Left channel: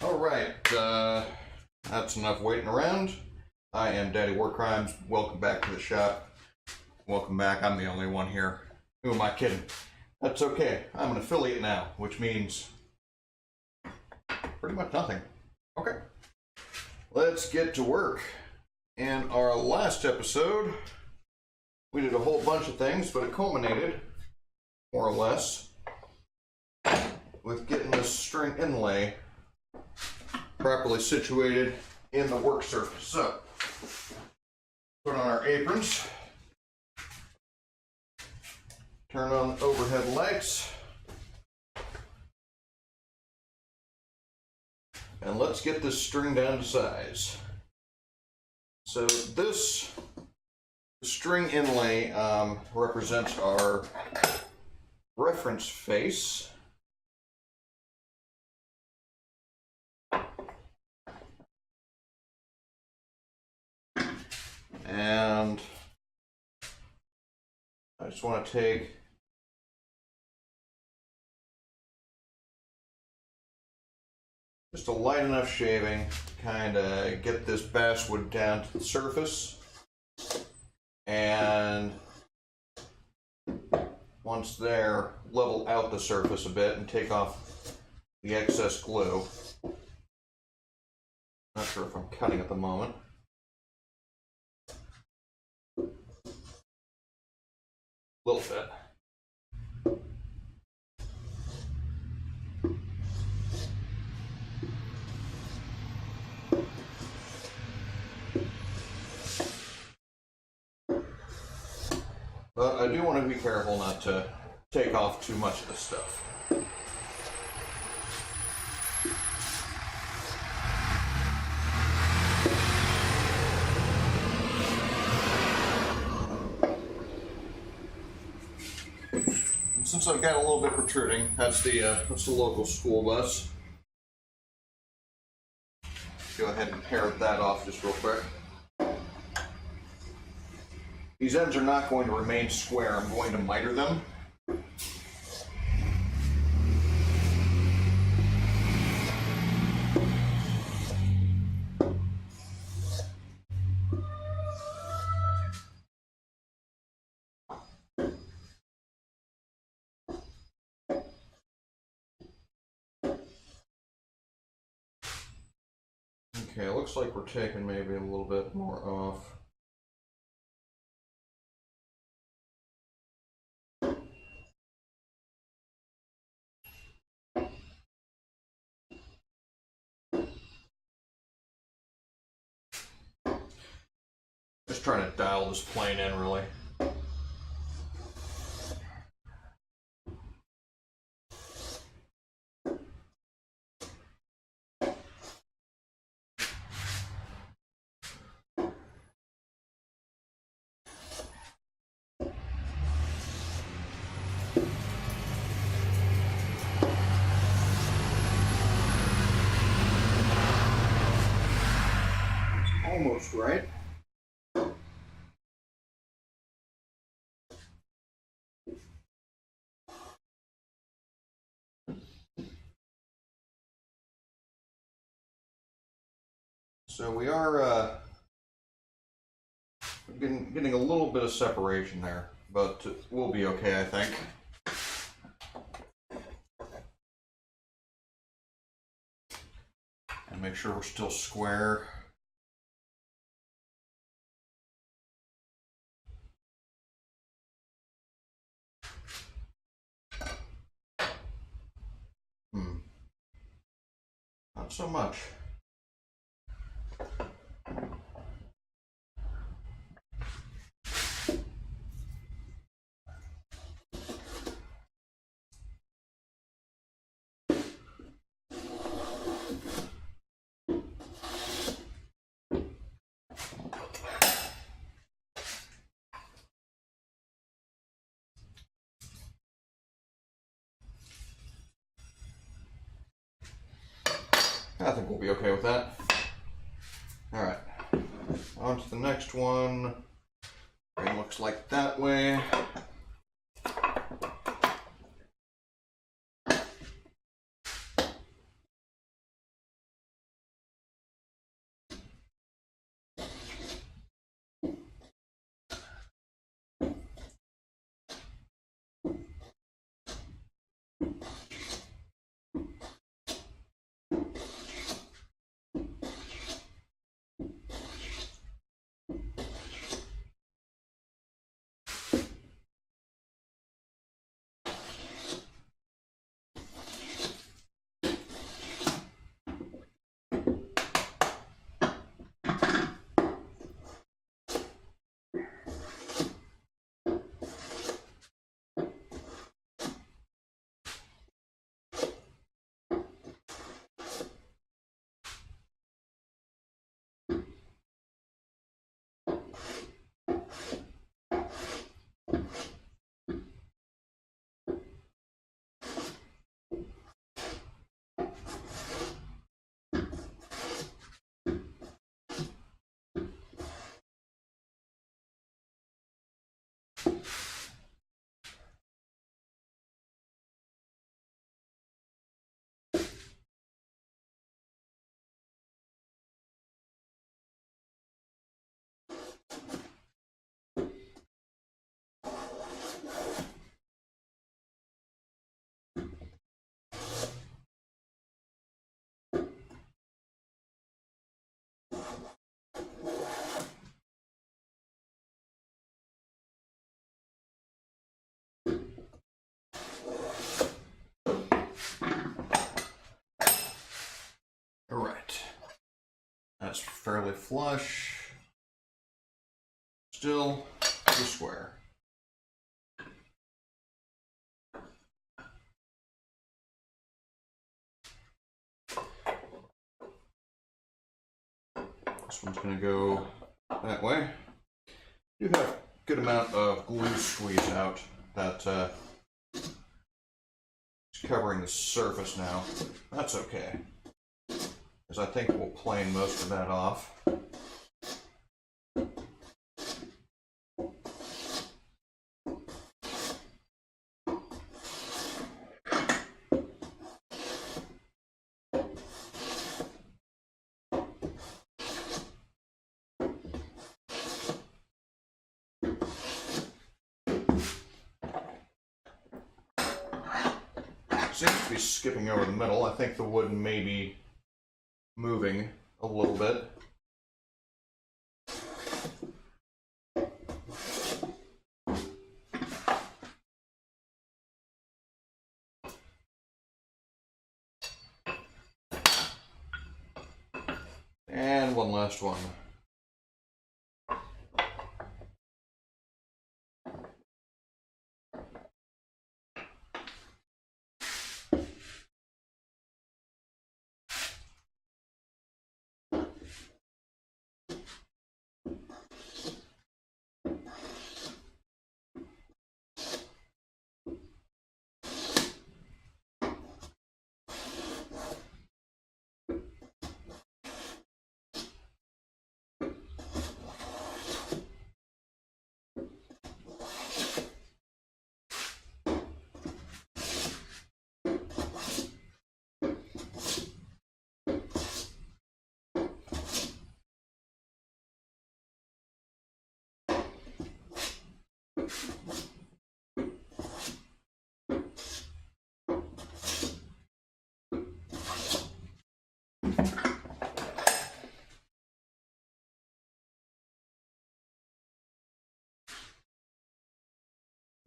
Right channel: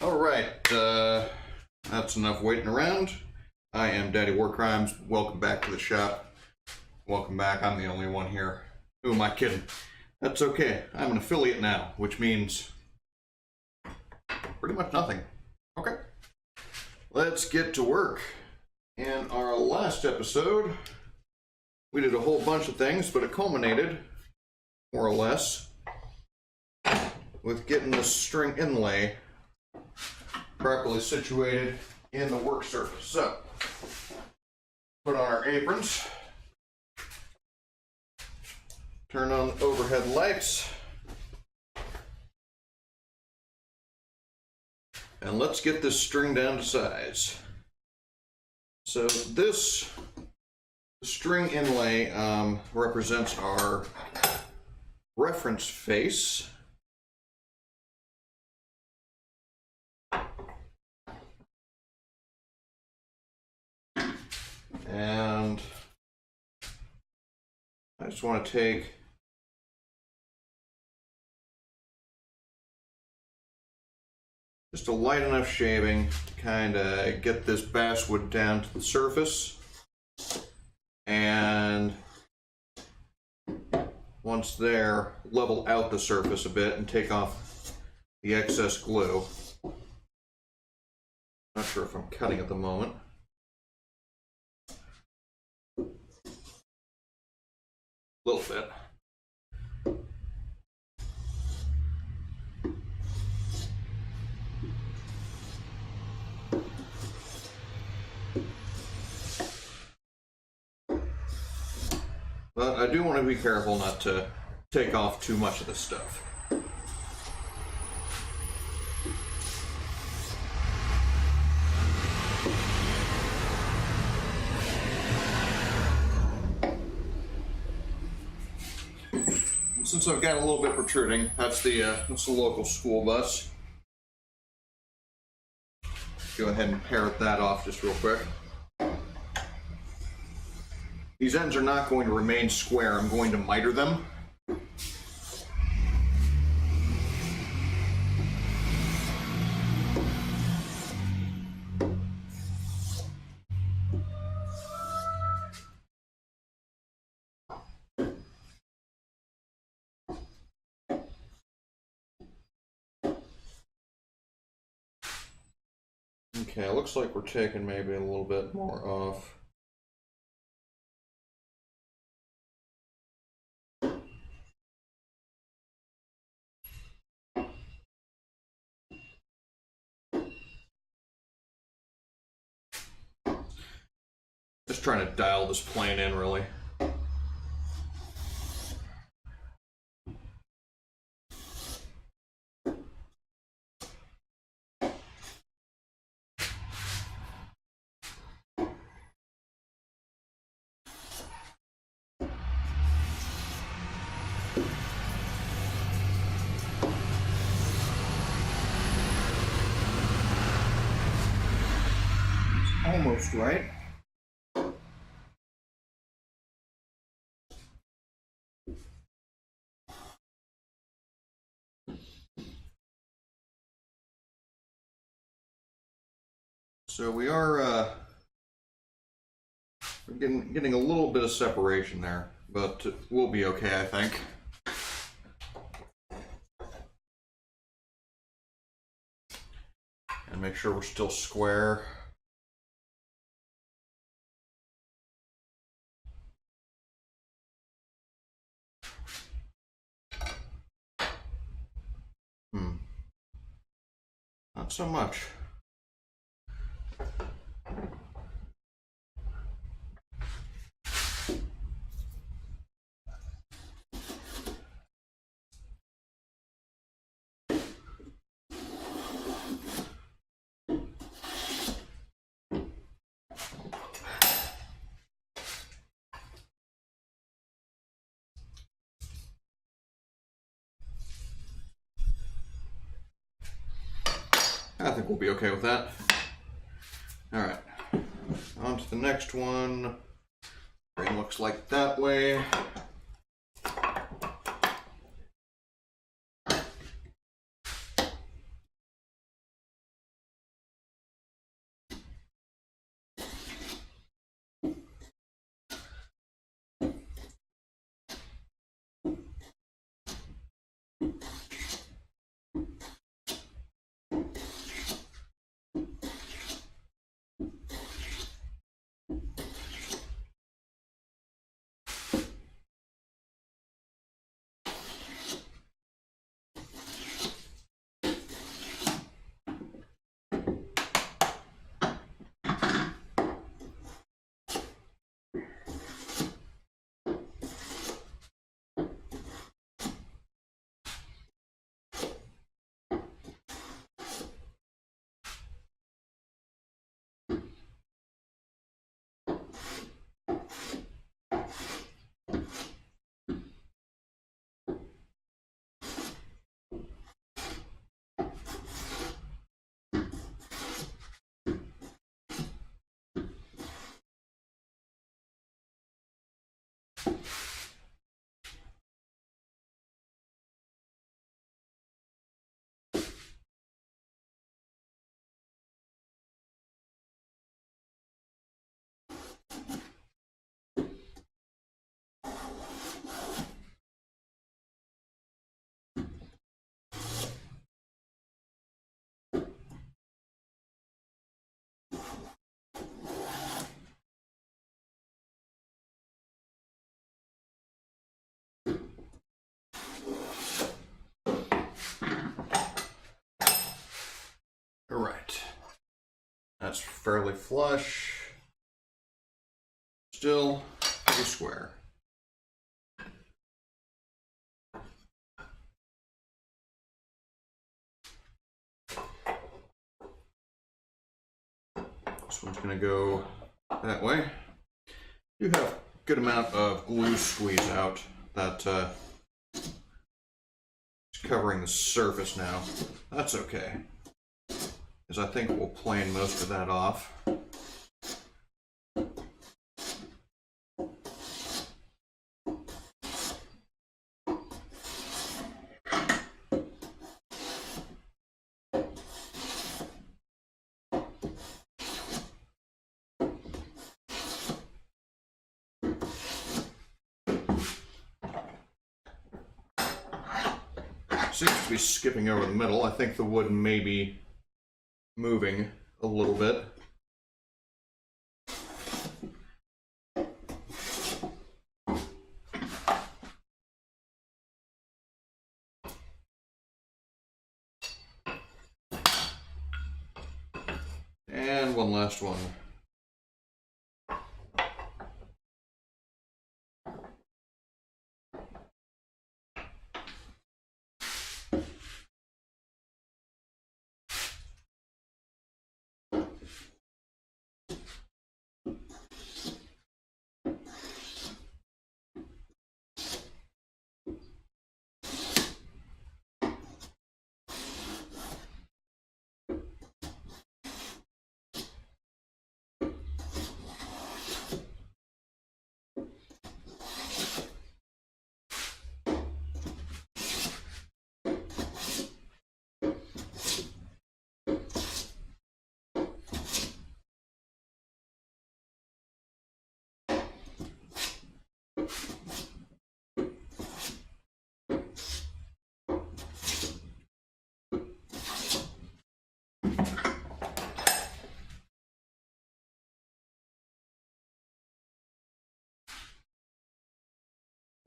Alright, that's enough waiting around. I am Daddy Warcrimes. Welcome back to the shop. Welcome back. I'm the only one here. Who am I kidding? That's okay. I'm an affiliate now, which means pretty much nothing. Okay. Let's get to work. In our last episode, we did a whole bunch of things, but it culminated, more or less, with getting the string inlay properly situated in the work surface. So, put on our aprons, turn on overhead lights, and let's get this string down to size. So this string inlay represents our reference face. And I just want to take just a light enough shaving to kind of get this basswood down to the surface. And once there, level out the surface a bit and take off the excess glue. Not sure if I'm cutting at the moment. A little bit. But I do want to be careful not to take off too much of this stuff. And since I've got a little bit protruding, that's the local school bus. Go ahead and parrot that off just real quick. These ends are not going to remain square. I'm going to miter them. Okay, looks like we're taking maybe a little bit more off. Just trying to dial this plane in, really. Almost right. So we are getting a little bit of separation there, but we'll be okay, I think. And make sure we're still square. Not so much. I think we'll be okay with that. All right, on to the next one. It looks like that way. All right, that's fairly flush. Still pretty square. This one's going to go that way. You have a good amount of glue squeeze out that is covering the surface now. That's okay, because I think we'll plane most of that off. Seems to be skipping over the middle. I think the wood may be moving a little bit. And one last one.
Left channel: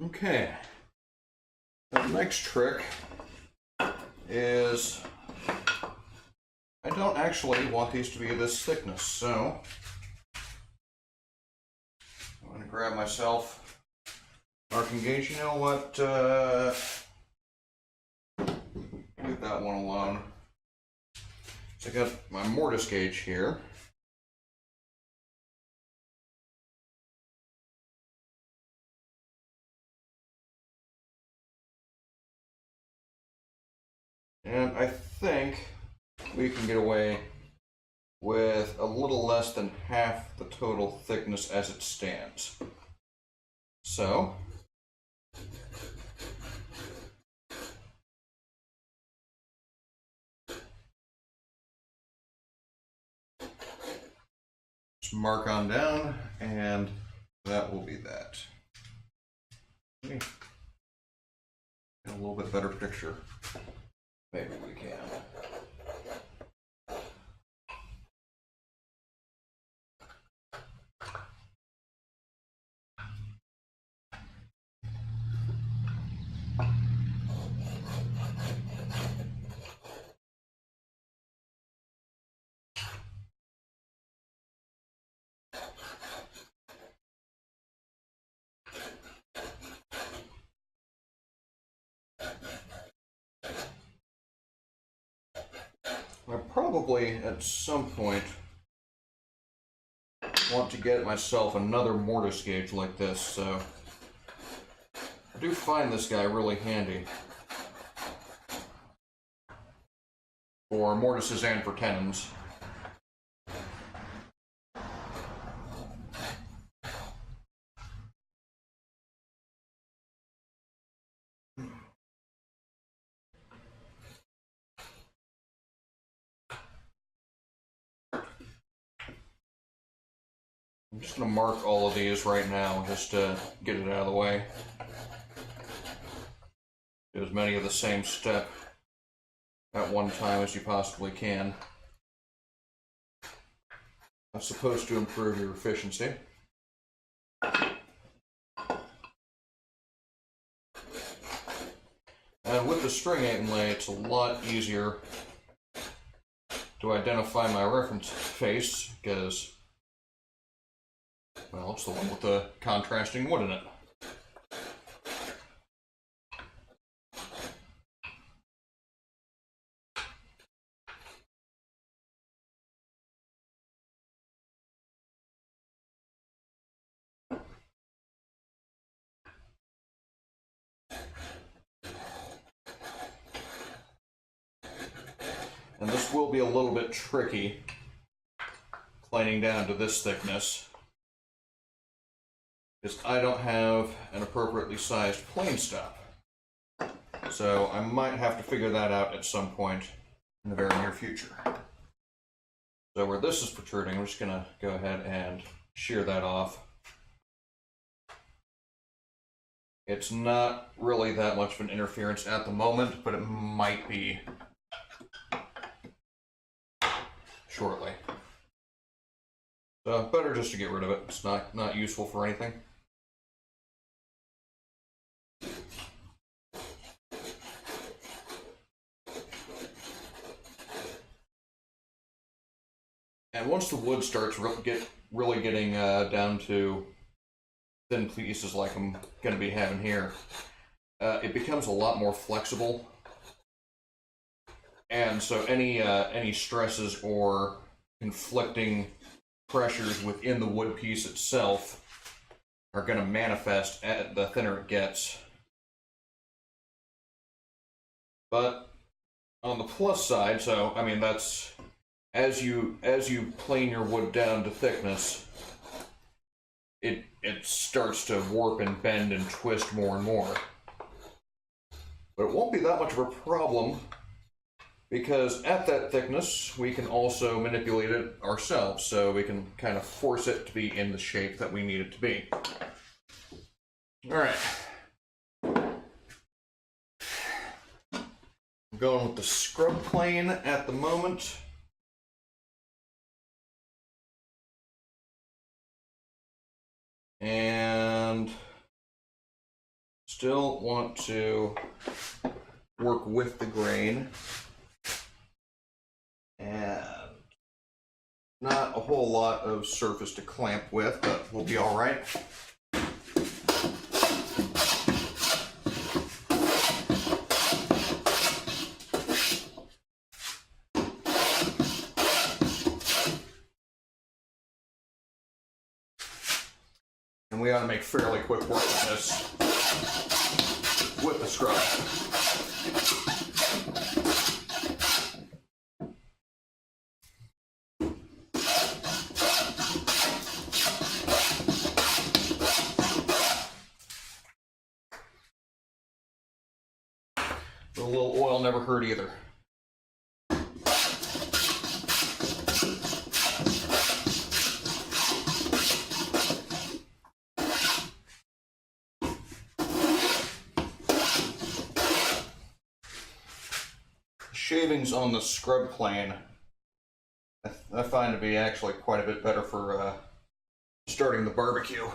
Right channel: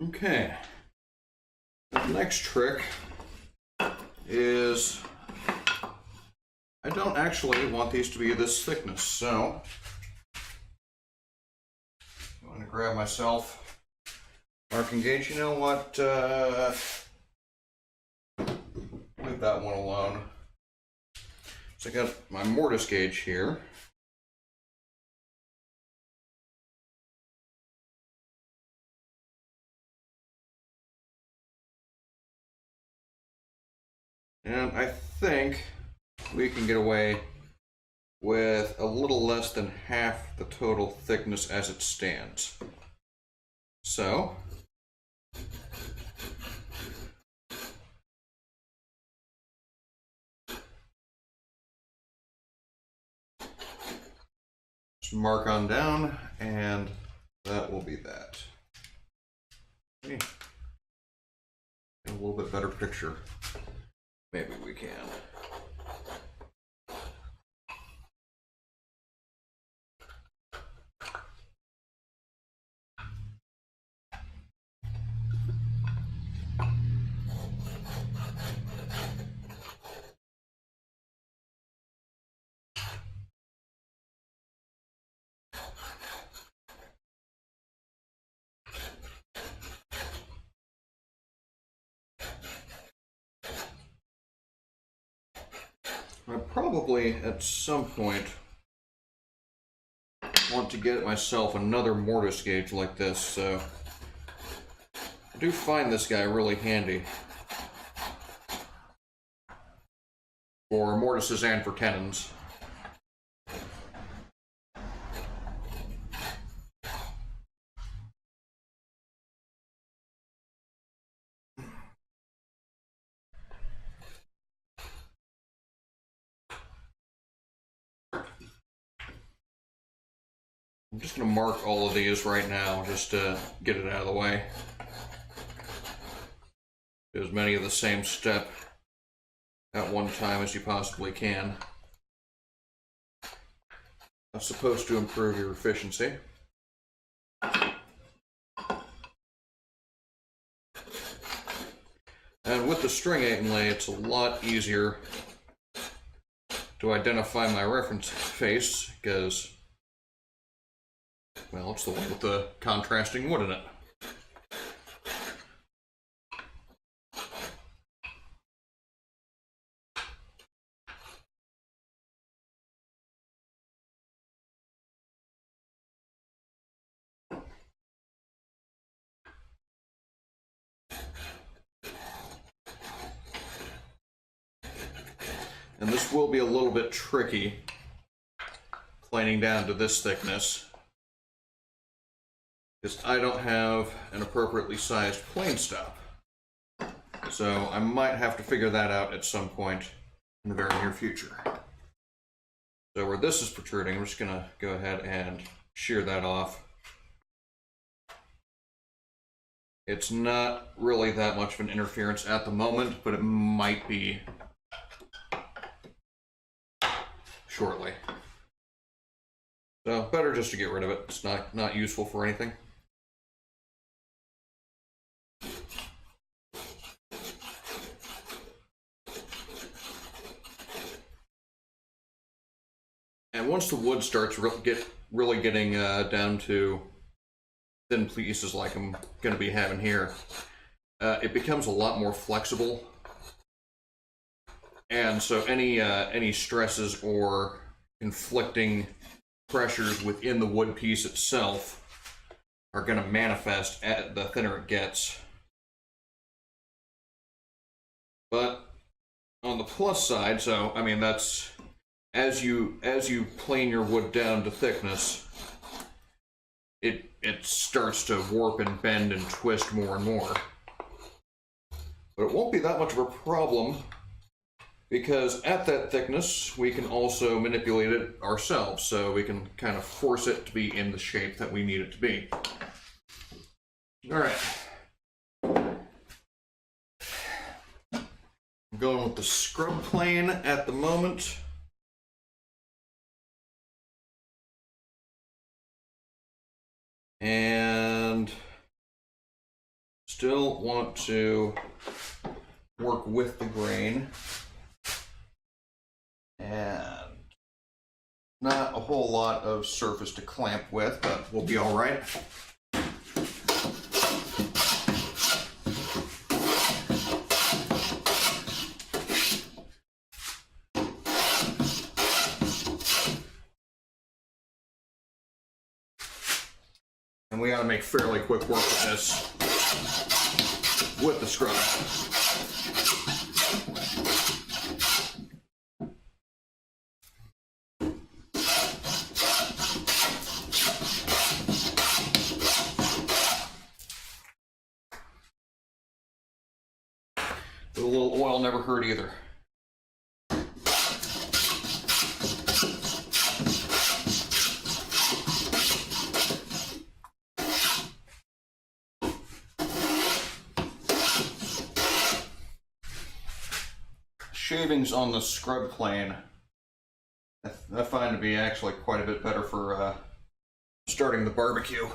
Okay, the next trick is I don't actually want these to be this thickness, so I'm going to grab myself marking gauge. You know what? Leave that one alone. So I got my mortise gauge here. And I think we can get away with a little less than half the total thickness as it stands. So, just mark on down, and that will be that. Okay. Get a little bit better picture. Maybe we can. I probably at some point want to get myself another mortise gauge like this, so I do find this guy really handy for mortises and for tenons. I'm just going to mark all of these right now just to get it out of the way. Do as many of the same step at one time as you possibly can. That's supposed to improve your efficiency. And with the string inlay, it's a lot easier to identify my reference face because, well, it's the one with the contrasting wood in it. And this will be a little bit tricky, planing down to this thickness, because I don't have an appropriately sized plane stop. So I might have to figure that out at some point in the very near future. So where this is protruding, I'm just going to go ahead and shear that off. It's not really that much of an interference at the moment, but it might be shortly. So better just to get rid of it. It's not useful for anything. And once the wood starts really getting down to thin pieces like I'm going to be having here, it becomes a lot more flexible. And so any stresses or conflicting pressures within the wood piece itself are going to manifest at the thinner it gets. But on the plus side, so I mean that's as you plane your wood down to thickness, it starts to warp and bend and twist more and more. But it won't be that much of a problem, because at that thickness, we can also manipulate it ourselves, so we can kind of force it to be in the shape that we need it to be. All right. I'm going with the scrub plane at the moment. And still want to work with the grain. And not a whole lot of surface to clamp with, but we'll be all right. And we ought to make fairly quick work of this with the scrub. A little oil never hurt either. Shavings on the scrub plane I find to be actually quite a bit better for starting the barbecue.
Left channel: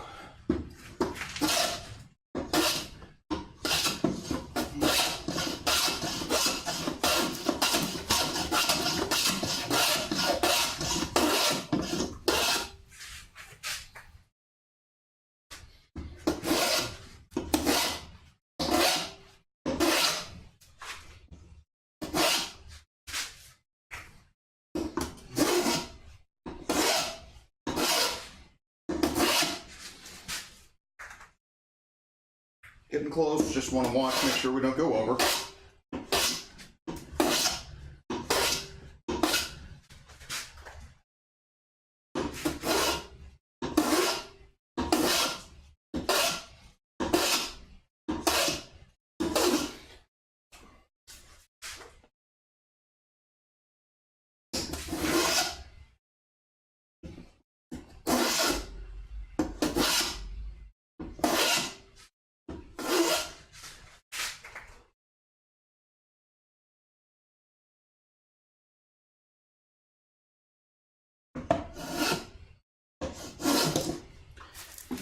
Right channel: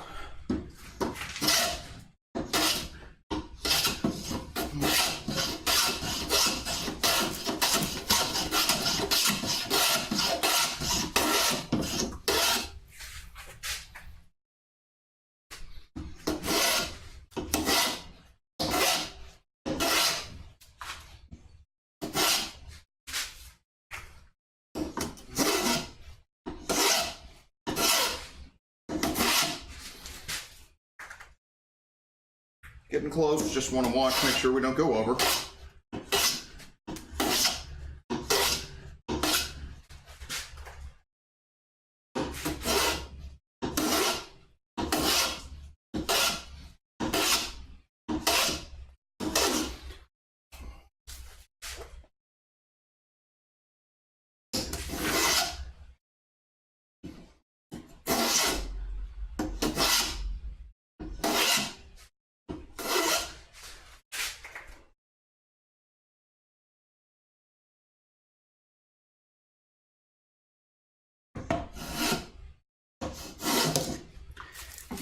Getting close, just want to watch, make sure we don't go over.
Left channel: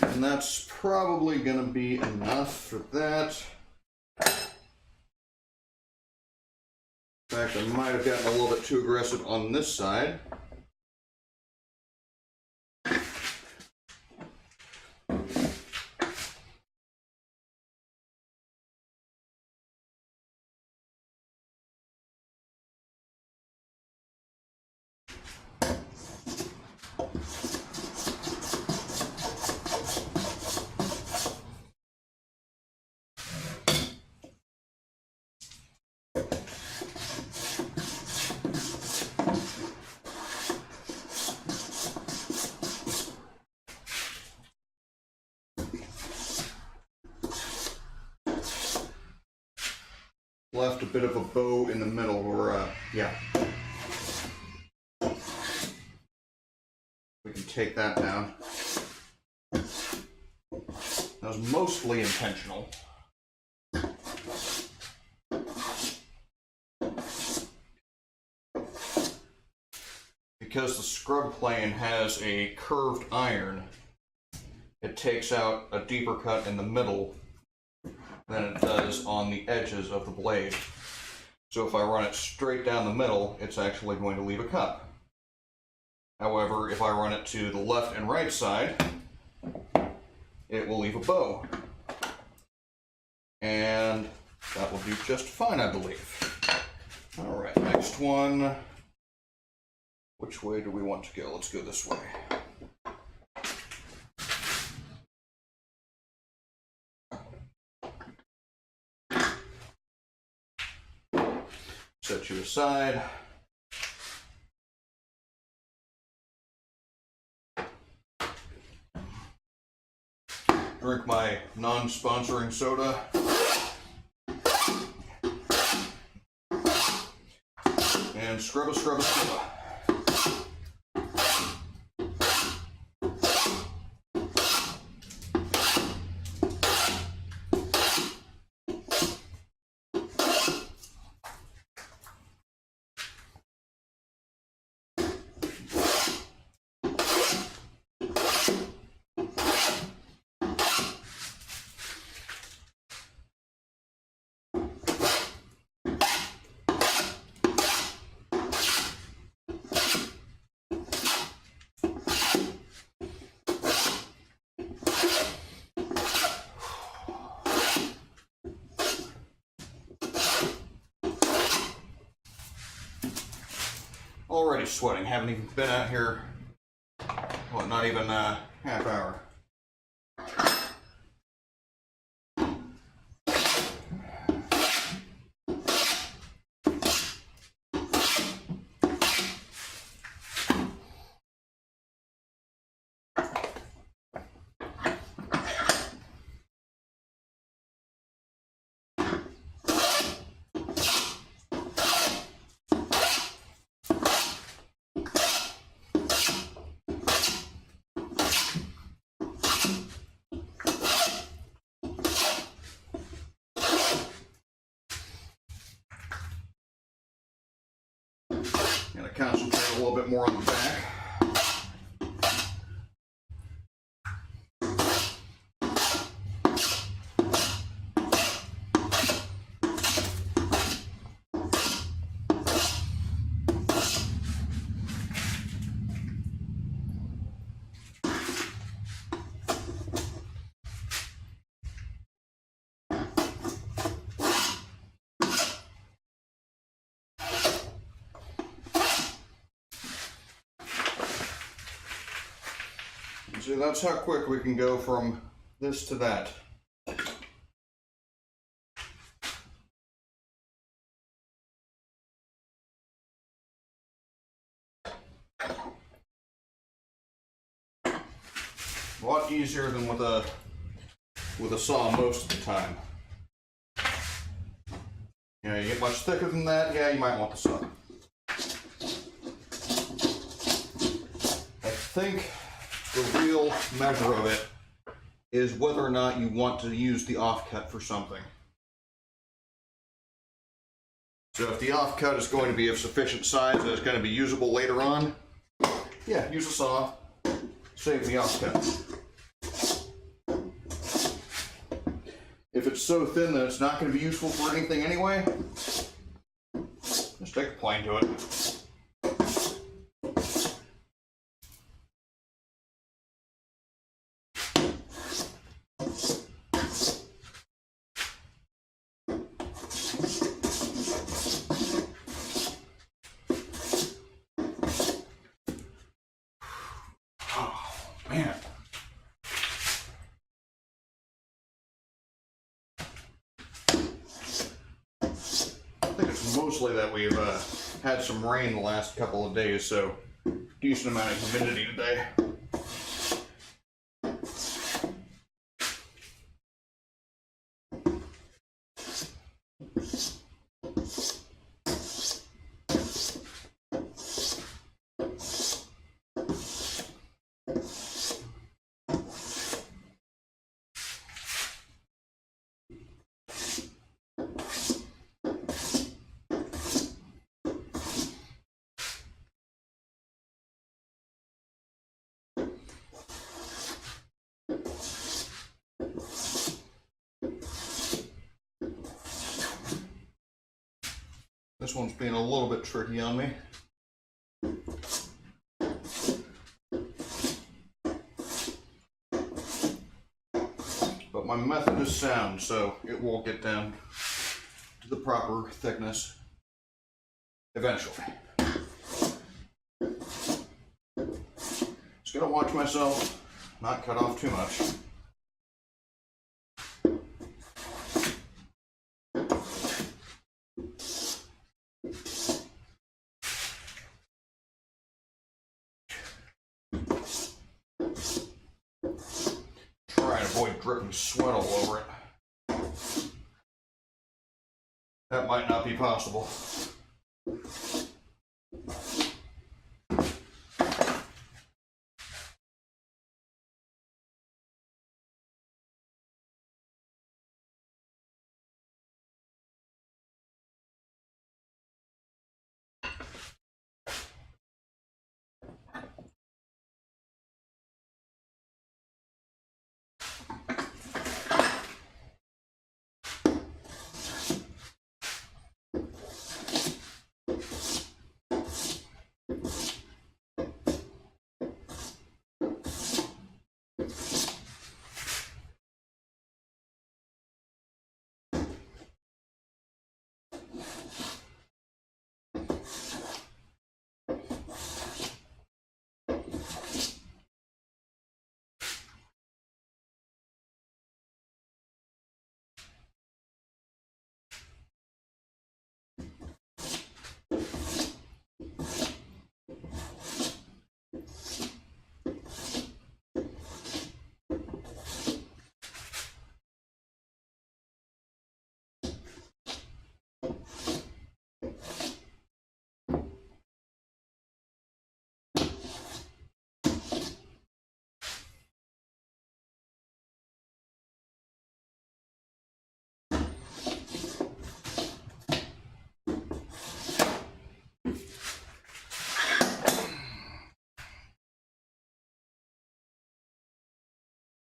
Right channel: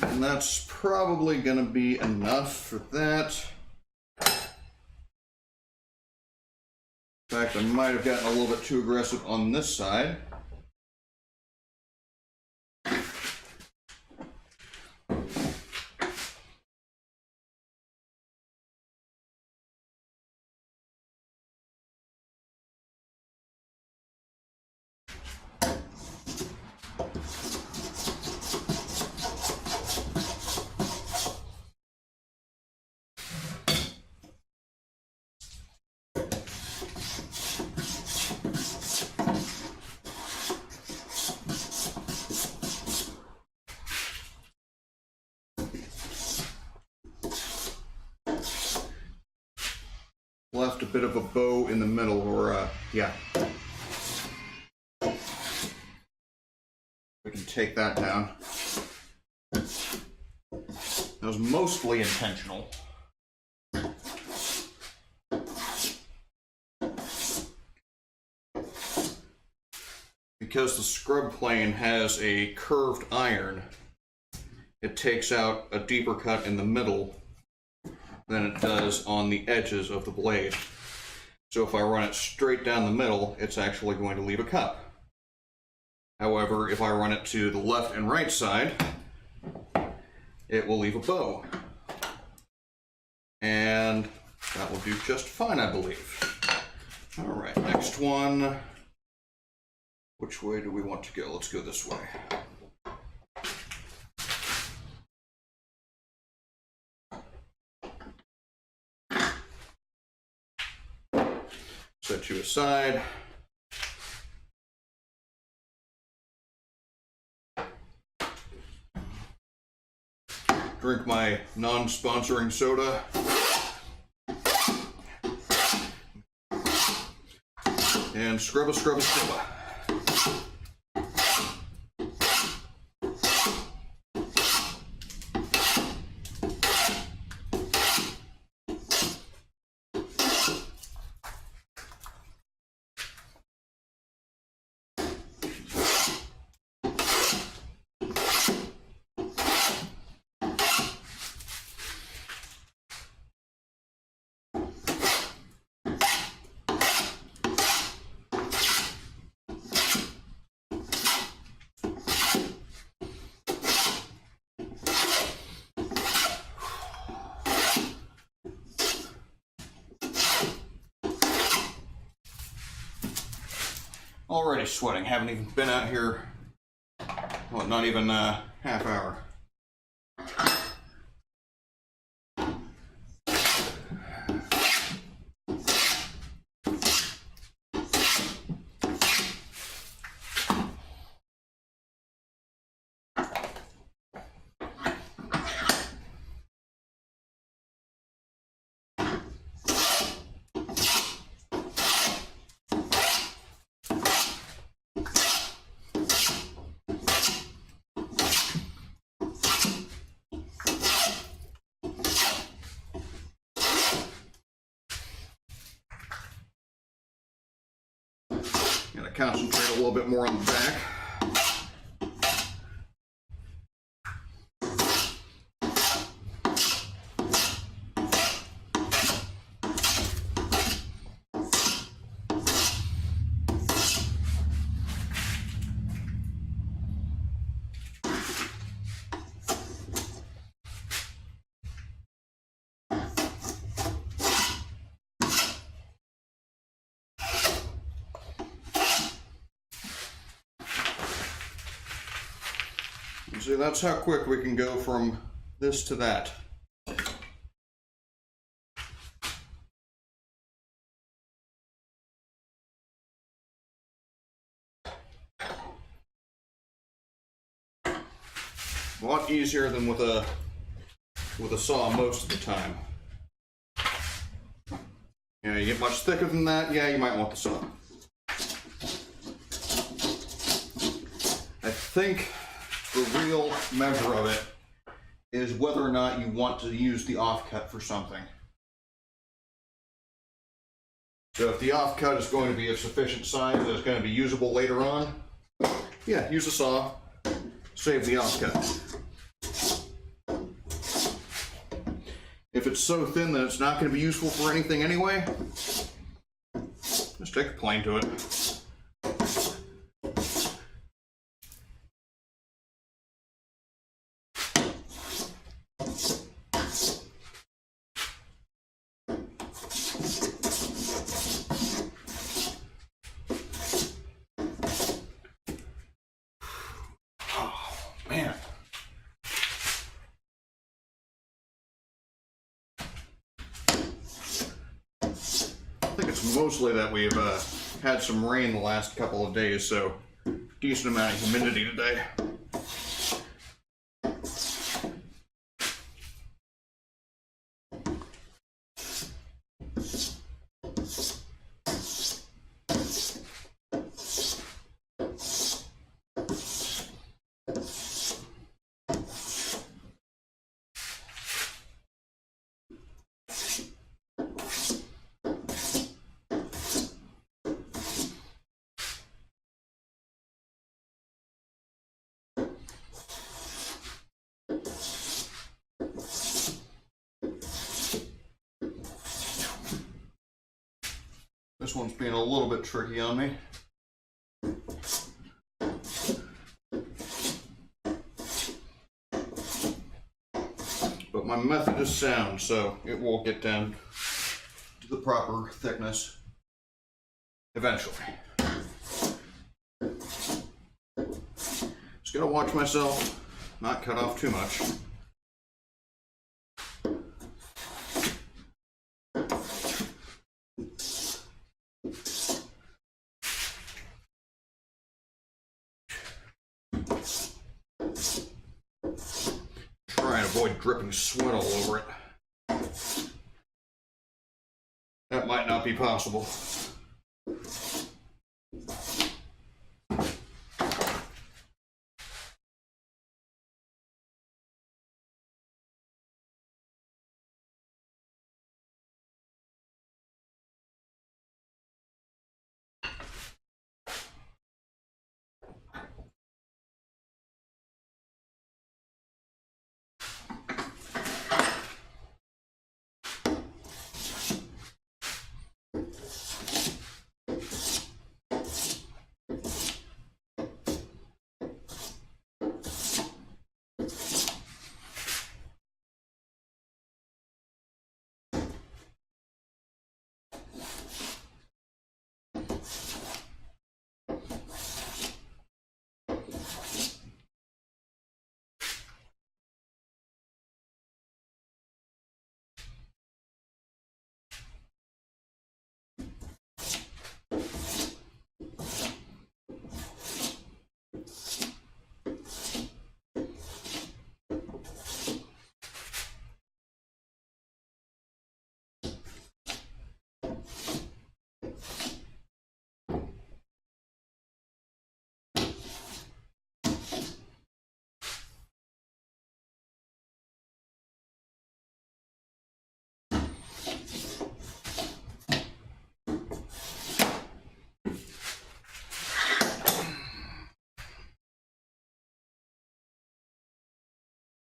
And that's probably going to be enough for that. In fact, I might have gotten a little bit too aggressive on this side. Left a bit of a bow in the middle, or yeah. We can take that down. That was mostly intentional. Because the scrub plane has a curved iron, it takes out a deeper cut in the middle than it does on the edges of the blade. So if I run it straight down the middle, it's actually going to leave a cut. However, if I run it to the left and right side, it will leave a bow. And that will do just fine, I believe. All right, next one. Which way do we want to go? Let's go this way. Set you aside. Drink my non-sponsoring soda. And scrubba, scrubba, scrubba. Already sweating. Haven't even been out here, what, not even a half hour. Gotta concentrate a little bit more on the back. So that's how quick we can go from this to that. A lot easier than with a saw most of the time. You know, you get much thicker than that, yeah, you might want the saw. I think the real measure of it is whether or not you want to use the offcut for something. So if the offcut is going to be of sufficient size that it's going to be usable later on, yeah, use a saw, save the offcut. it's so thin that it's not going to be useful for anything anyway, just take a plane to it. Man. I think it's mostly that we've had some rain the last couple of days, so decent amount of humidity today. This one's being a little bit tricky on me. But my method is sound, so it will get down to the proper thickness eventually. Just gotta watch myself, not cut off too much. Try and avoid dripping sweat all over it. That might not be possible.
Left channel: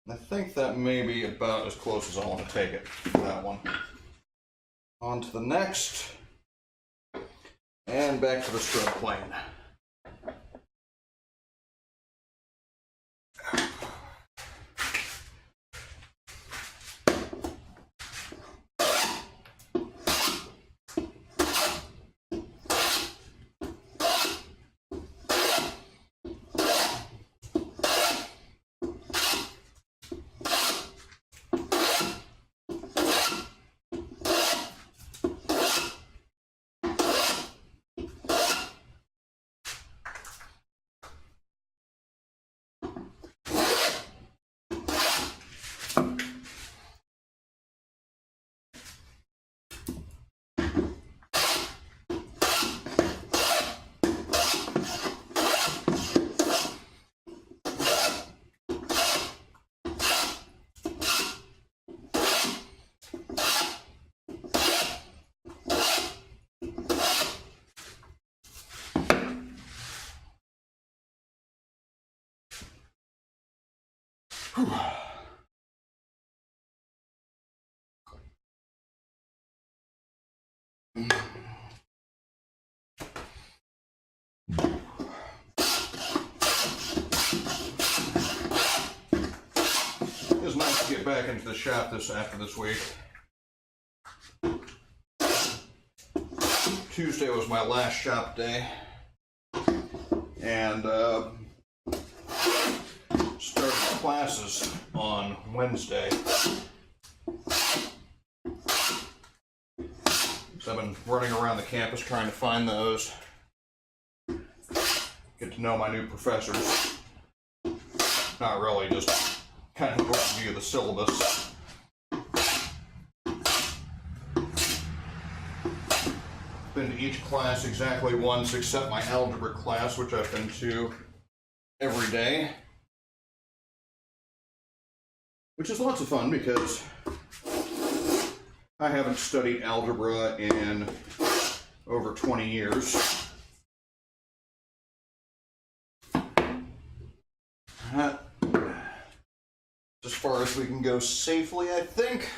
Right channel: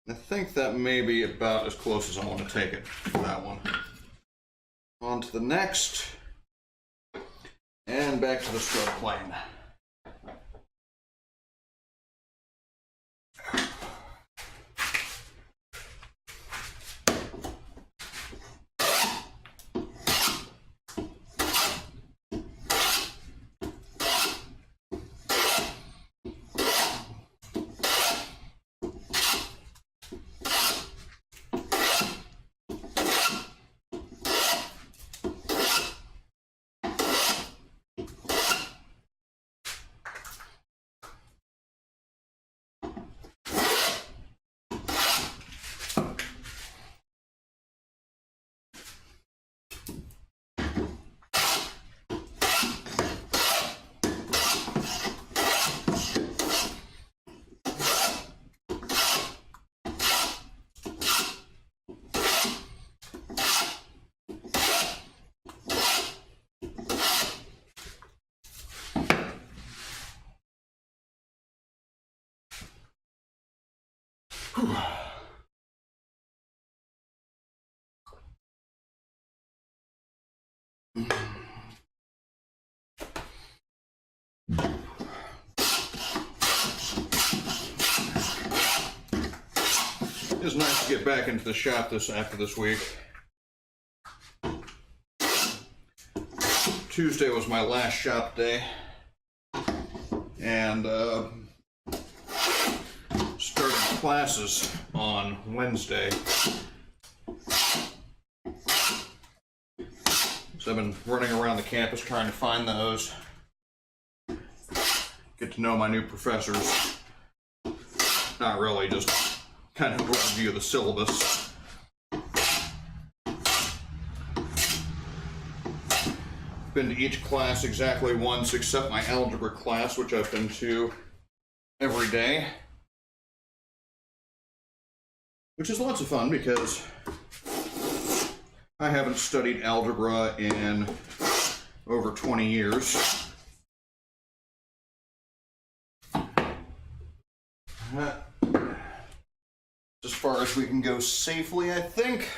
I think that may be about as close as I want to take it for that one. On to the next, and back to the spread plane. Whew. is nice to get back into the shop after this week. Tuesday was my last shop day, and started classes on Wednesday. So I've been running around the campus trying to find those, get to know my new professors. Not really, just kind of overview of the syllabus. Been to each class exactly once, except my algebra class, which I've been to every day. Which is lots of fun because I haven't studied algebra in over 20 years. As far as we can go safely, I think.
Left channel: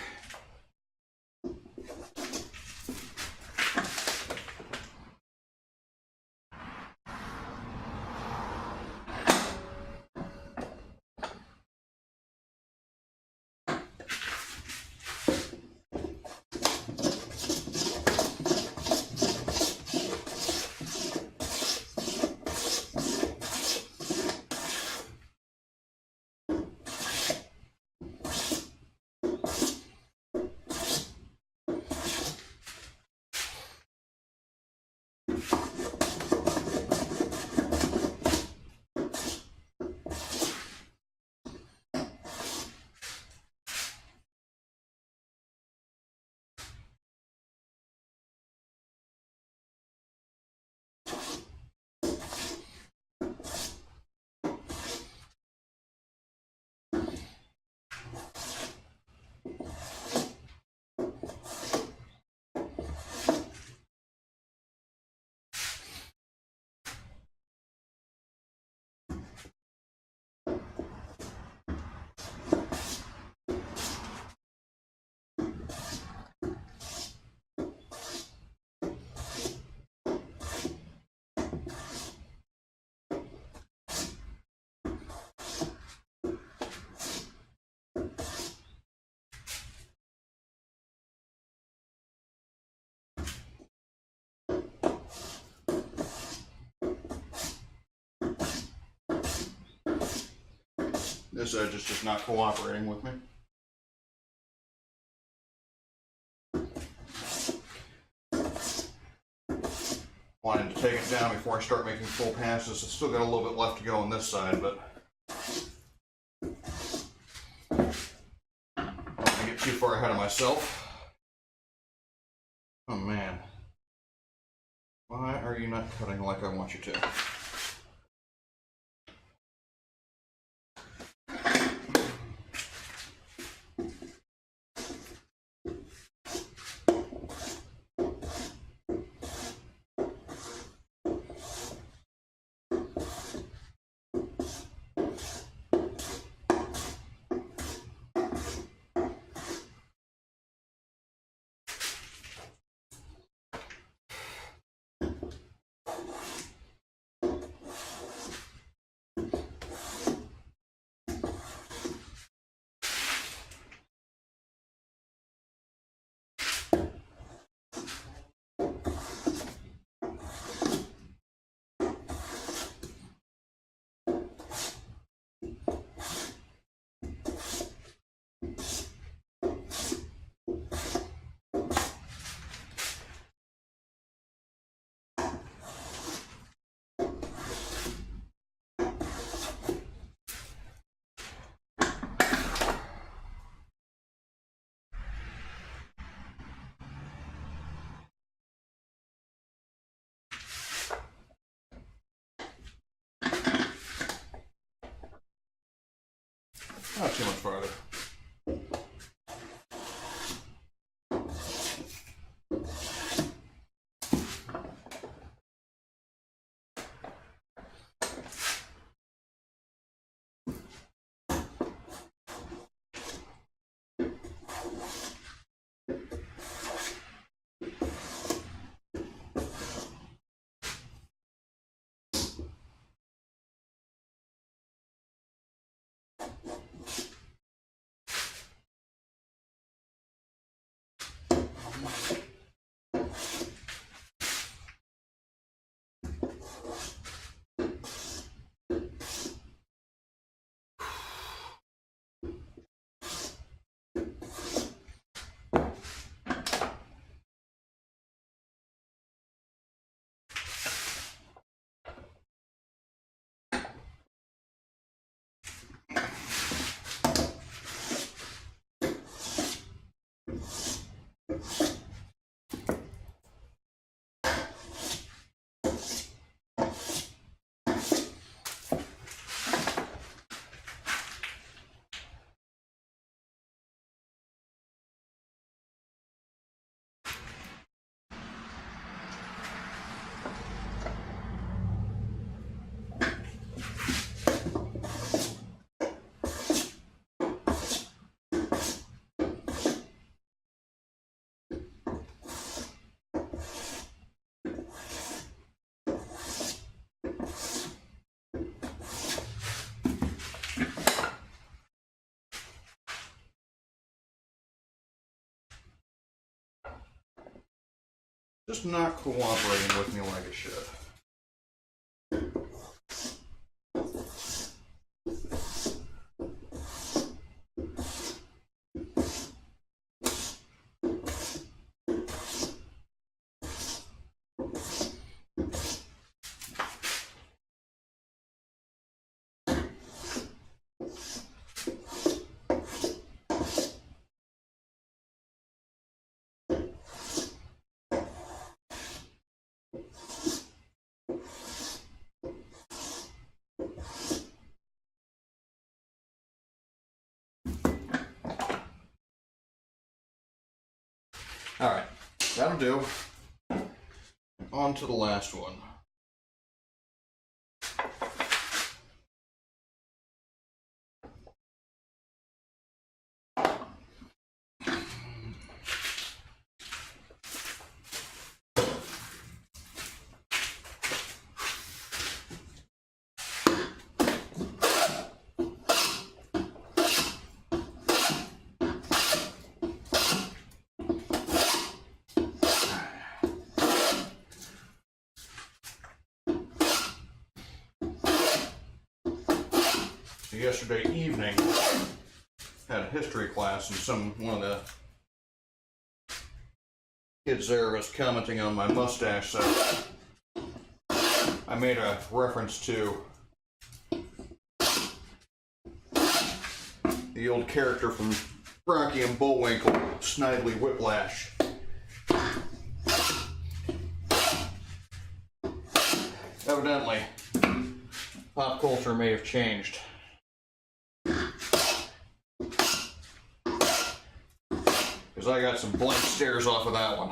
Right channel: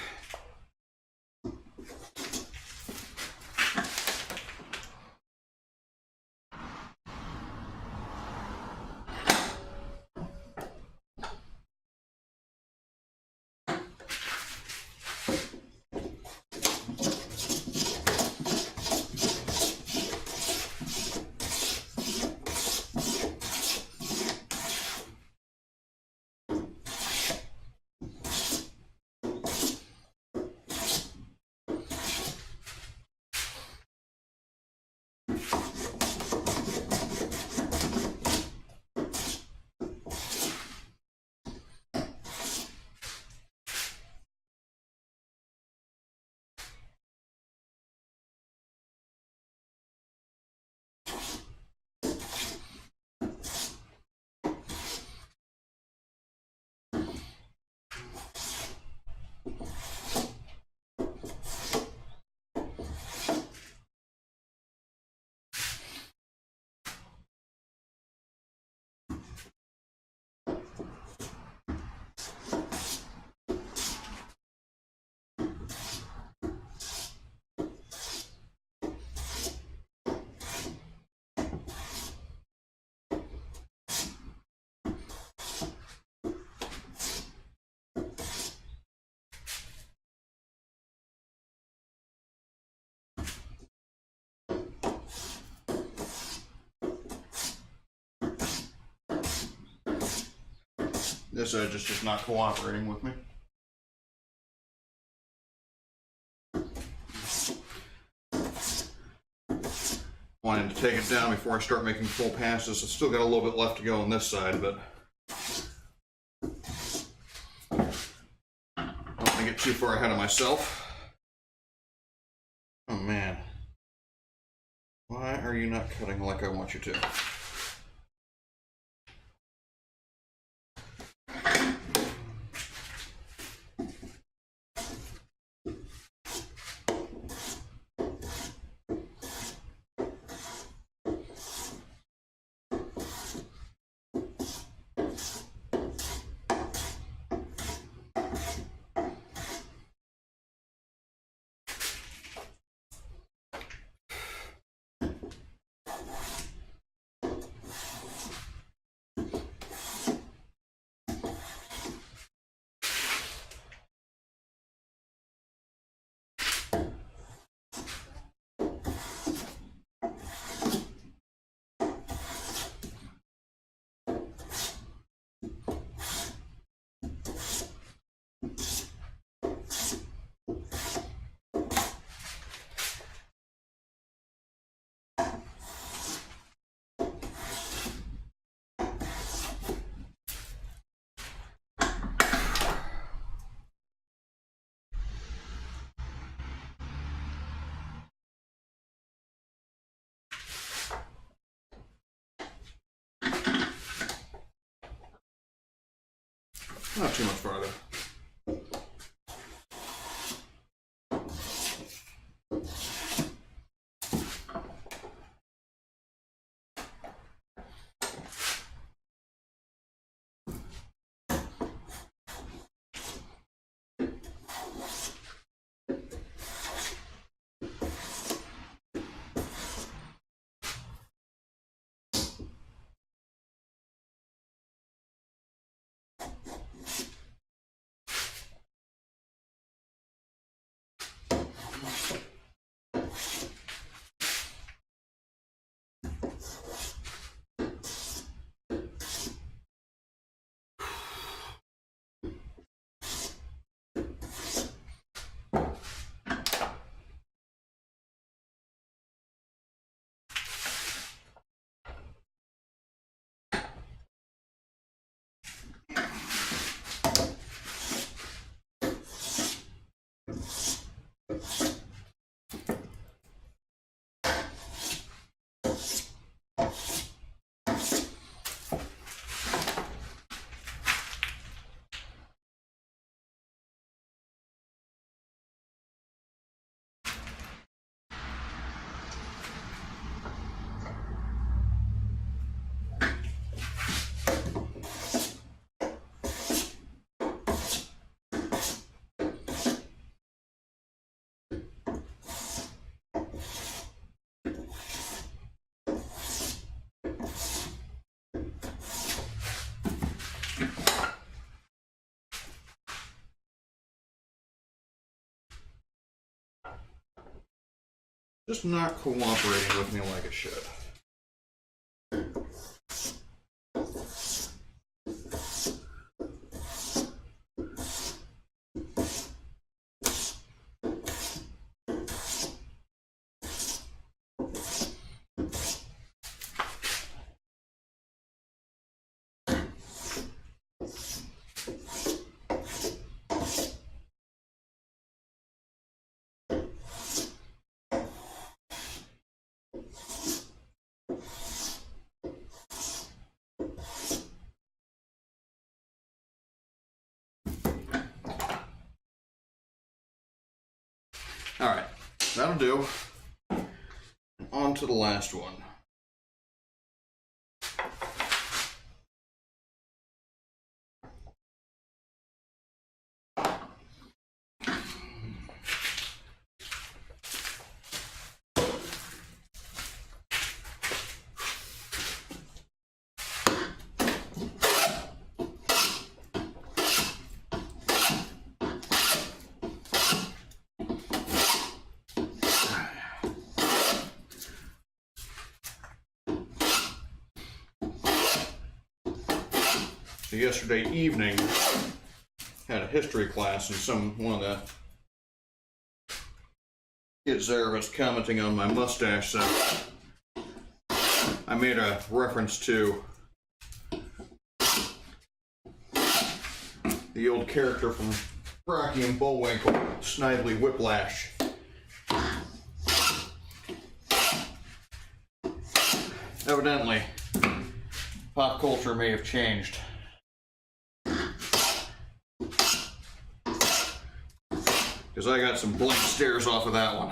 This edge is just not cooperating with me. Wanted to take it down before I start making full passes. It's still got a little bit left to go on this side, but I'm not going to get too far ahead of myself. Oh man. Why are you not cutting like I want you to? Not too much farther. just not cooperating with me like it should. All right, that'll do. On to the last one. Yesterday evening, had a history class, and one of the kids there was commenting on my mustache, so I made a reference to the old character from Rocky and Bullwinkle, Snidely Whiplash. Evidently, pop culture may have changed. Because I got some blank stares off of that one.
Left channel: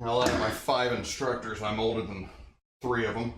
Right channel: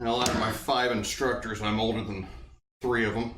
Now, out of my 5 instructors, I'm older than 3 of them.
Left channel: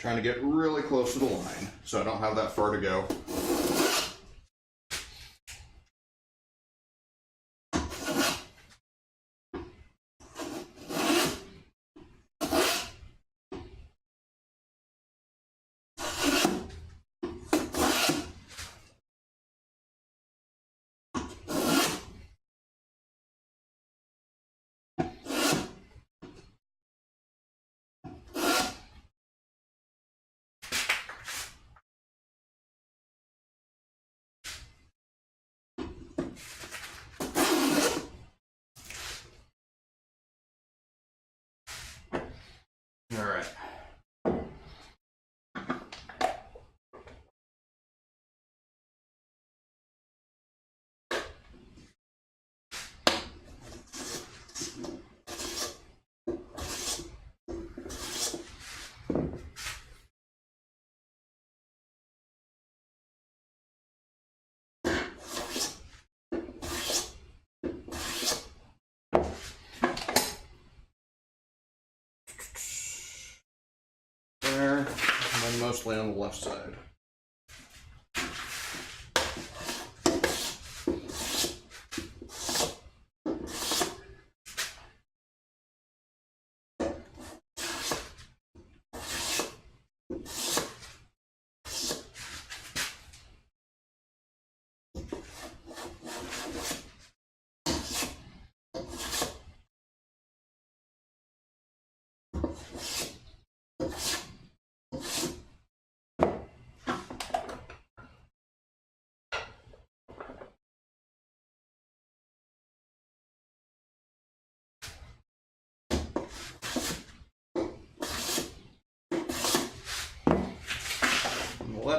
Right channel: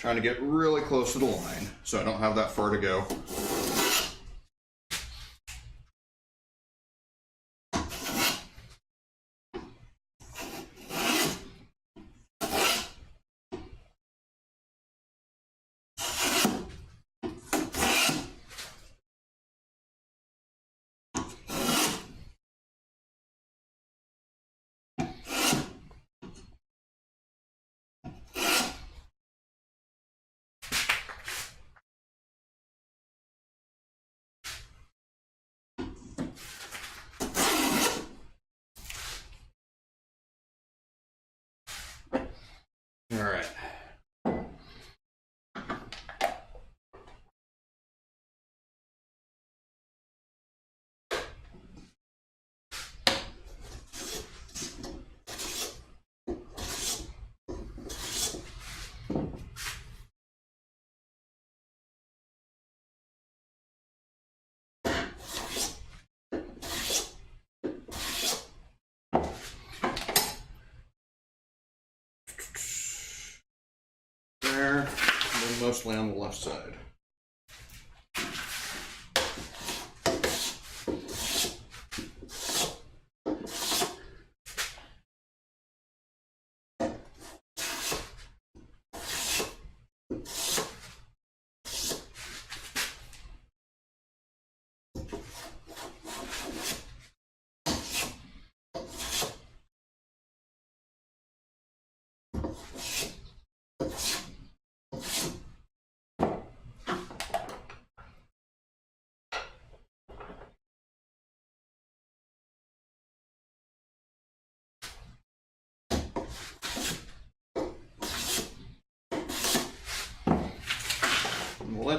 Trying to get really close to the line, so I don't have that far to go. All right. There, and then mostly on the left side.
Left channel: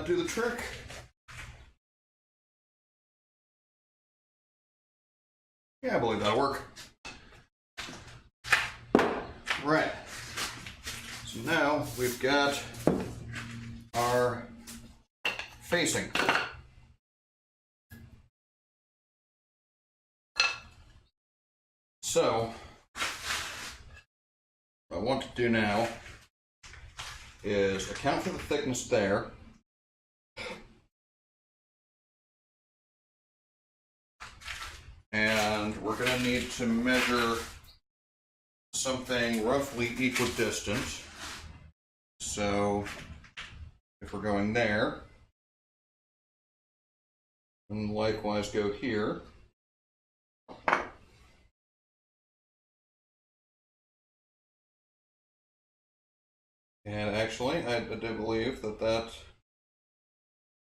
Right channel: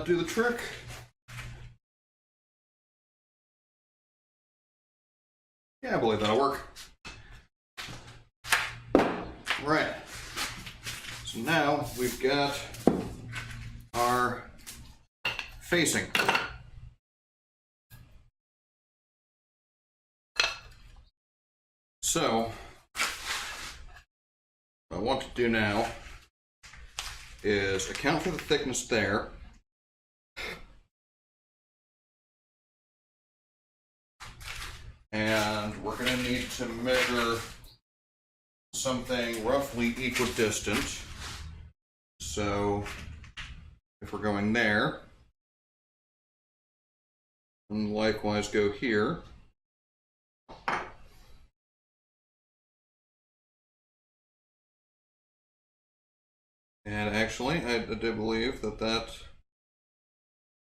do the trick. Yeah, I believe that'll work. Right. So now we've got our facing. So, what I want to do now is account for the thickness there. And we're going to need to measure something roughly equidistant. So, if we're going there, and likewise go here. And actually, I do believe that that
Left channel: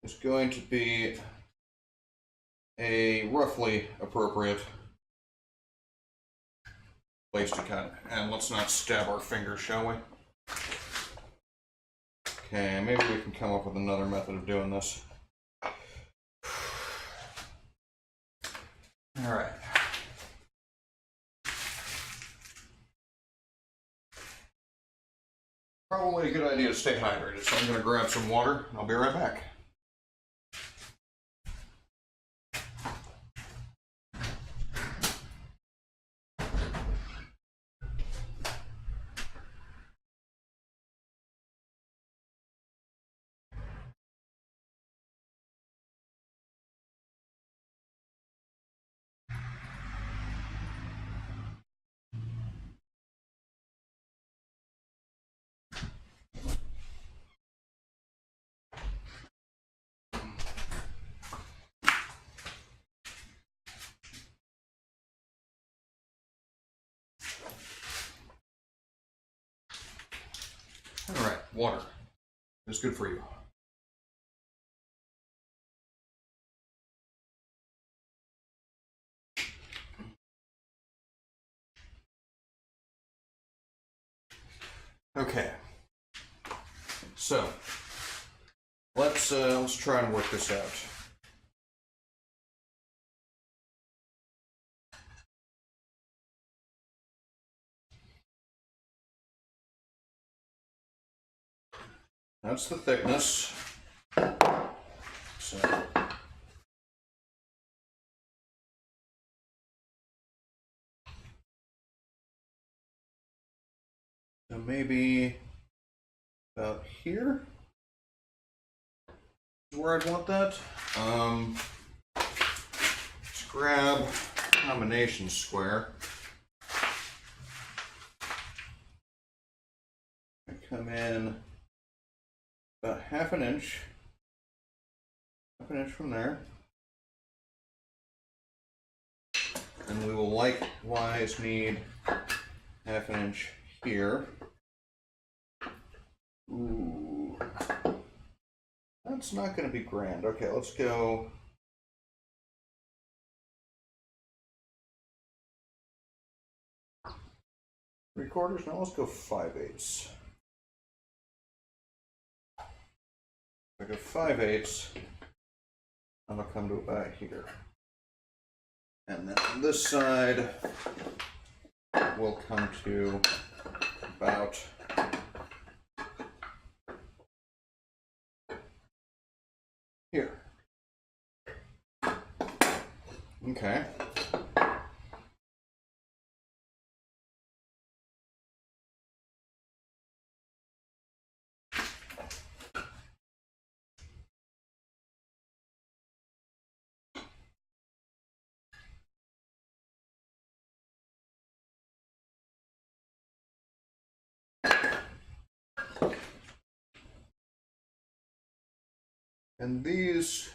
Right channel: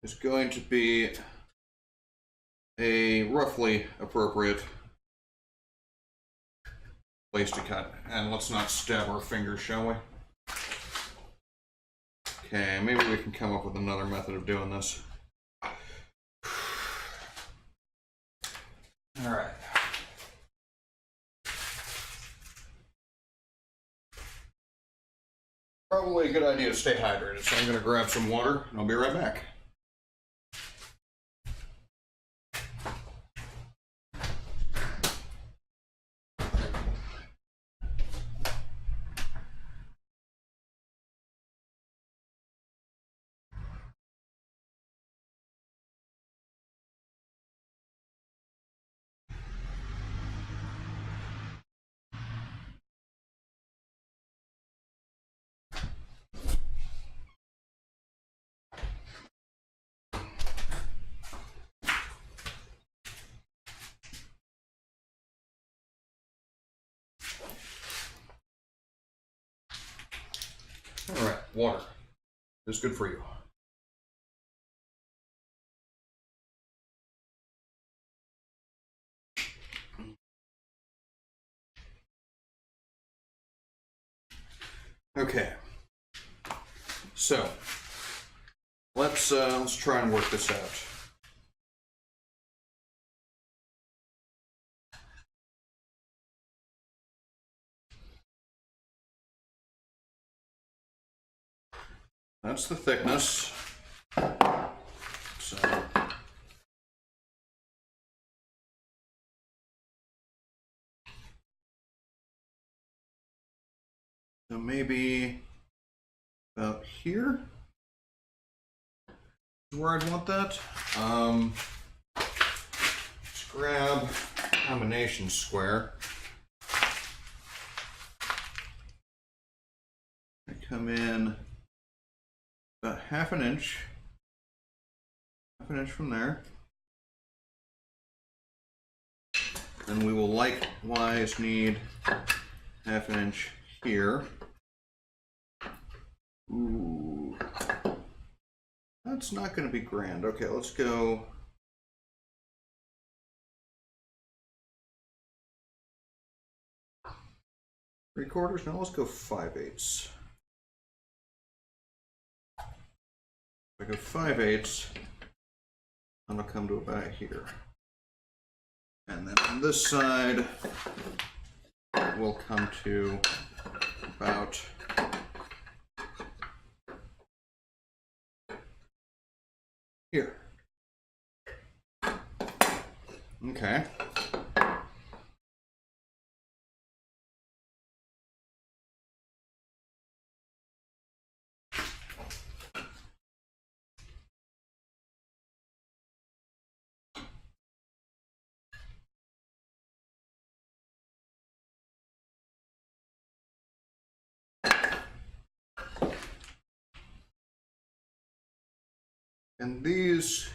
is going to be a roughly appropriate place to cut. And let's not stab our fingers, shall we? Okay, maybe we can come up with another method of doing this. All right. Probably a good idea to stay hydrated, so I'm going to grab some water and I'll be right back. All right, water. It's good for you. Okay. So let's try and work this out. That's the thickness. So maybe about here is where I'd want that. Let's grab a combination square. I come in about half an inch from there. And we will likewise need half an inch here. Ooh, that's not going to be grand. Okay, let's go. Three quarters? No, let's go 5/8. If I go 5/8, I'm going to come to about here. And then on this side, we'll come to about here. Okay. And these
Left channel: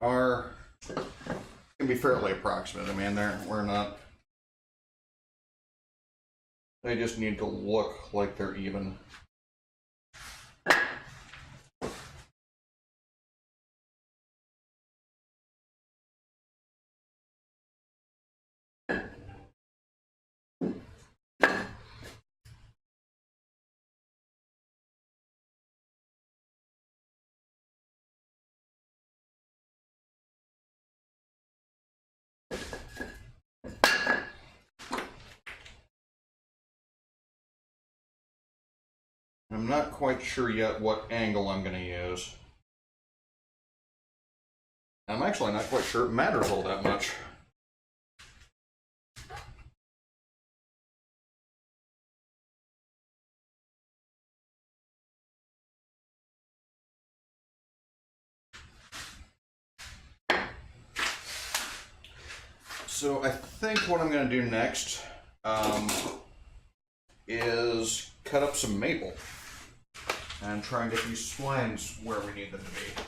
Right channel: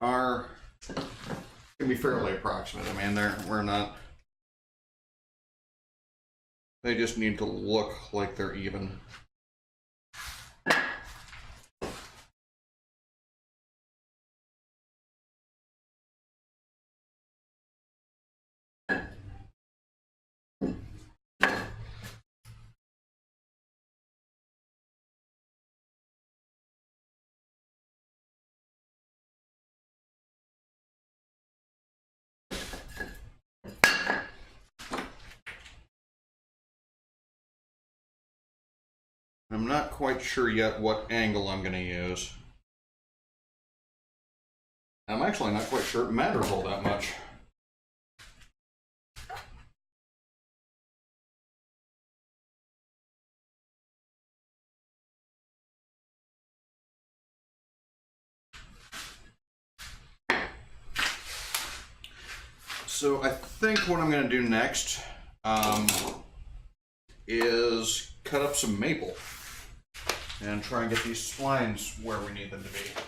can be fairly approximate. I mean, they just need to look like they're even. I'm not quite sure yet what angle I'm going to use. I'm actually not quite sure it matters all that much. So I think what I'm going to do next is cut up some maple and try and get these splines where we need them to be.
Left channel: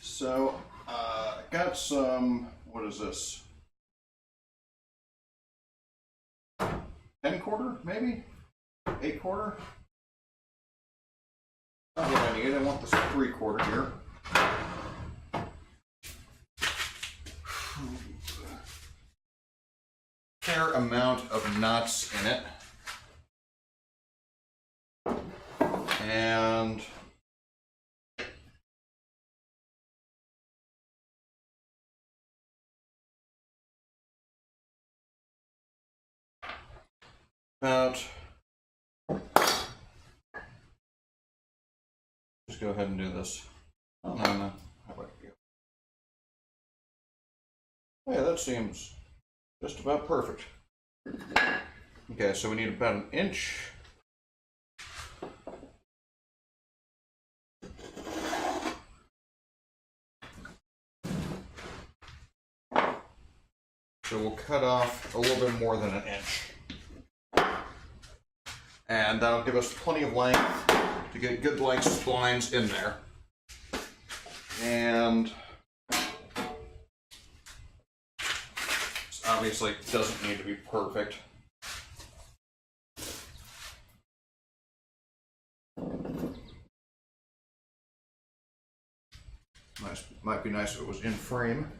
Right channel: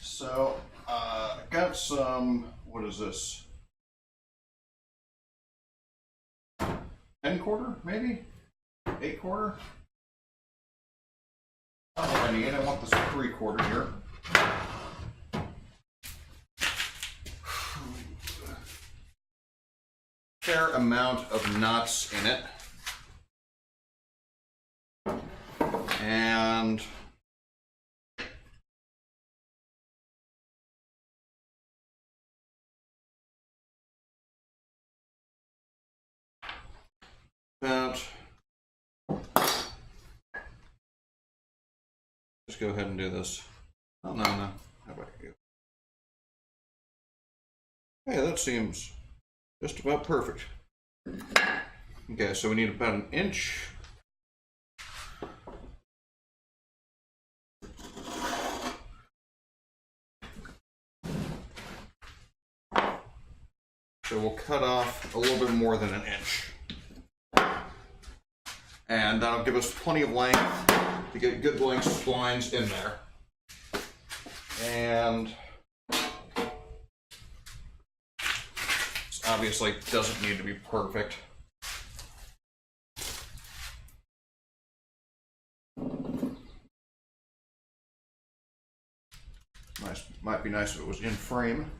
So I got some, what is this? 10-quarter, maybe? 8-quarter? Not what I need. I want this 3-quarter here. Fair amount of knots in it. And about, just go ahead and do this. Oh, no. How about you? Yeah, that seems just about perfect. Okay, so we need about an inch. So we'll cut off a little bit more than an inch. And that'll give us plenty of length to get good length splines in there. And this obviously doesn't need to be perfect. Might be nice if it was in frame.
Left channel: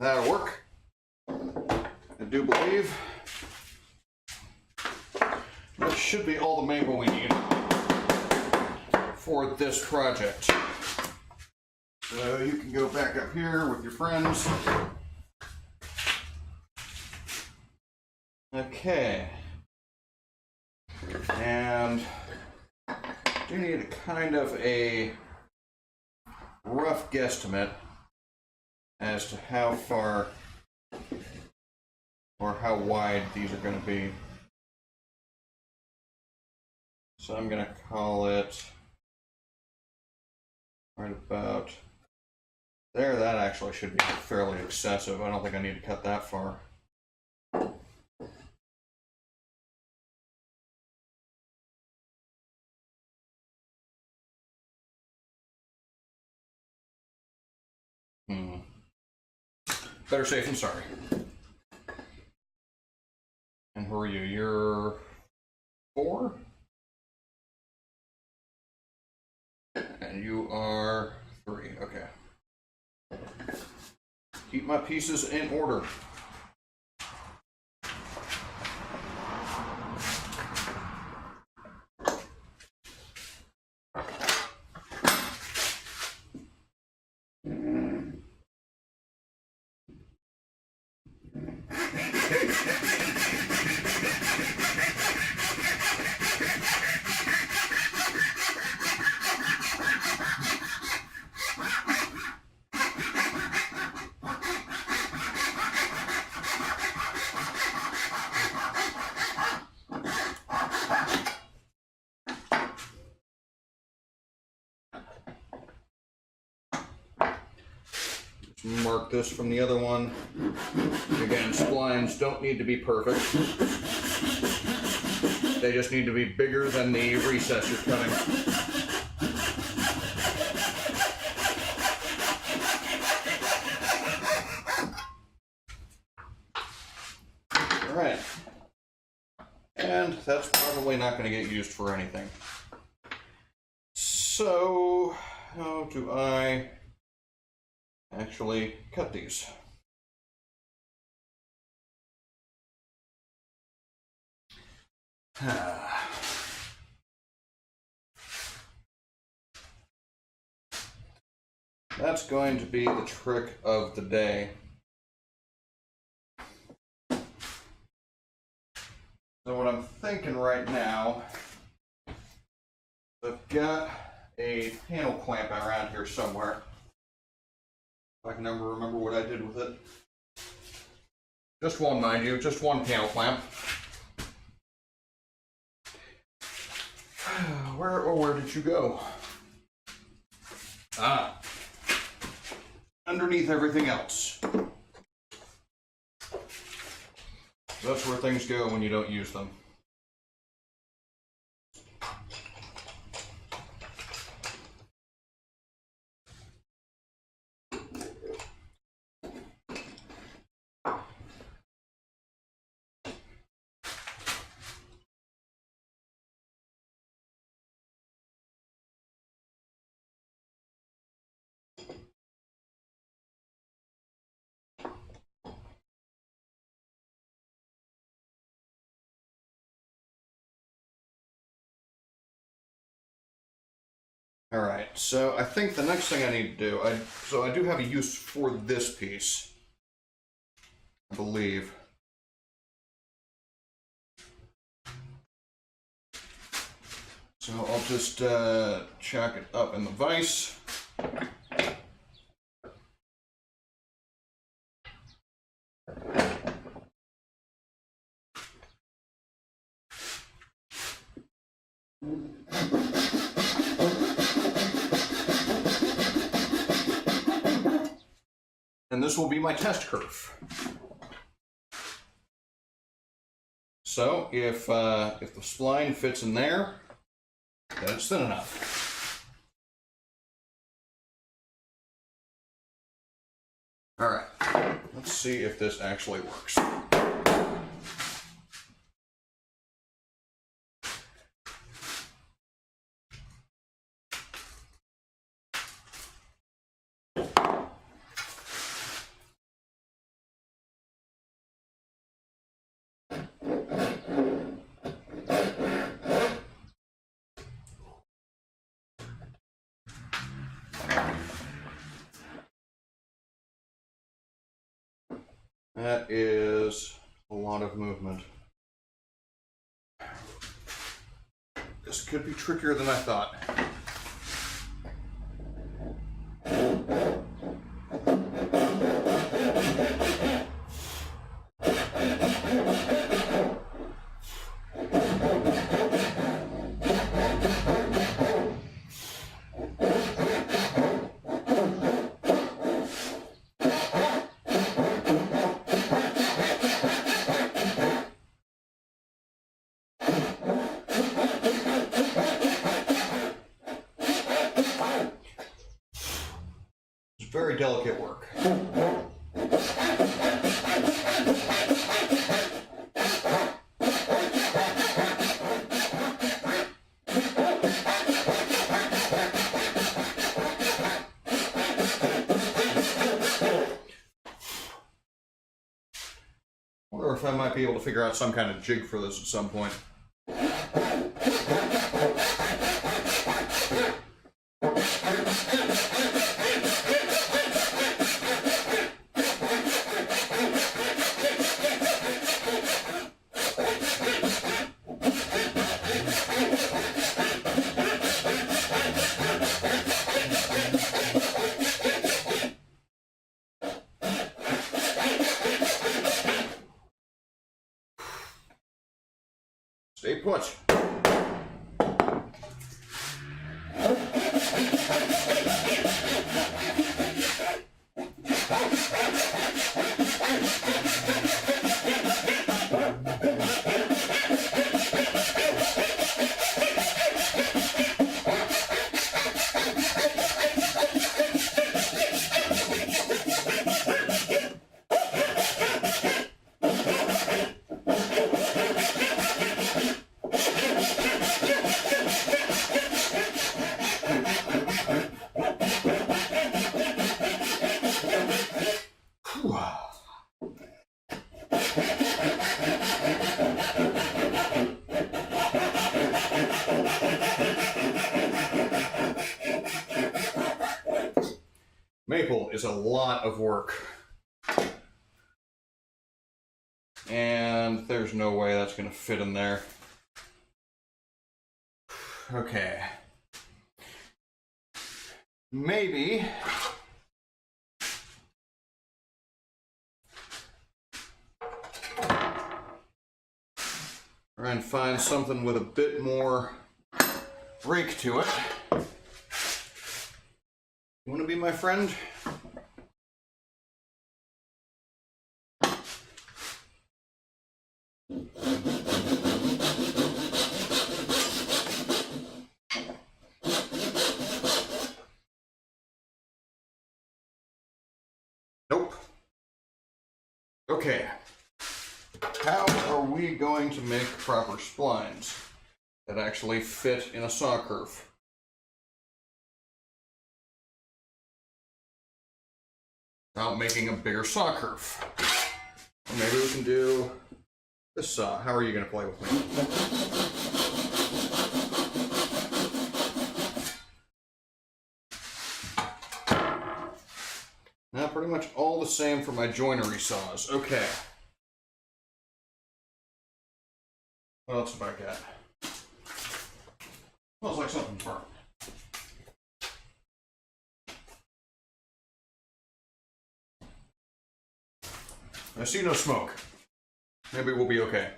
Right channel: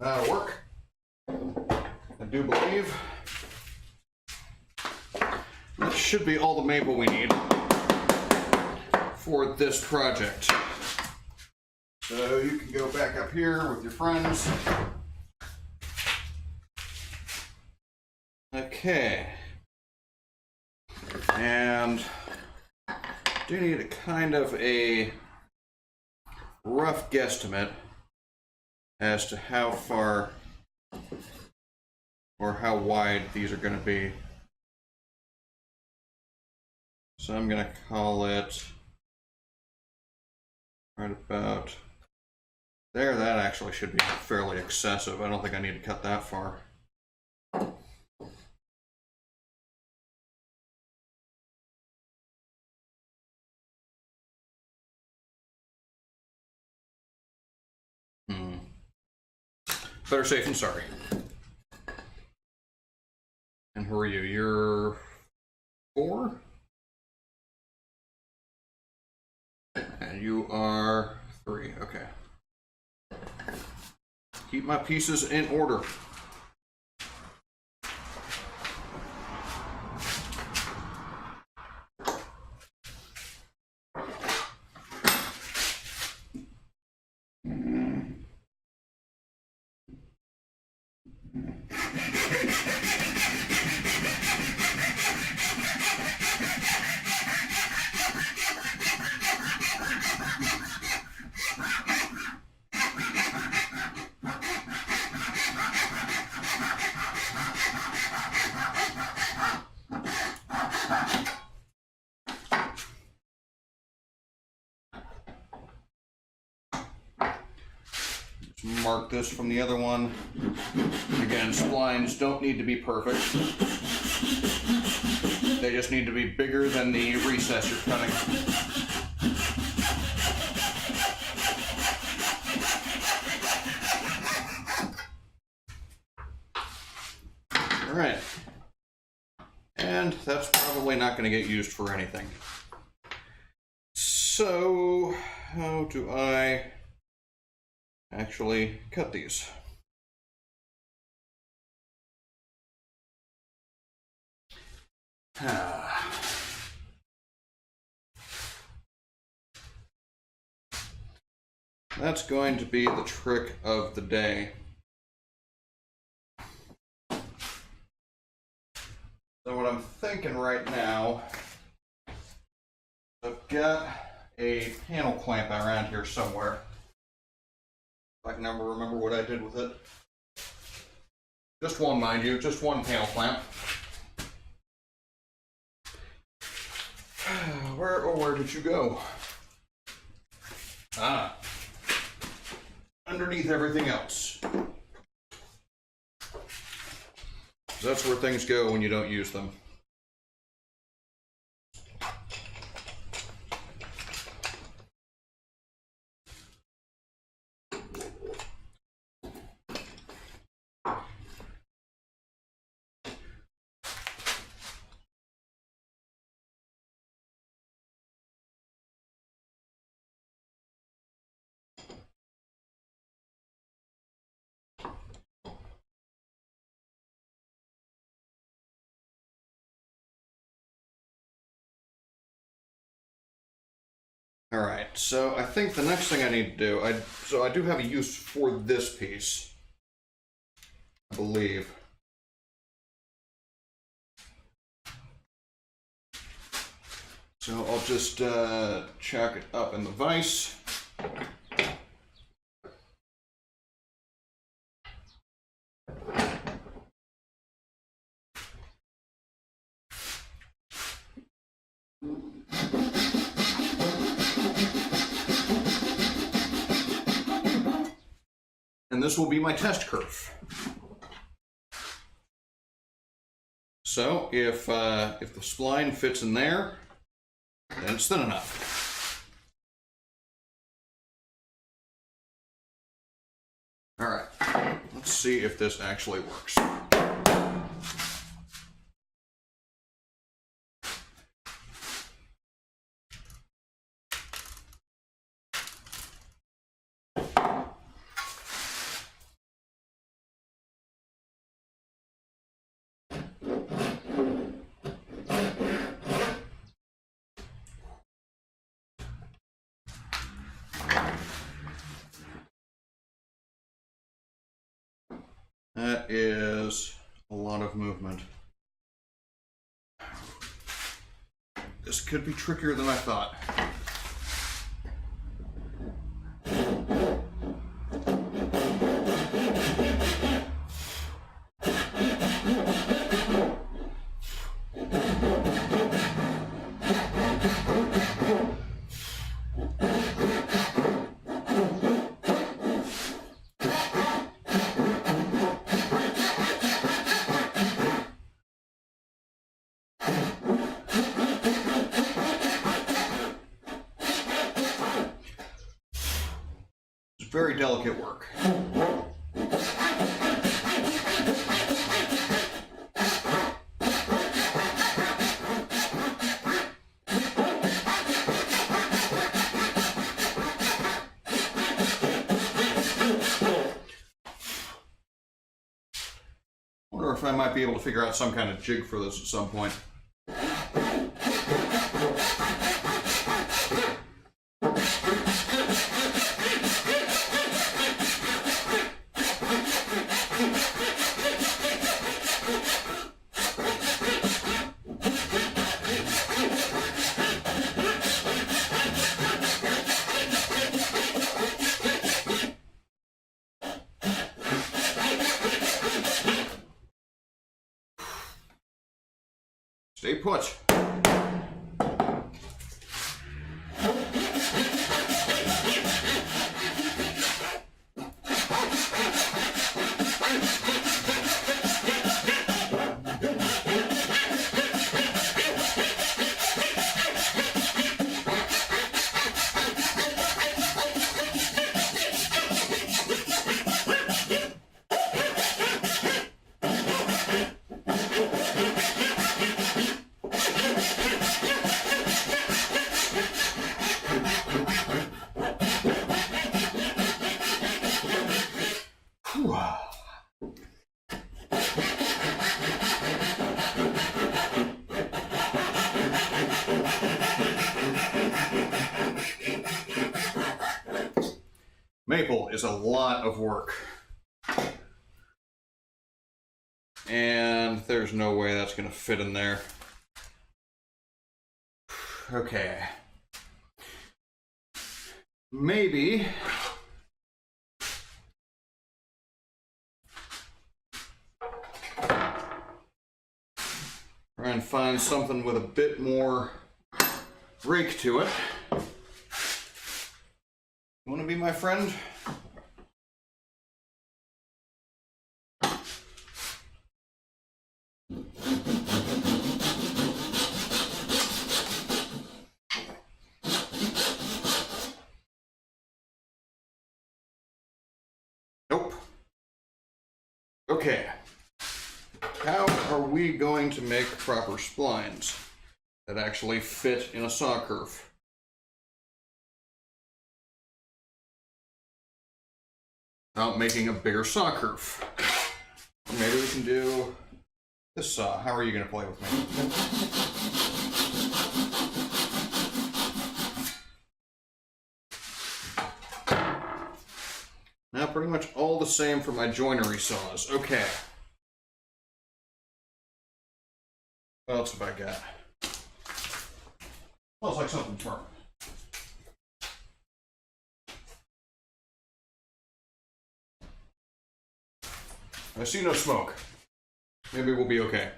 That'll work. I do believe that should be all the maple we need for this project. So you can go back up here with your friends. Okay. And do need a kind of a rough guesstimate as to how far or how wide these are going to be. So I'm going to call it right about there. That actually should be fairly excessive. I don't think I need to cut that far. Better safe than sorry. And who are you? You're 4? And you are 3. Okay. Keep my pieces in order. mark this from the other one. Again, splines don't need to be perfect. They just need to be bigger than the recess you're cutting. Alright. And that's probably not going to get used for anything. So, how do I actually cut these? That's going to be the trick of the day. So what I'm thinking right now, I've got a panel clamp around here somewhere. I can never remember what I did with it. Just one, mind you, just one panel clamp. Where did you go? Ah, underneath everything else. That's where things go when you don't use them. All right, so I think the next thing I need to do, I do have a use for this piece, I believe. So I'll just chuck it up in the vise. And this will be my test curve. So if the spline fits in there, then it's thin enough. All right, let's see if this actually works. That is a lot of movement. This could be trickier than I thought. Very delicate work. Wonder if I might be able to figure out some kind of jig for this at some point. Stay put. is a lot of work. And there's no way that's going to fit in there. Okay. Maybe try and find something with a bit more rake to it. You want to be my friend? Nope. Okay. How are we going to make proper splines that actually fit in a saw curve? Without making a bigger saw curve. Maybe we can do this saw. How are you going to play with me? Now pretty much all the same for my joinery saws. Okay. What else have I got? Smells like something's burnt. I see no smoke. Maybe we'll be okay.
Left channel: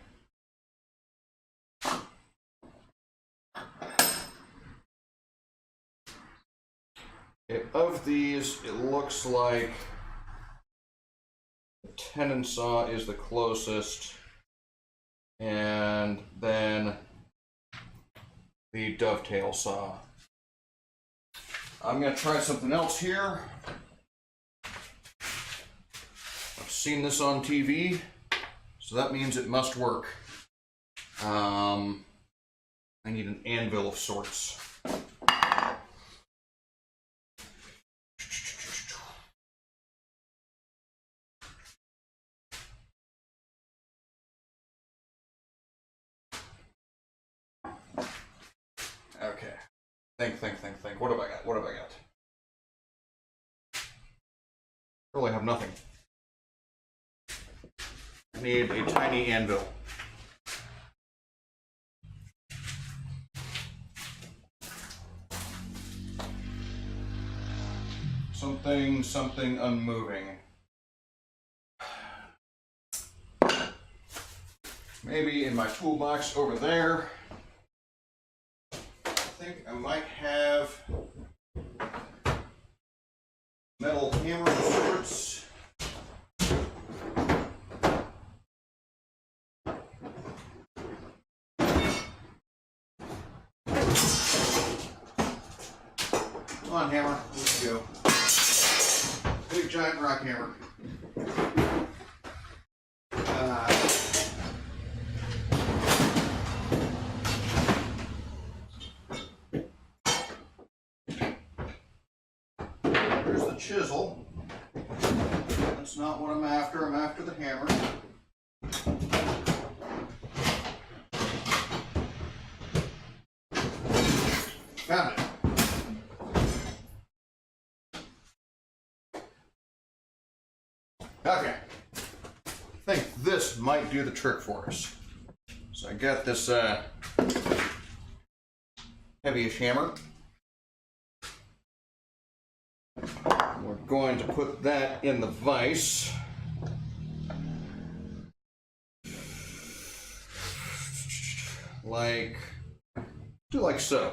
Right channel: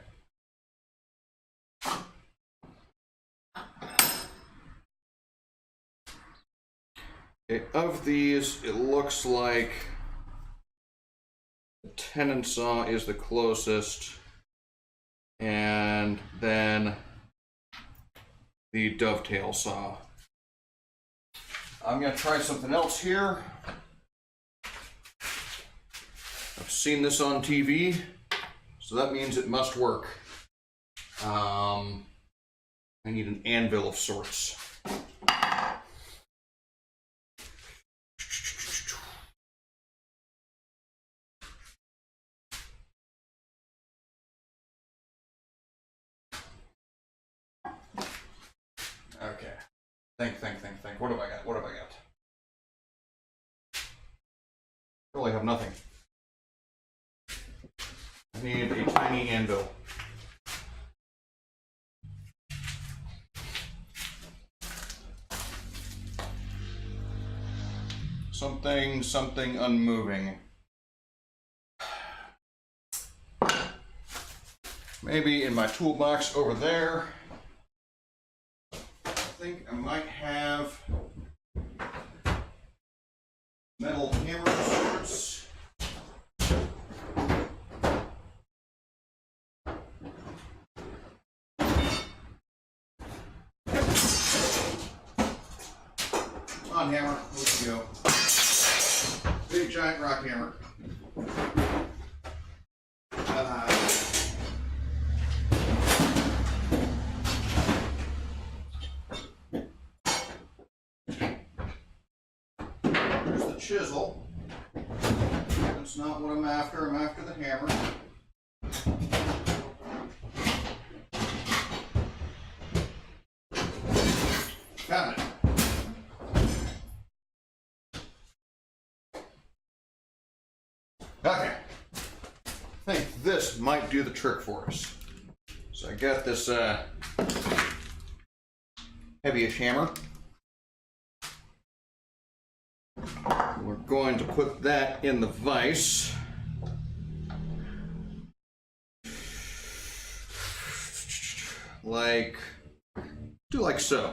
Okay, of these, it looks like the tenon saw is the closest, and then the dovetail saw. I'm gonna try something else here. I've seen this on TV, so that means it must work. I need an anvil of sorts. Okay. Think. What have I got? What have I got? Really have nothing. I need a tiny anvil. Something unmoving. Maybe in my toolbox over there. I think I might have metal hammer of sorts. Come on, hammer, let's go. Big giant rock hammer. There's the chisel. That's not what I'm after. I'm after the hammer. Found it. Okay. I think this might do the trick for us. So I got this heavyish hammer. We're going to put that in the vise. Do like so.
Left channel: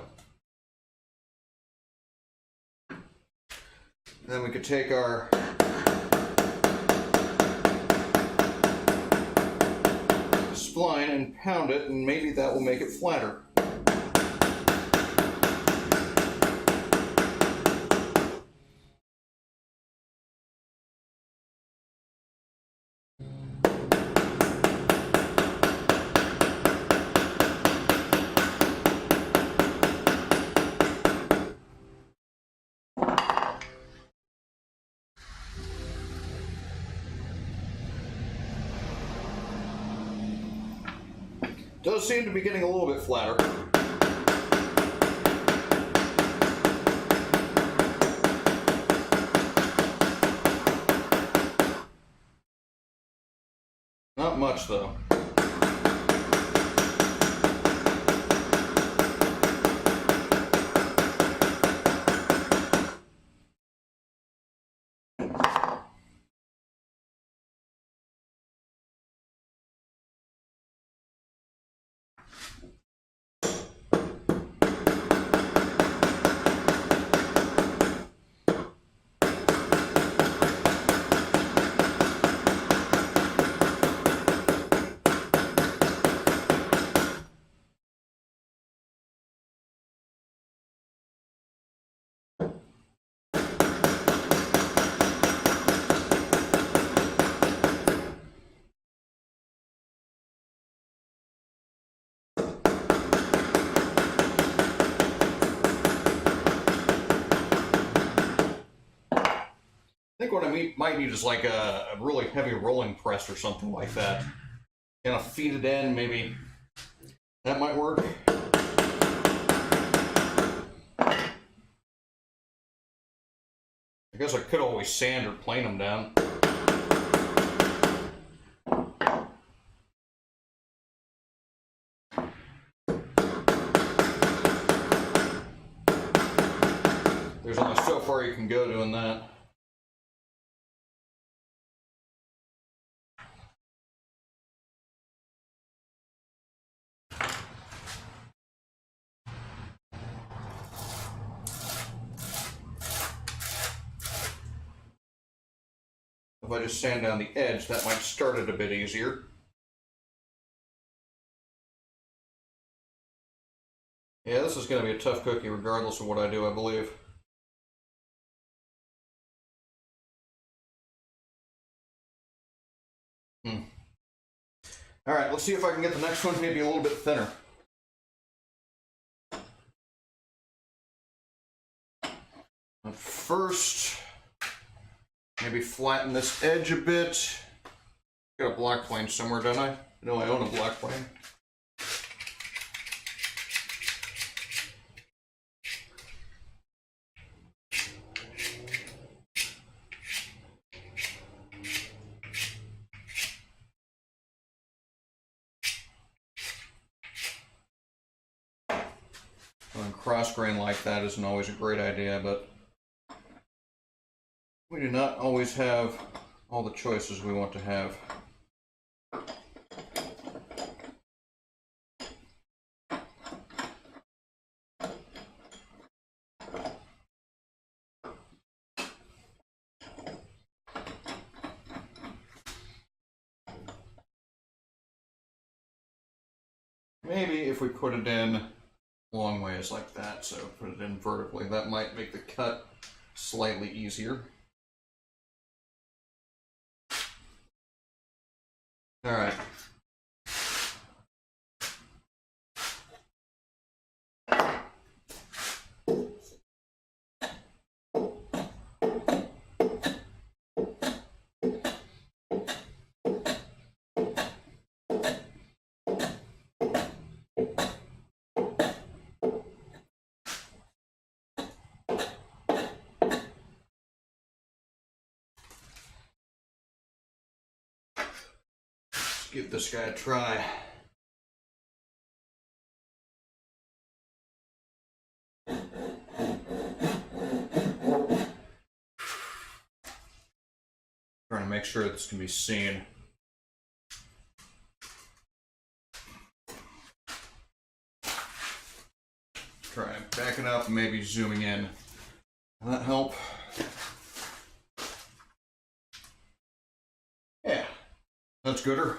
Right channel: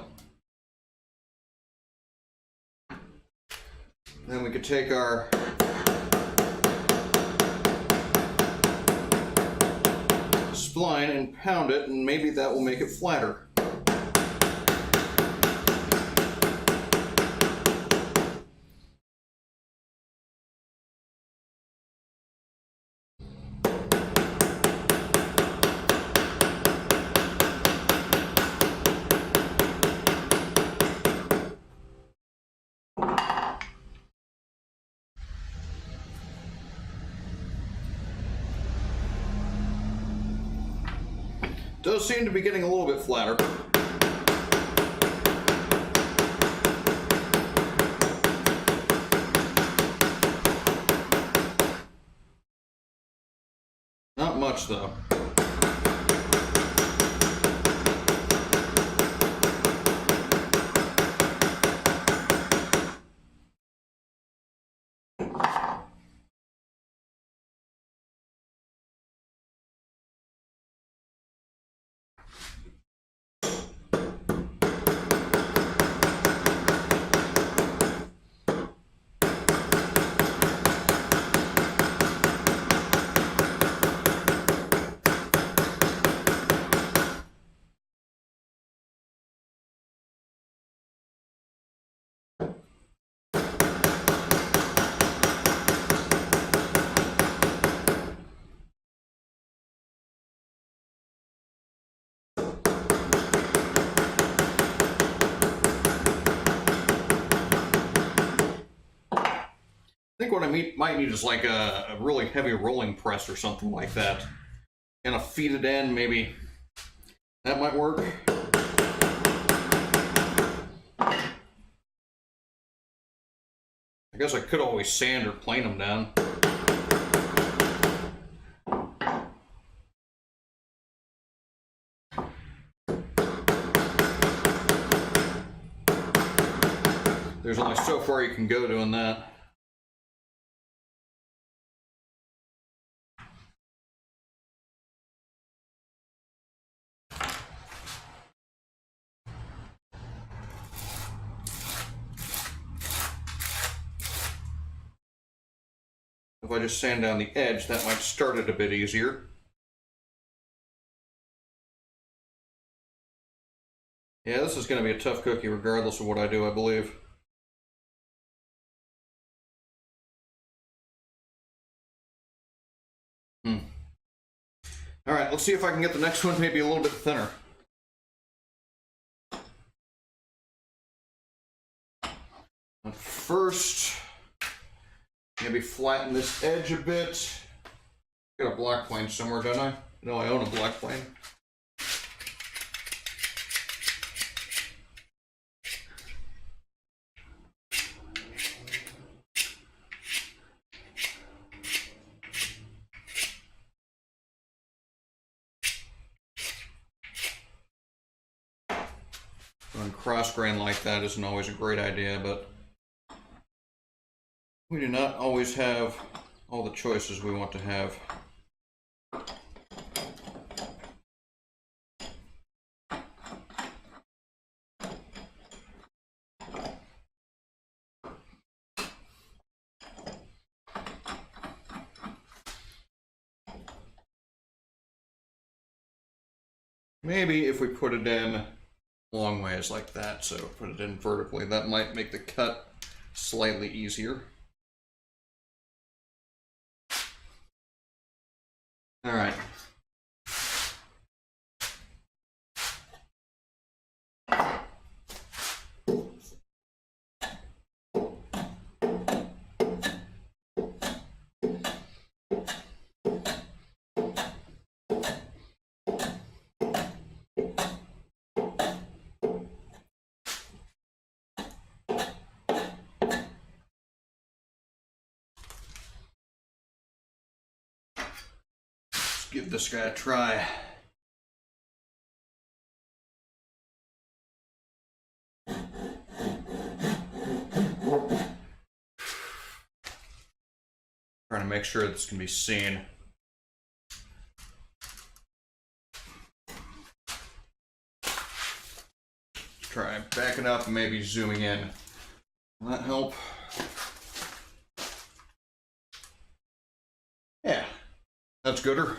Then we could take our spline and pound it, and maybe that will make it flatter. Does seem to be getting a little bit flatter. Not much though. I think what I might need is like a really heavy rolling press or something like that. Kind of feed it in, maybe. That might work. I guess I could always sand or plane them down. There's only so far you can go doing that. If I just sand down the edge, that might start it a bit easier. Yeah, this is going to be a tough cookie regardless of what I do, I believe. All right, let's see if I can get the next one maybe a little bit thinner. But first, maybe flatten this edge a bit. Got a black plane somewhere, don't I? No, I own a black plane. Going cross grain like that isn't always a great idea, but we do not always have all the choices we want to have. Maybe if we put it in long ways like that, so put it in vertically, that might make the cut slightly easier. All right. Give this guy a try. Trying to make sure this can be seen. Try backing up and maybe zooming in. Will that help? Yeah, that's gooder.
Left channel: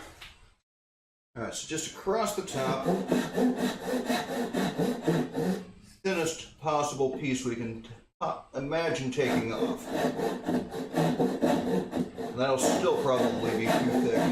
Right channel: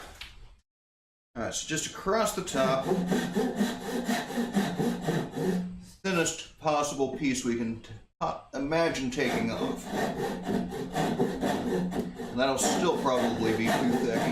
All right, so just across the top, thinnest possible piece we can imagine taking off. And that'll still probably be too thick.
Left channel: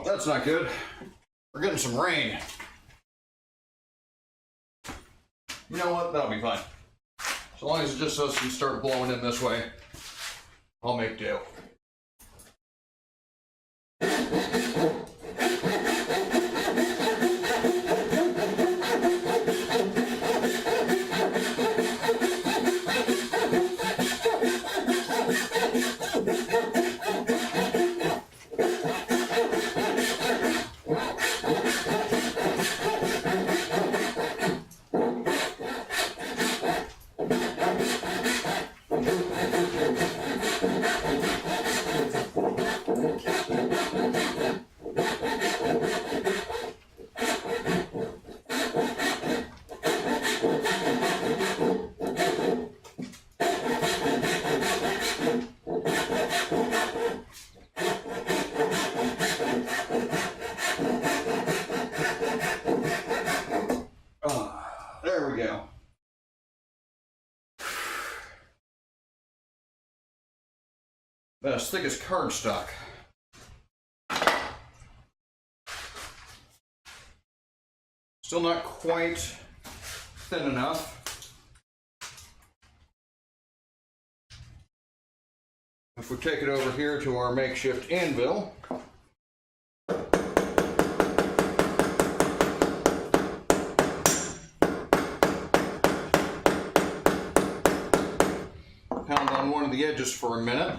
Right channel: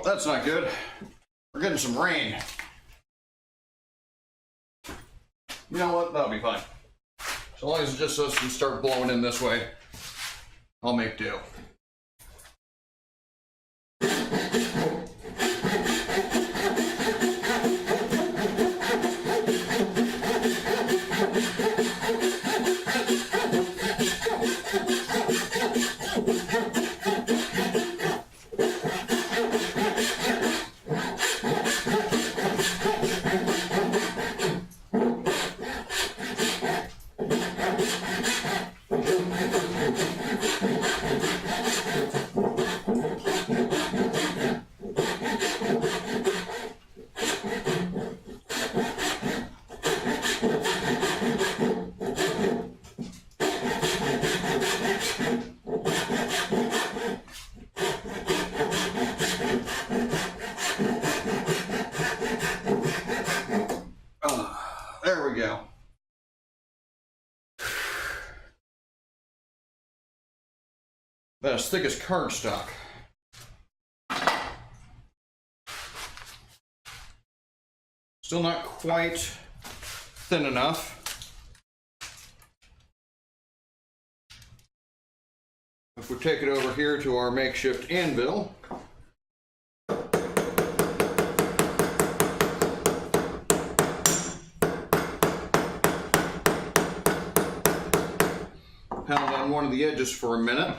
Oh, that's not good. We're getting some rain. You know what? That'll be fine. So long as it just doesn't start blowing in this way, I'll make do. There we go. About as thick as cardstock. Still not quite thin enough. If we take it over here to our makeshift anvil, pound on one of the edges for a minute.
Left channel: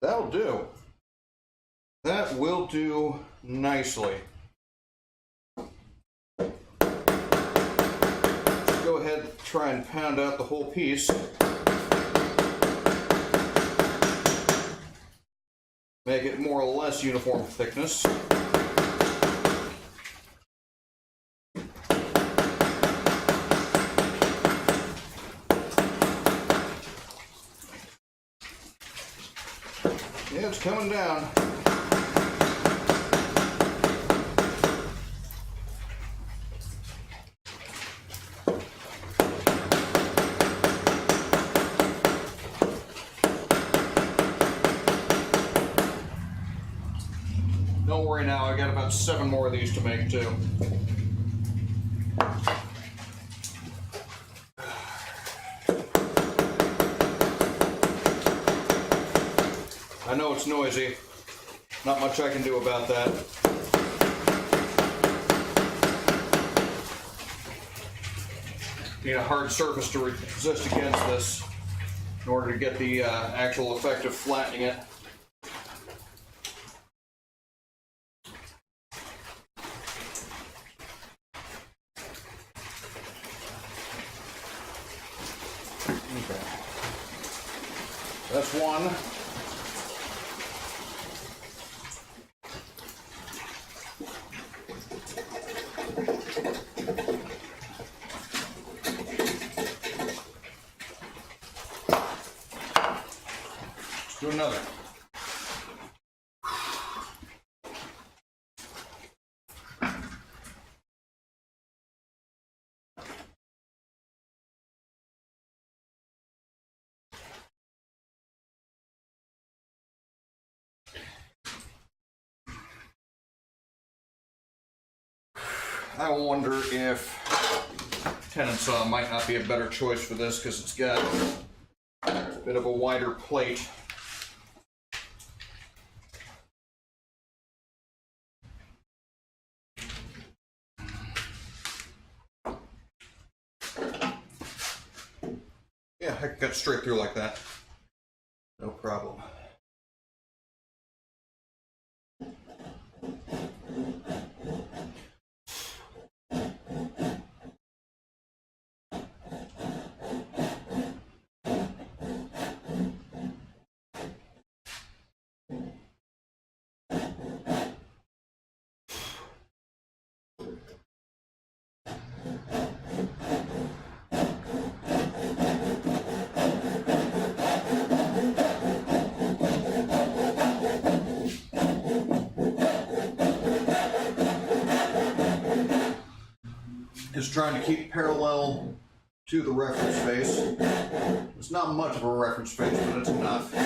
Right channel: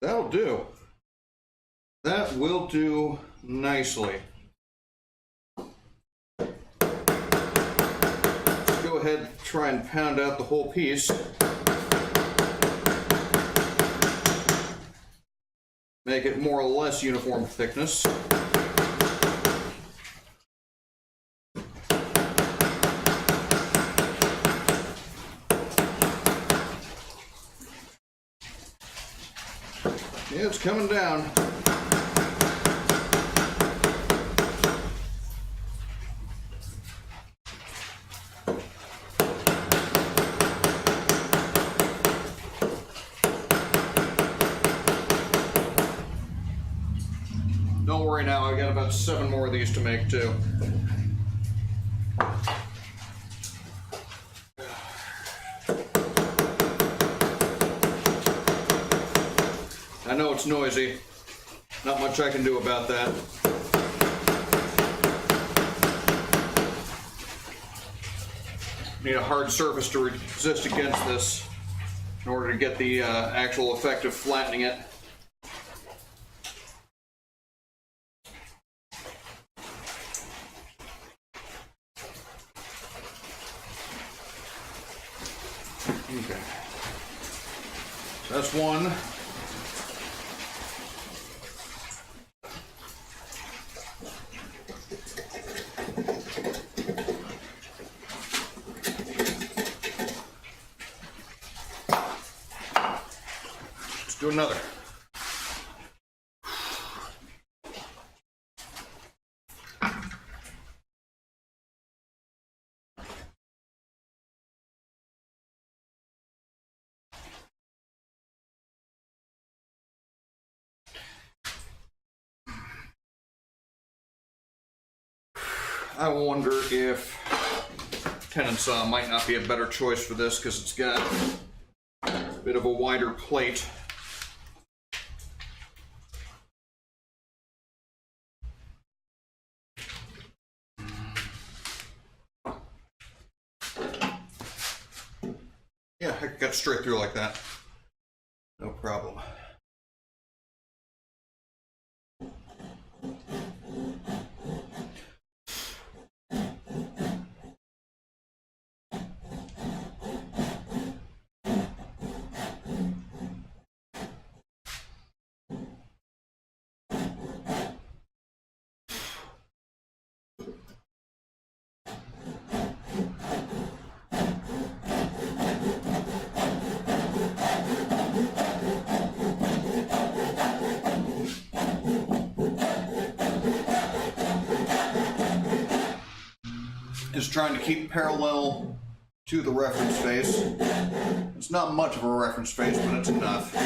That'll do. That will do nicely. Go ahead and try and pound out the whole piece. Make it more or less uniform thickness. Yeah, it's coming down. Don't worry now, I got about 7 more of these to make too. I know it's noisy. Not much I can do about that. Need a hard surface to resist against this in order to get the actual effect of flattening it. Okay. That's one. Let's do another. I wonder if tendon might not be a better choice for this because it's got a bit of a wider plate. Yeah, I can cut straight through like that. No problem. Is trying to keep parallel to the reference face. It's not much of a reference face, but it's enough.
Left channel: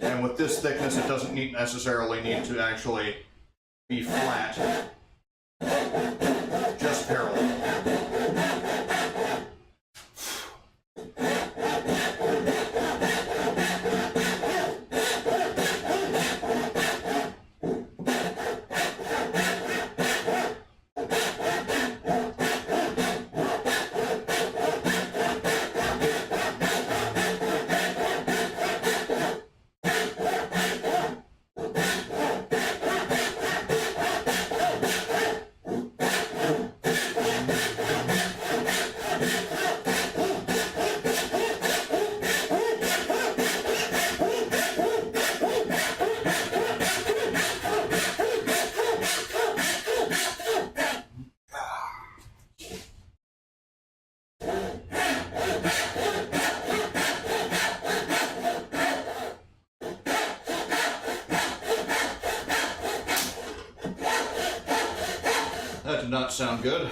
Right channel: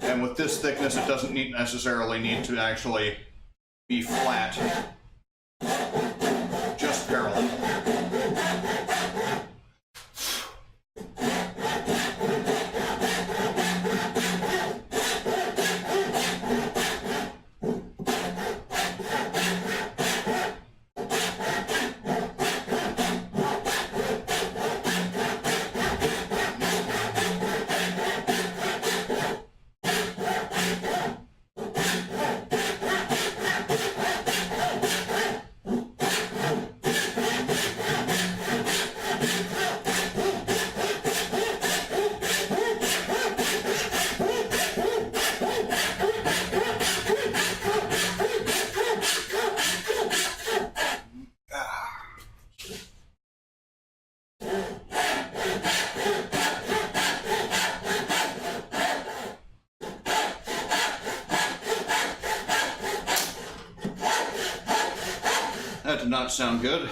And with this thickness, it doesn't necessarily need to actually be flat, just parallel. That did not sound good.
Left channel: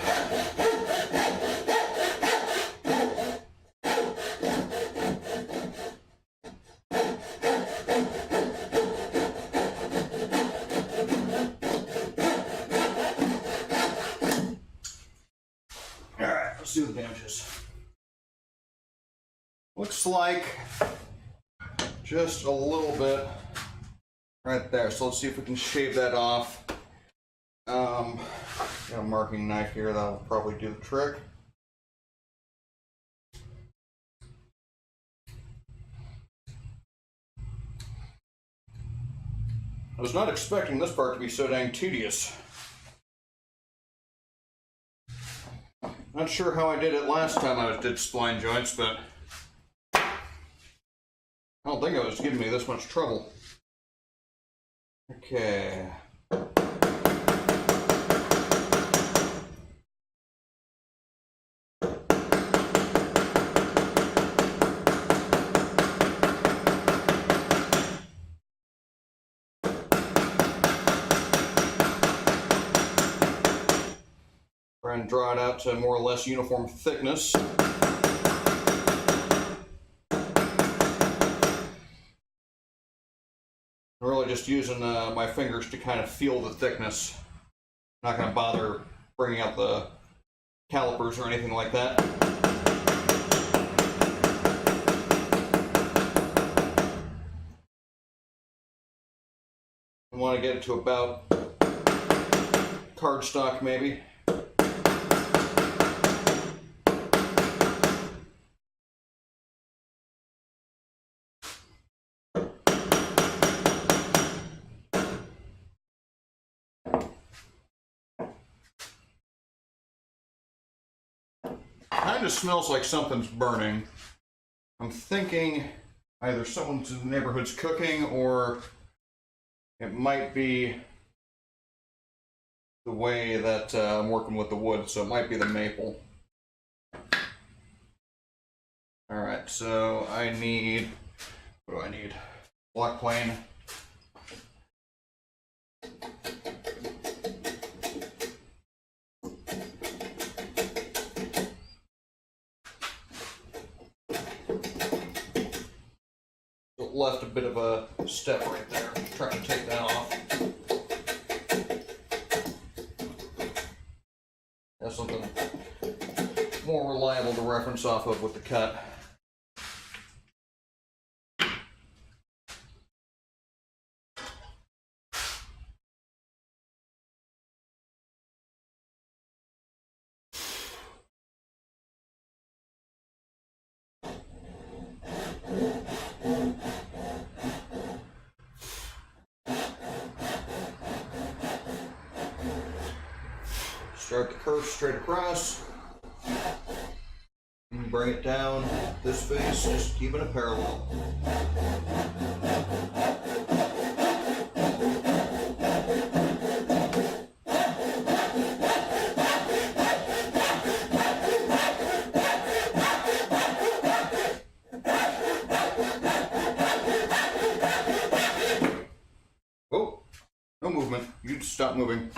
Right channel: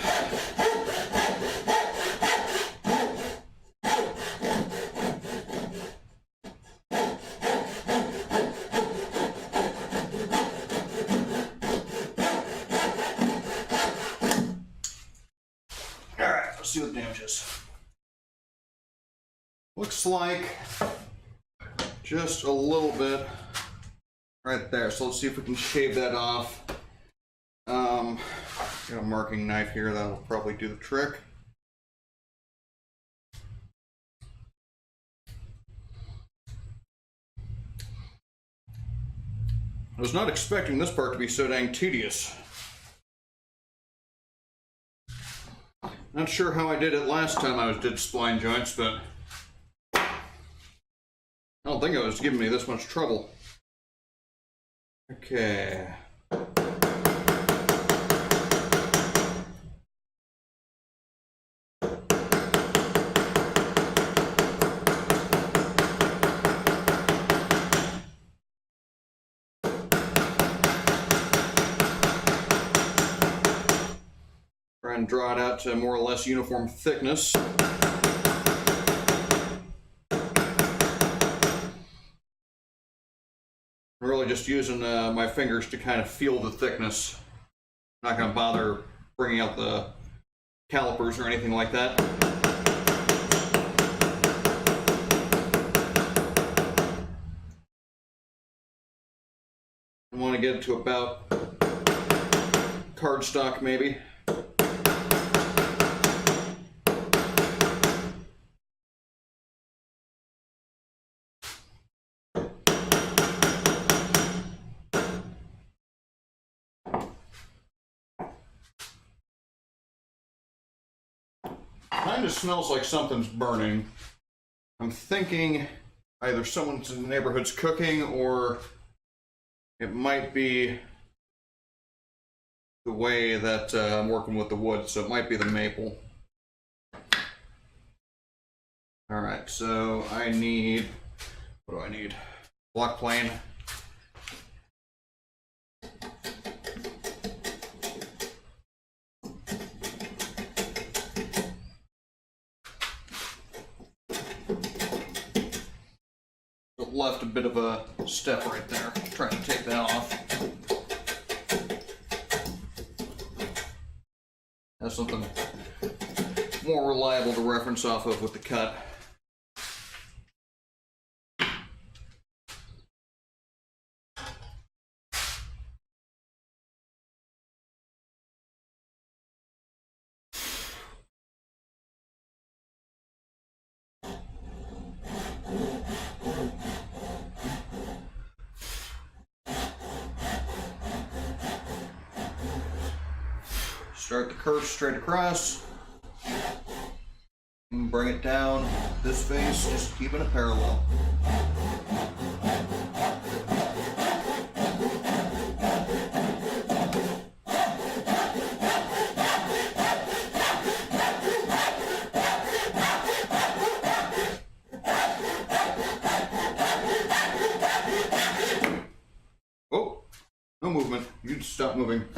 Alright, let's see what the damage is. Looks like just a little bit right there. So let's see if we can shave that off. Got a marking knife here that'll probably do the trick. I was not expecting this part to be so dang tedious. Not sure how I did it last time I did spline joints, but I don't think it was giving me this much trouble. Okay. Try and draw it out to more or less uniform thickness. I'm really just using my fingers to kind of feel the thickness. I'm not going to bother bringing out the calipers or anything like that. I want to get it to about cardstock maybe. Kind of smells like something's burning. I'm thinking either someone's in the neighborhood's cooking, or it might be the way that I'm working with the wood, so it might be the maple. Alright, so I need, what do I need? Block plane. Left a bit of a step right there. Try to take that off. That's something more reliable to reference off of with the cut. Start the curve straight across and bring it down this face, just keeping it parallel. Oh, no movement. You stop moving.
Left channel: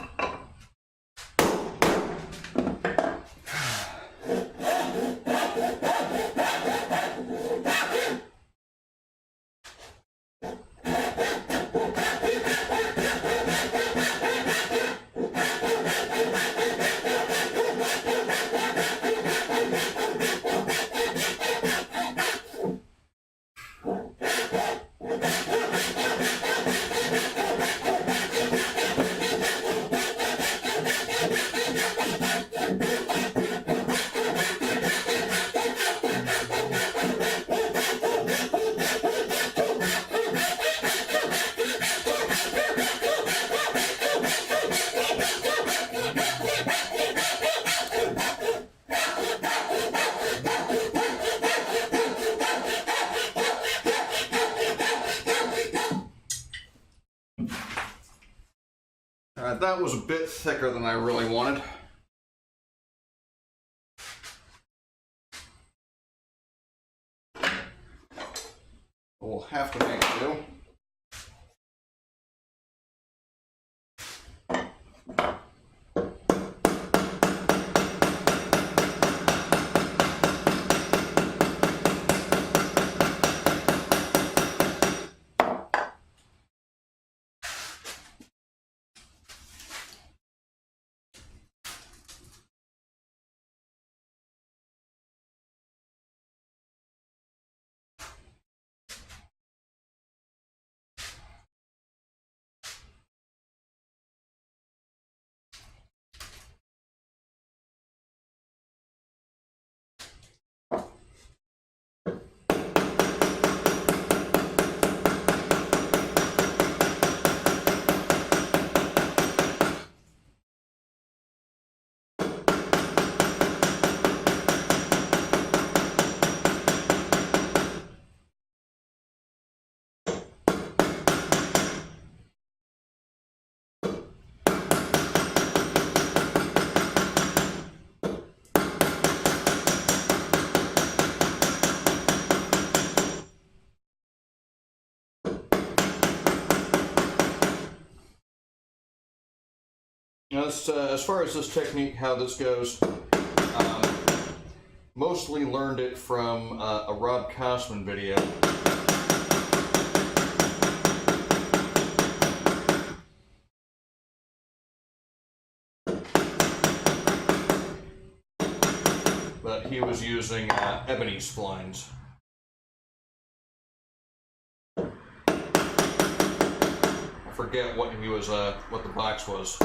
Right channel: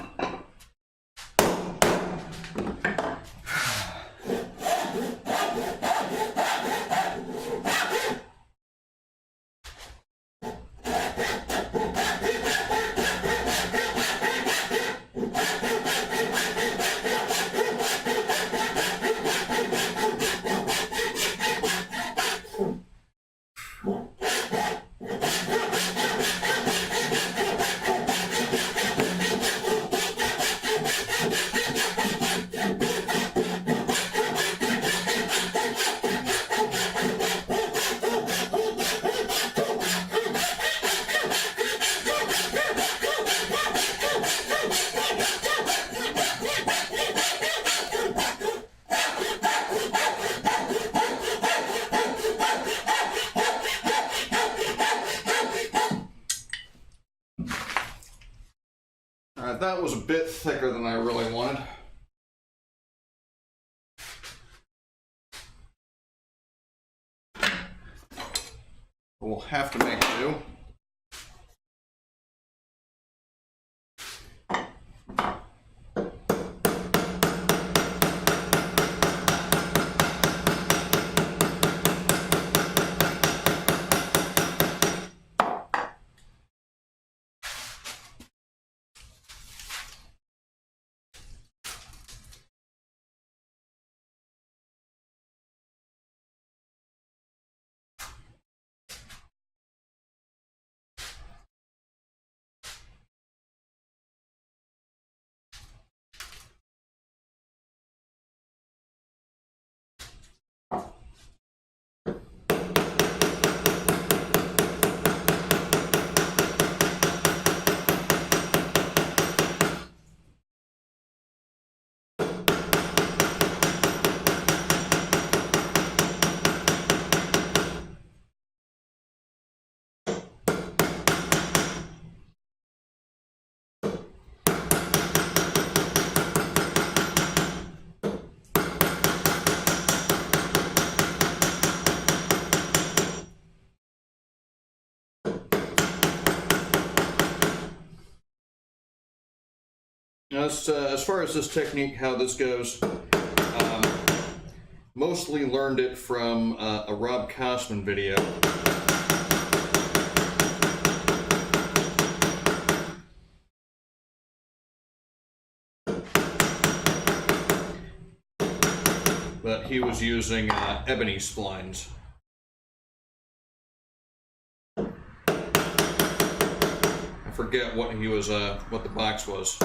that was a bit thicker than I really wanted. We'll have to make do. As far as this technique, how this goes, mostly learned it from a Rob Kosman video. But he was using ebony splines. I forget what he was, what the box was.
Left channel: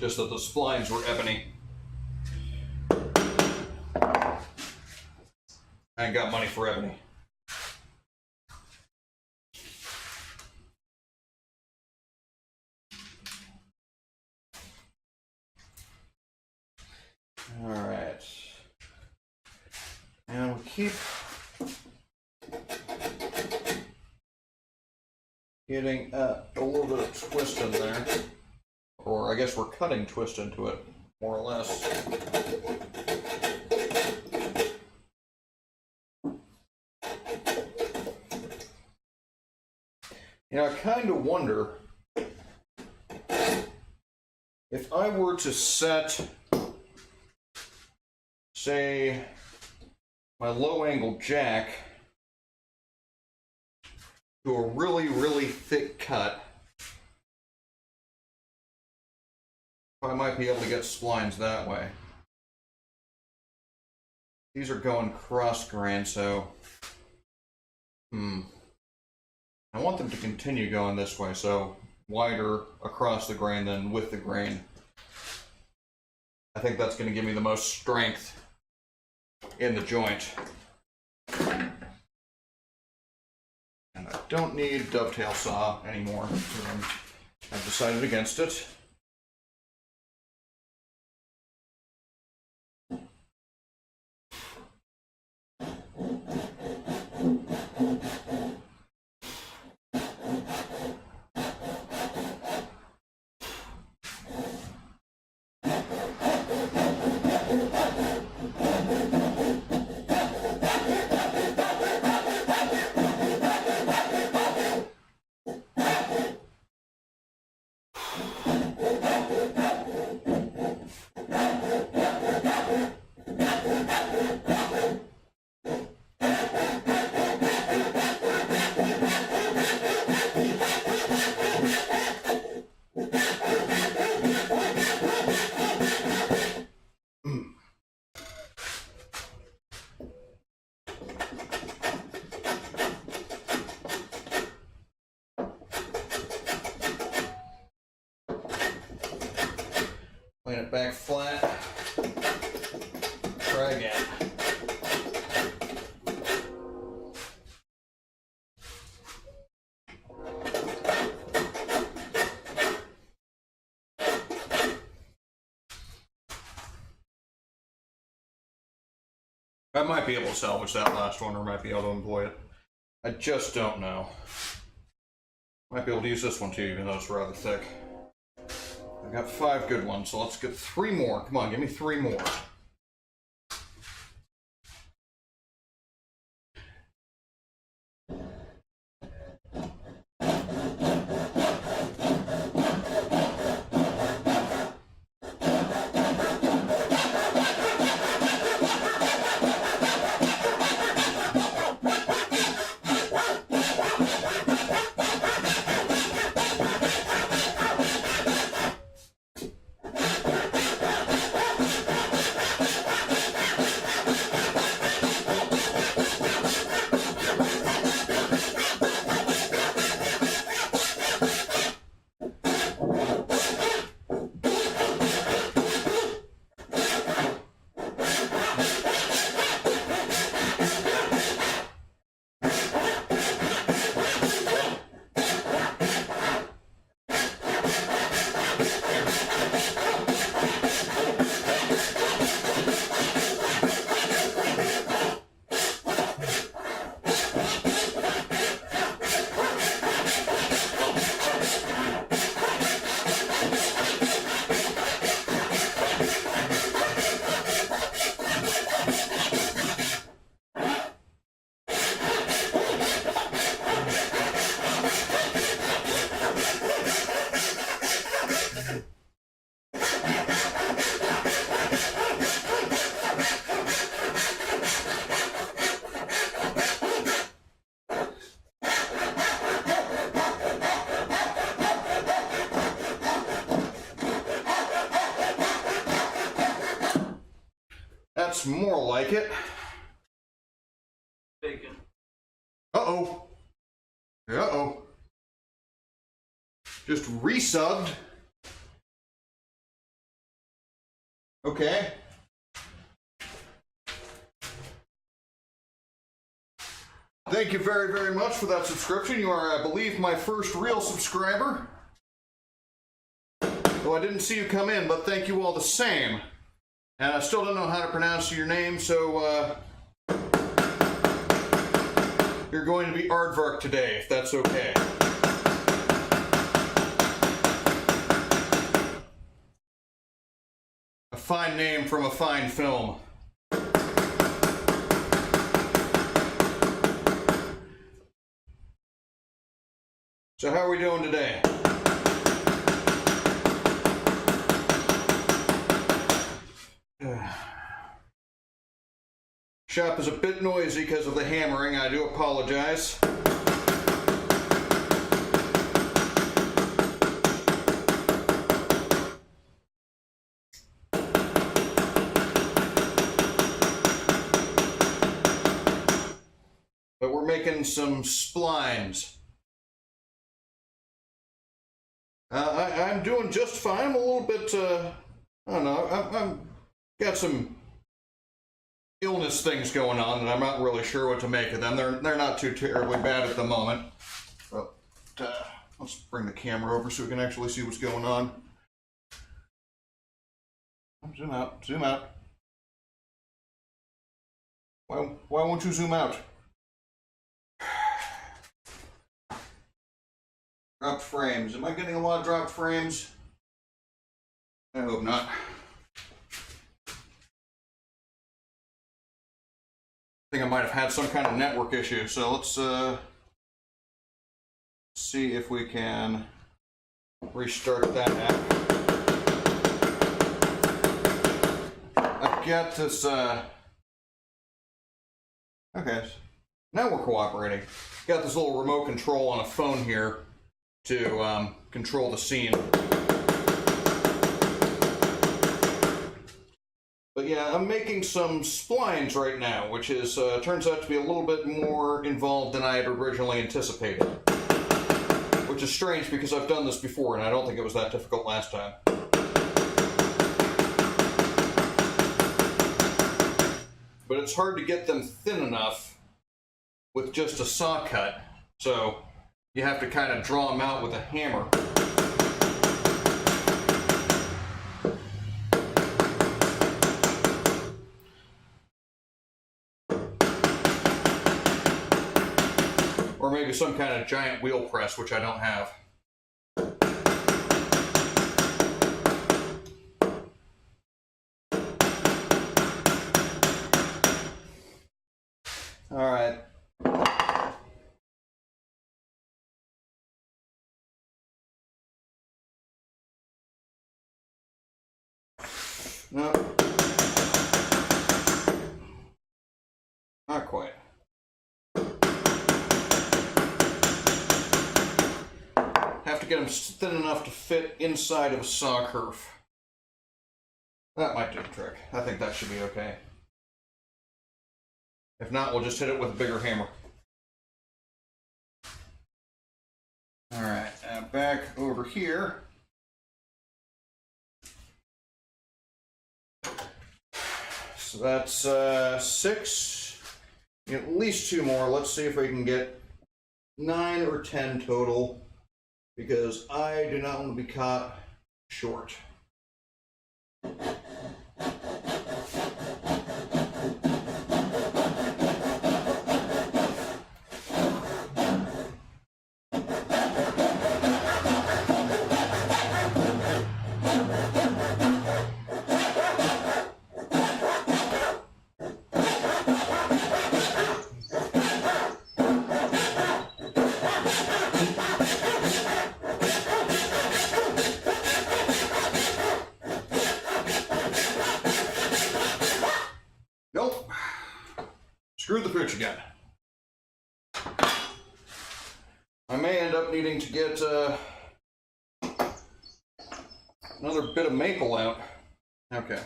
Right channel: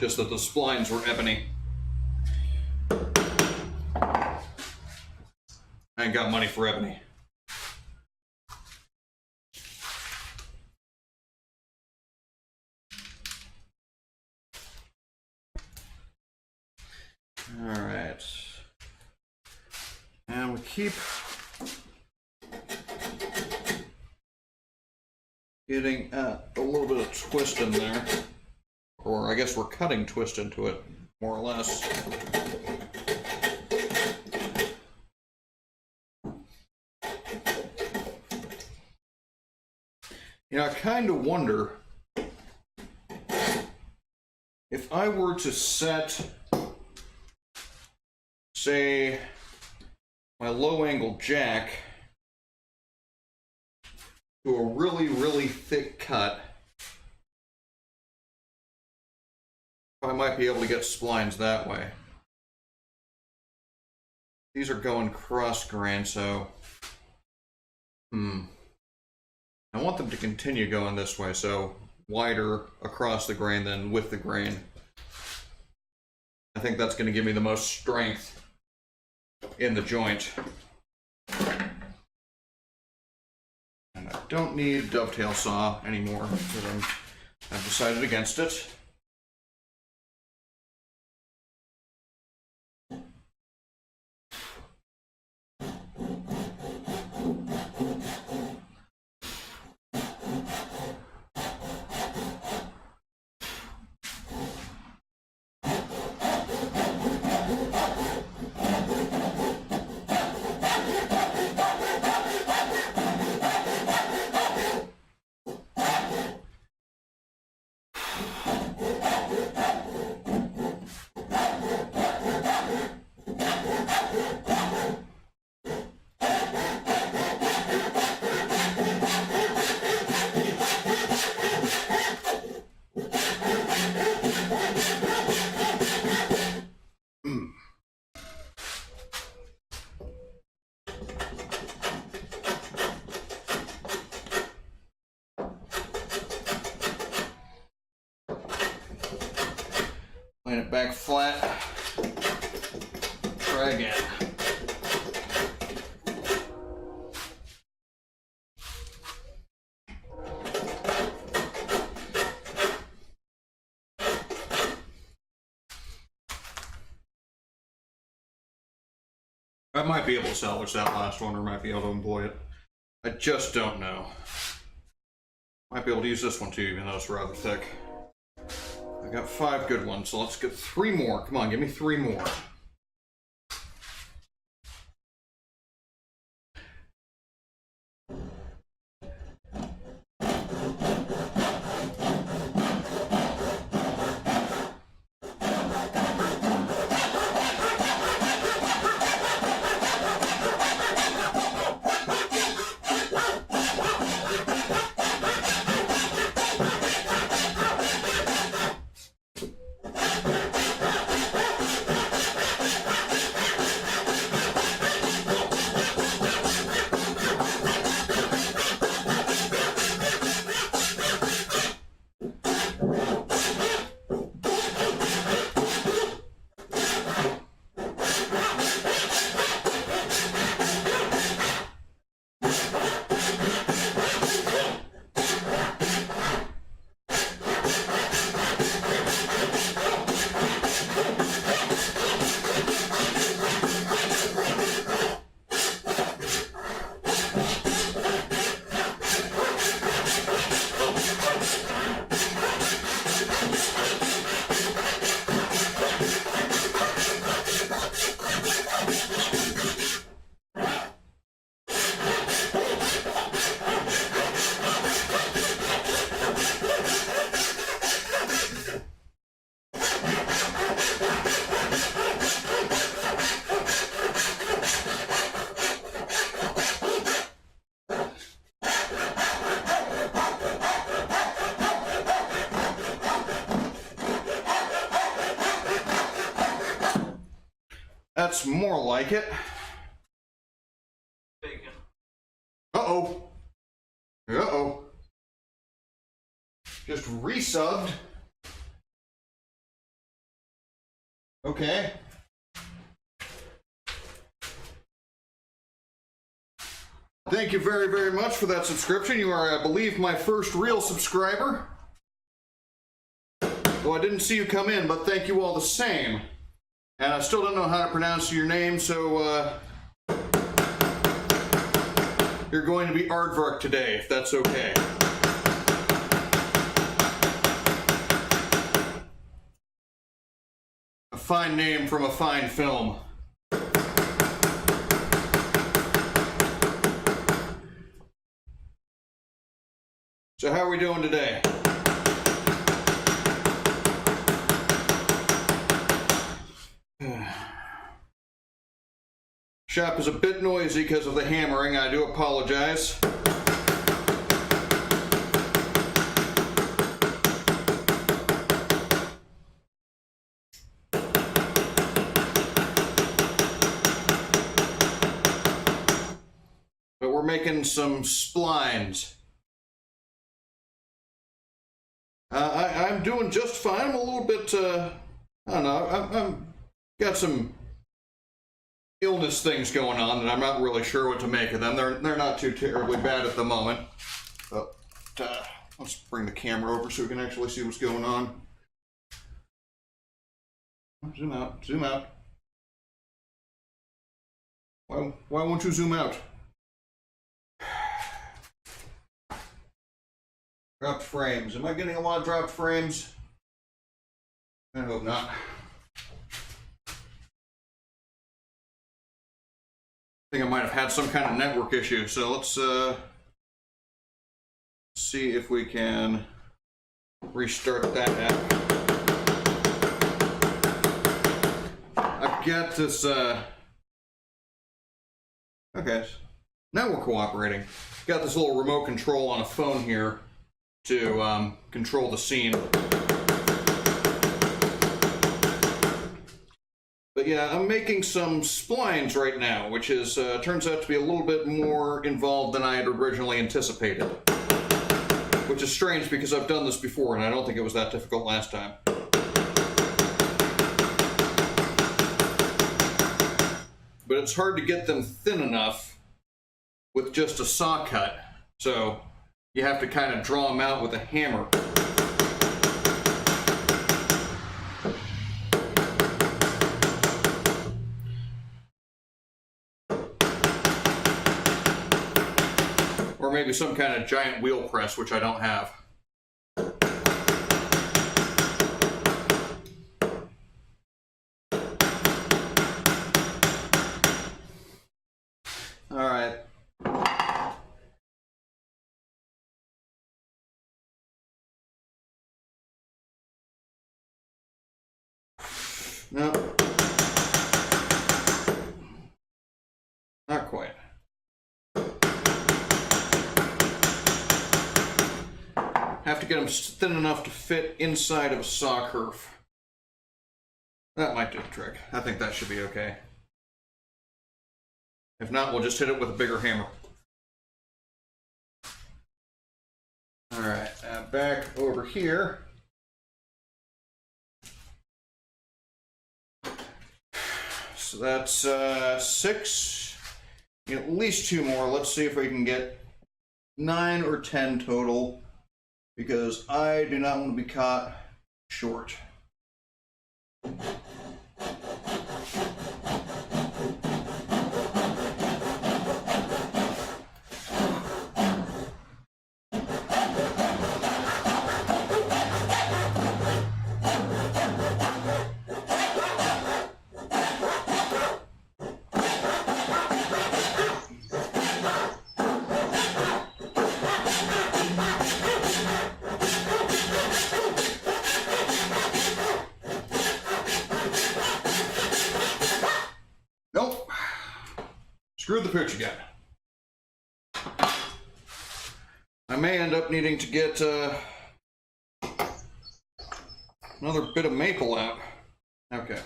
Just that the splines were ebony. I ain't got money for ebony. All right. And we keep getting a little bit of twist in there. Or I guess we're cutting twist into it, more or less. You know, I kind of wonder if I were to set, say, my low angle jack to a really, really thick cut, I might be able to get splines that way. These are going cross grain, so I want them to continue going this way, so wider across the grain than with the grain. I think that's going to give me the most strength in the joint. And I don't need dovetail saw anymore because I've decided against it. Laying it back flat. Try again. I might be able to salvage that last one, or might be able to employ it. I just don't know. Might be able to use this one too, even though it's rather thick. I got 5 good ones, so let's get 3 more. Come on, give me 3 more. That's more like it. Bacon. Uh-oh. Uh-oh. Just resubbed. Okay. Thank you very, very much for that subscription. You are, I believe, my first real subscriber. Though I didn't see you come in, but thank you all the same. And I still don't know how to pronounce your name, so you're going to be Aardvark today, if that's okay. A fine name from a fine film. So how are we doing today? Shop is a bit noisy because of the hammering. I do apologize. But we're making some splines. I'm doing just fine. I'm a little bit, I don't know, I'm got some illness things going on that I'm not really sure what to make of them. They're not too terribly bad at the moment. But let's bring the camera over so we can actually see what's going on. Zoom out, zoom out. Why won't you zoom out? Dropped frames. Am I getting a lot of dropped frames? I hope not. I think I might have had some kind of network issue, so let's see if we can restart that app. I got this, okay, now we're cooperating. Got this little remote control on a phone here to control the scene. But yeah, I'm making some splines right now, which is turns out to be a little bit more involved than I had originally anticipated. Which is strange because I've done this before and I don't think it was that difficult last time. But it's hard to get them thin enough with just a saw cut, so you have to kind of draw them out with a hammer. maybe some kind of giant wheel press, which I don't have. All right. No. Not quite. Have to get them thin enough to fit inside of a saw curve. That might do the trick. I think that should be okay. If not, we'll just hit it with a bigger hammer. All right, now back over here. So that's 6, at least 2 more. Let's see if we can get 9 or 10 total, because I do not want to be caught short. Screw the picture again. I may end up needing to get another bit of maple out. Okay.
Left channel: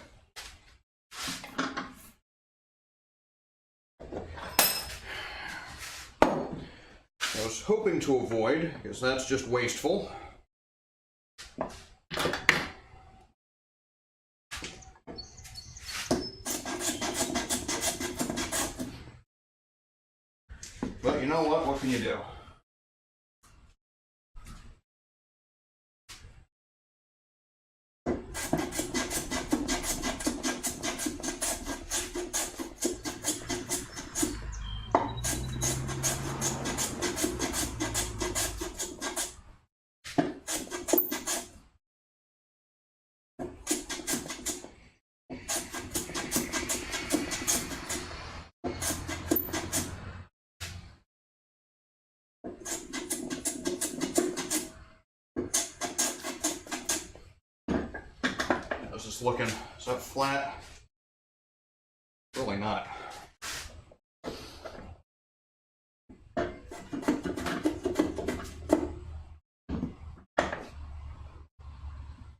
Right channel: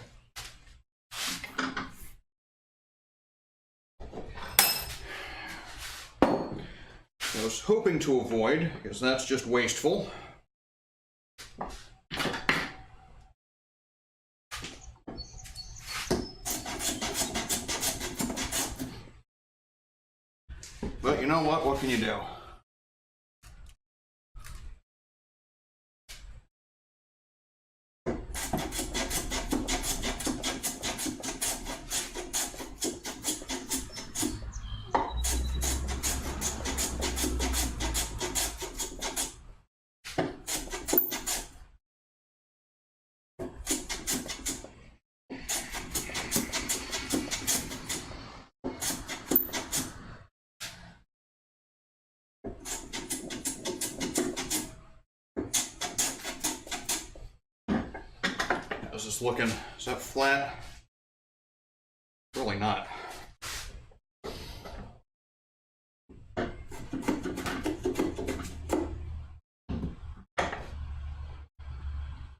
I was hoping to avoid, because that's just wasteful. But you know what? What can you do? Looking, is that flat? Really not.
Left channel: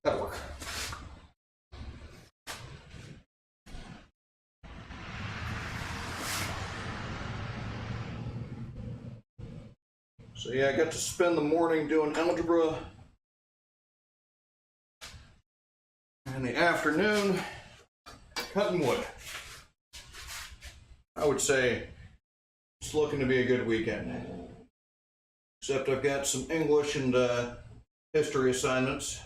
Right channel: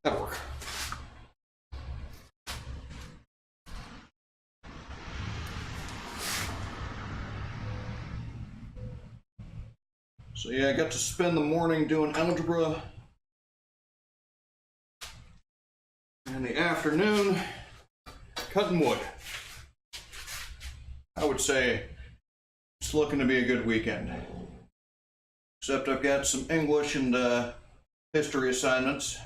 That'll work. So yeah, I got to spend the morning doing algebra. In the afternoon, cutting wood. I would say it's looking to be a good weekend. Except I've got some English and history assignments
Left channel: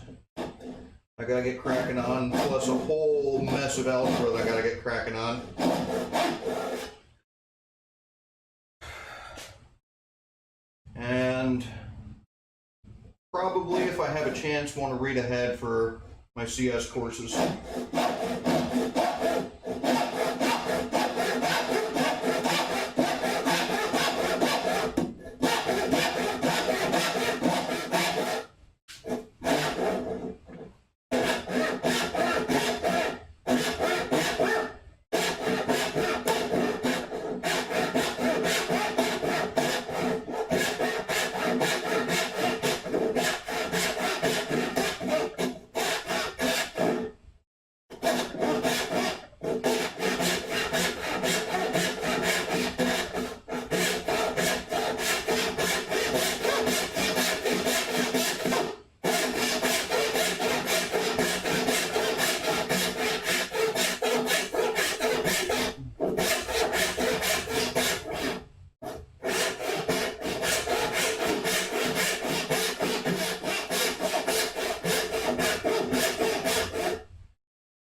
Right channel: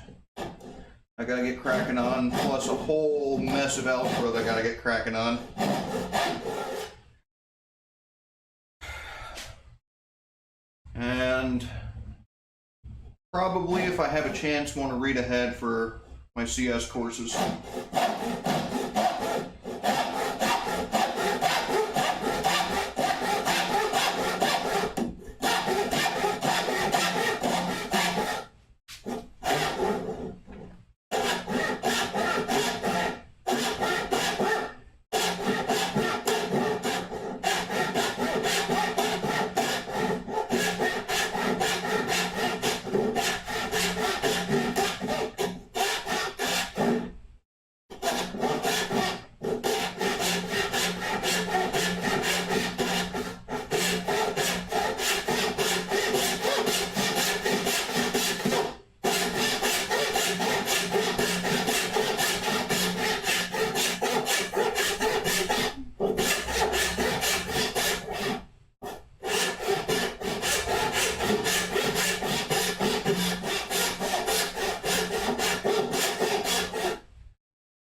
I gotta get cracking on, plus a whole mess of algebra that I gotta get cracking on. And probably, if I have a chance, want to read ahead for my CS courses.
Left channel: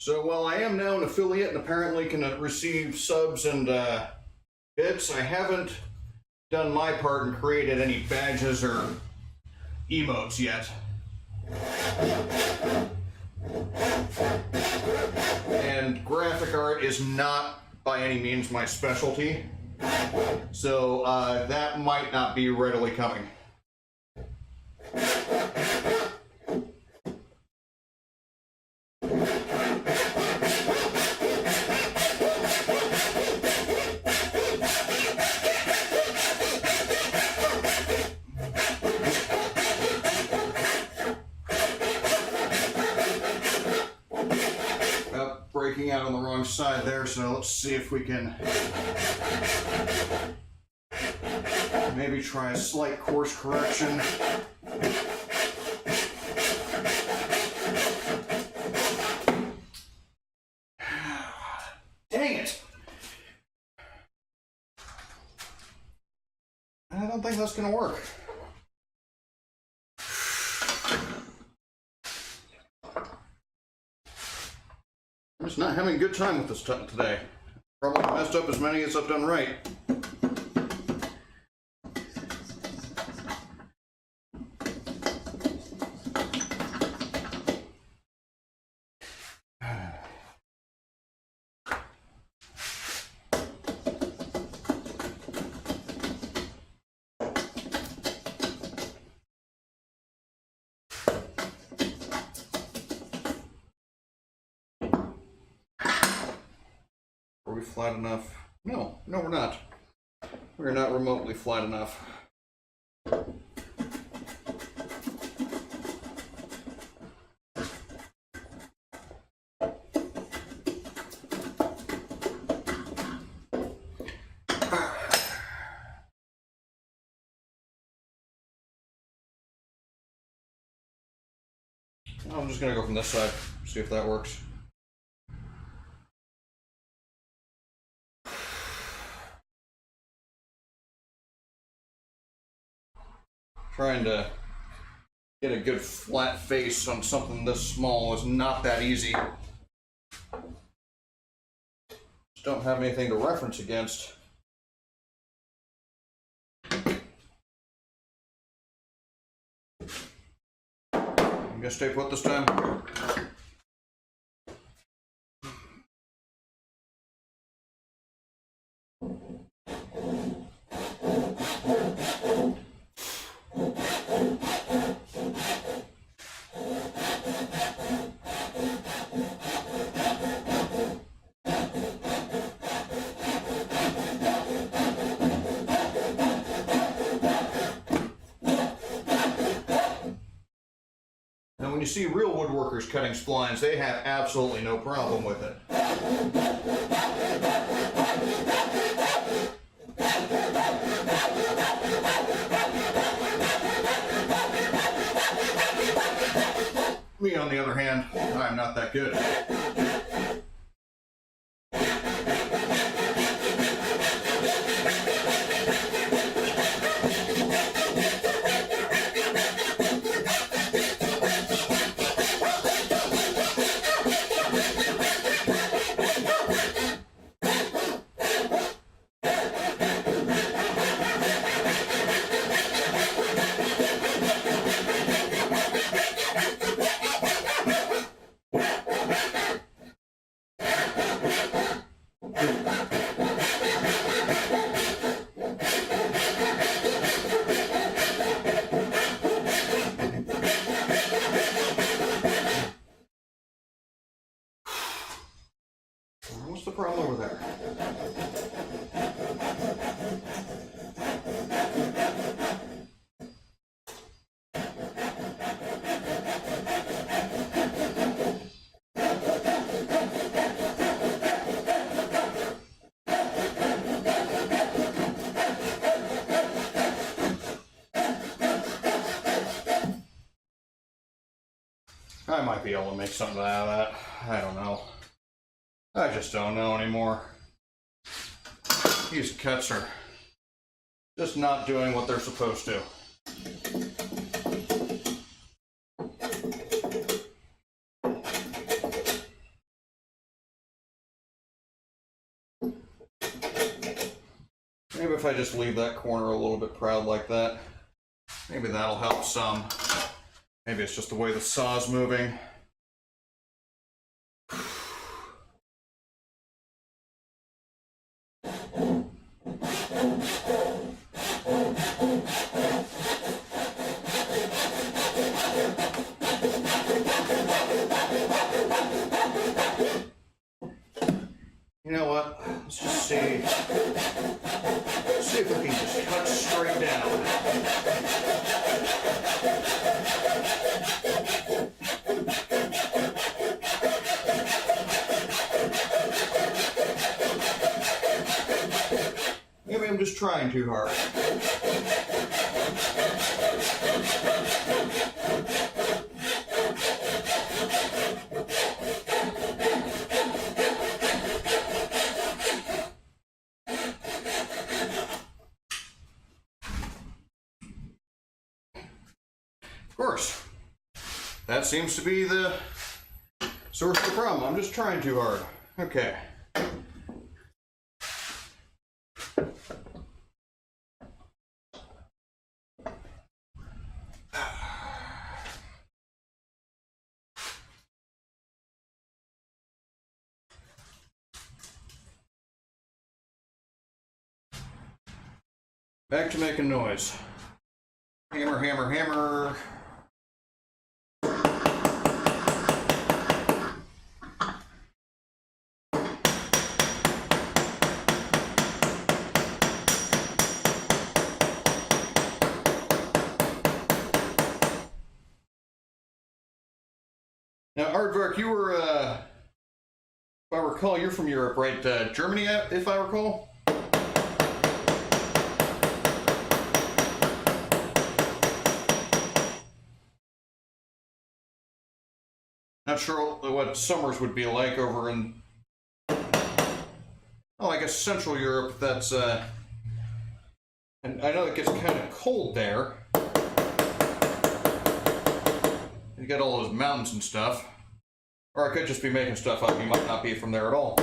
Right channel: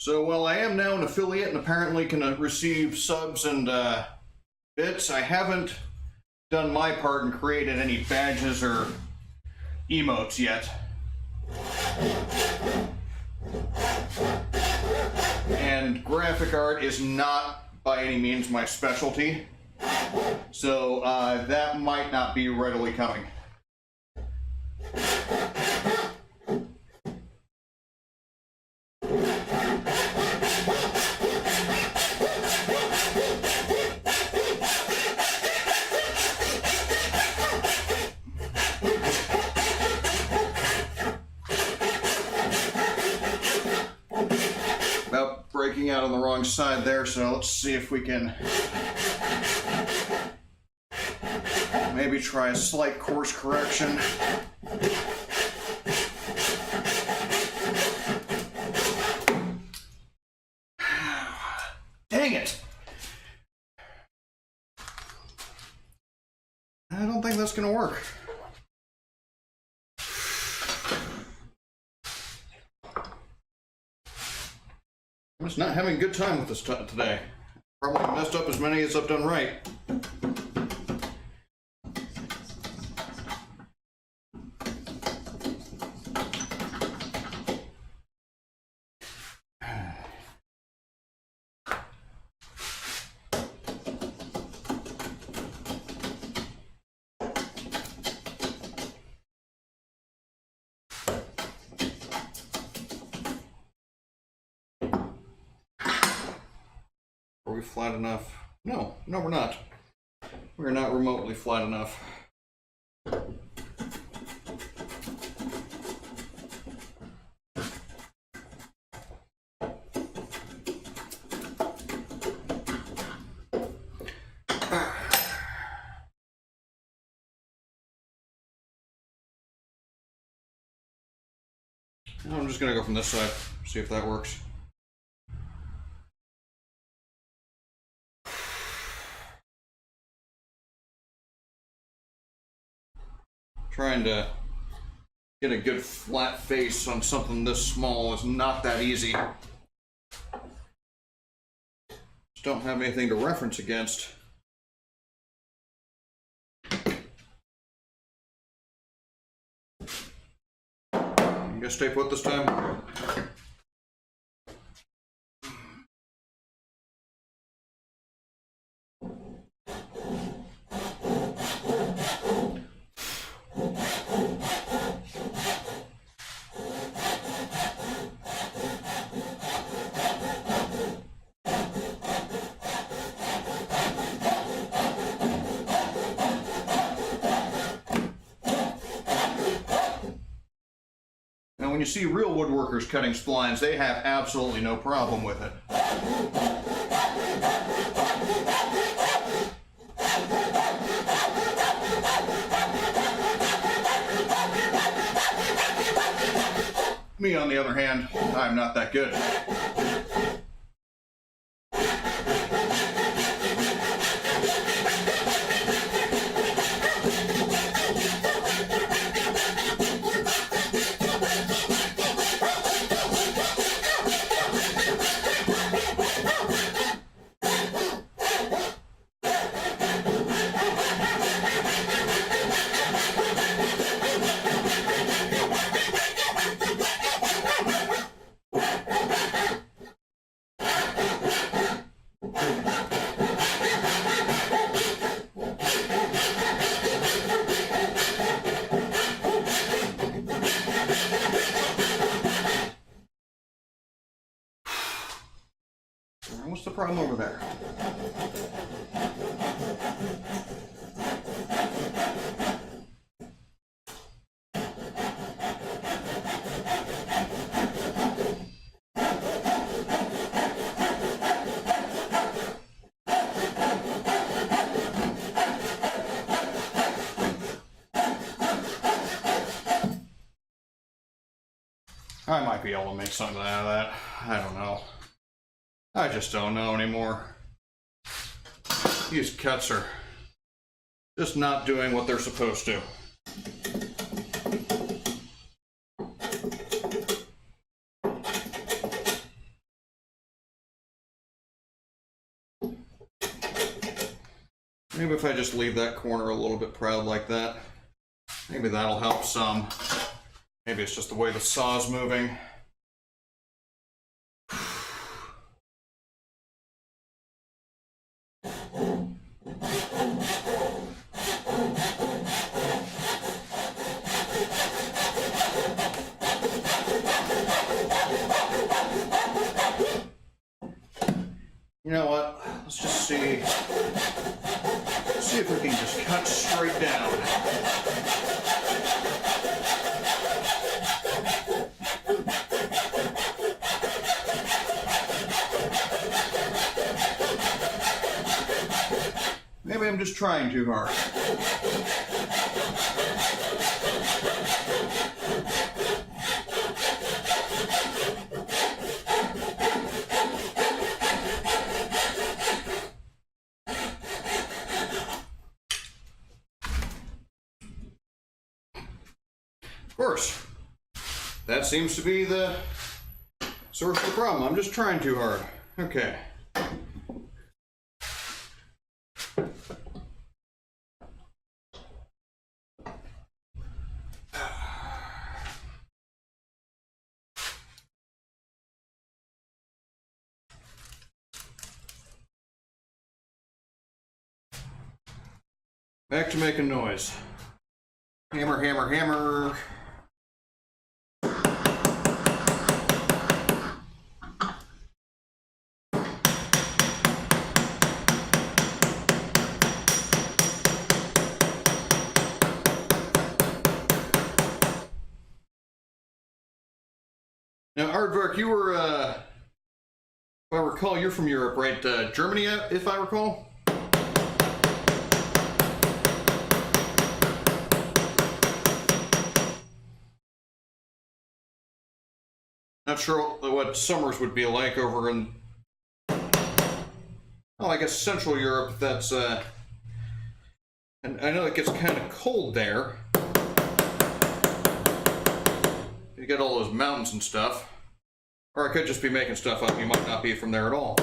So while I am now an affiliate and apparently can receive subs and bits, I haven't done my part and created any badges or emotes yet. And graphic art is not by any means my specialty, so that might not be readily coming. Breaking out on the wrong side there, so let's see if we can maybe try a slight course correction. Dang it! I don't think that's gonna work. I'm just not having a good time with this today. Probably messed up as many as I've done right. Are we flat enough? No, we're not. We're not remotely flat enough. I'm just gonna go from this side, see if that works. Trying to get a good flat face on something this small is not that easy. Just don't have anything to reference against. You gonna stay put this time? When you see real woodworkers cutting splines, they have absolutely no problem with it. Me, on the other hand, I'm not that good. What's the problem over there? I might be able to make something out of that. I don't know. I just don't know anymore. These cuts are just not doing what they're supposed to. Maybe if I just leave that corner a little bit proud like that, maybe that'll help some. Maybe it's just the way the saw's moving. You know what? Let's just see. Let's see if we can just cut straight down. Maybe I'm just trying too hard. Of course, that seems to be the source of the problem. I'm just trying too hard. Okay. Back to making noise. Hammer, hammer, hammer. Now, Aardvark, you were, if I recall, you're from Europe, right? Germany, if I recall? Not sure what summers would be like over in, well, I guess Central Europe. That's, and I know it gets kind of cold there. You got all those mountains and stuff. Or I could just be making stuff up. You might not be from there at all.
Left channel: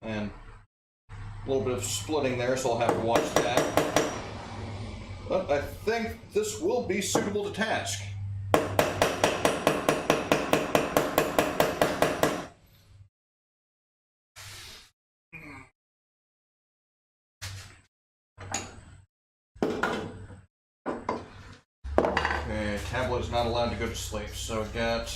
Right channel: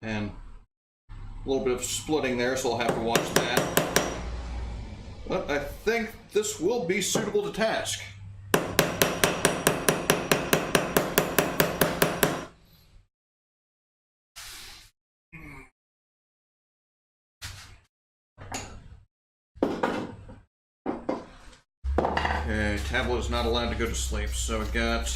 And a little bit of splitting there, so I'll have to watch that. But I think this will be suitable to task. Okay, tablet is not allowed to go to sleep, so we got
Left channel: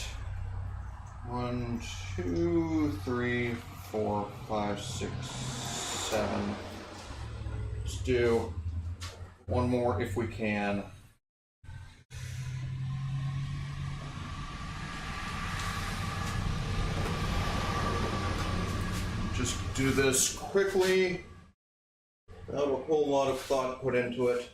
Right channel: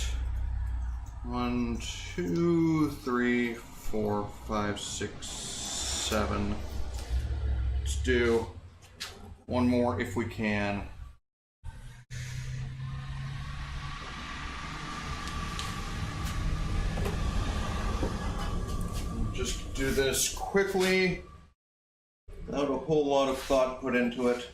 1, 2, 3, 4, 5, 6, 7. Let's do one more if we can. Just do this quickly, without a whole lot of thought put into it.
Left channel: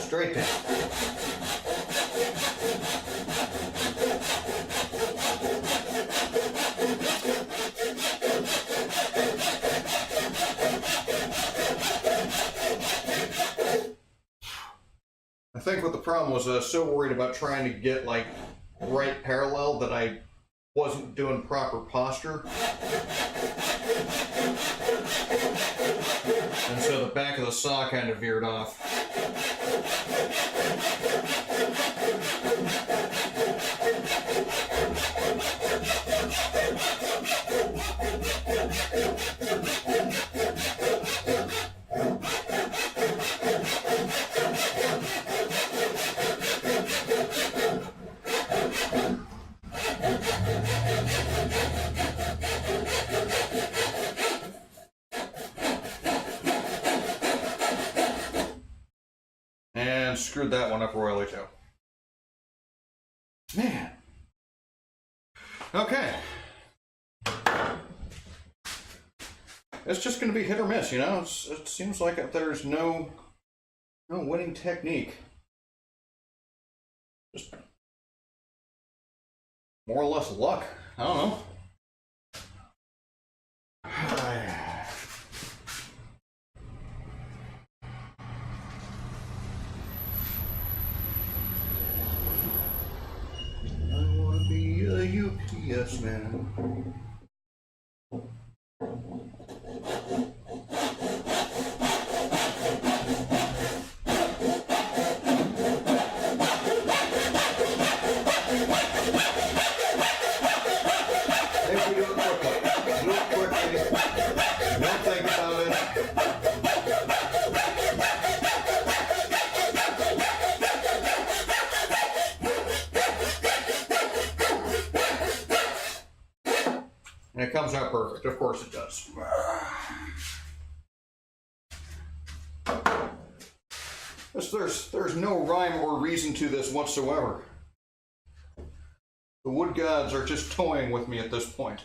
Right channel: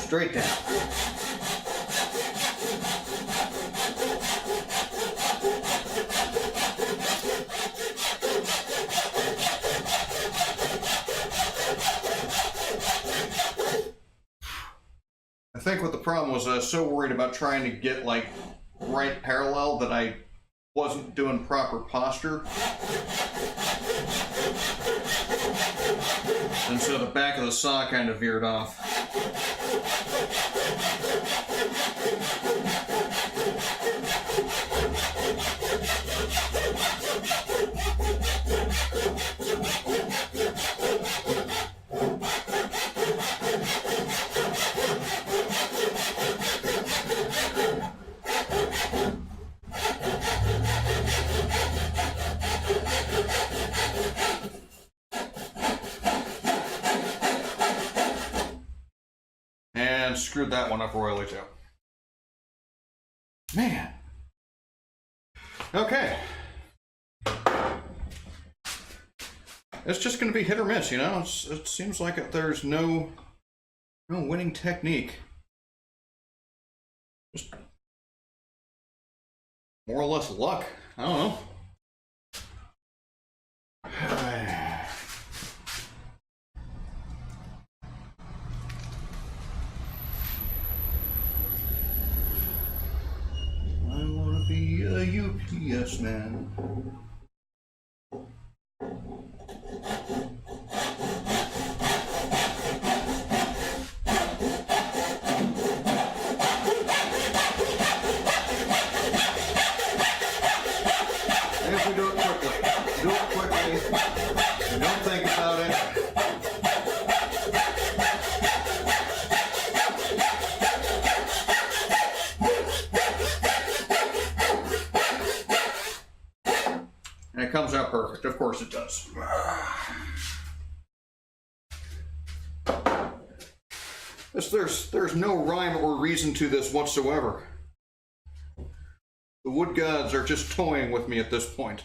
Straight down. I think what the problem was, I was so worried about trying to get like right parallel that I wasn't doing proper posture. And so the back of the saw kind of veered off. And screwed that one up royally too. Man. Okay. It's just going to be hit or miss, you know? It seems like there's no winning technique. Just more or less luck. I don't know. man. If we do it quickly, don't think about it. And it comes out perfect. Of course it does. There's no rhyme or reason to this whatsoever. The wood gods are just toying with me at this point.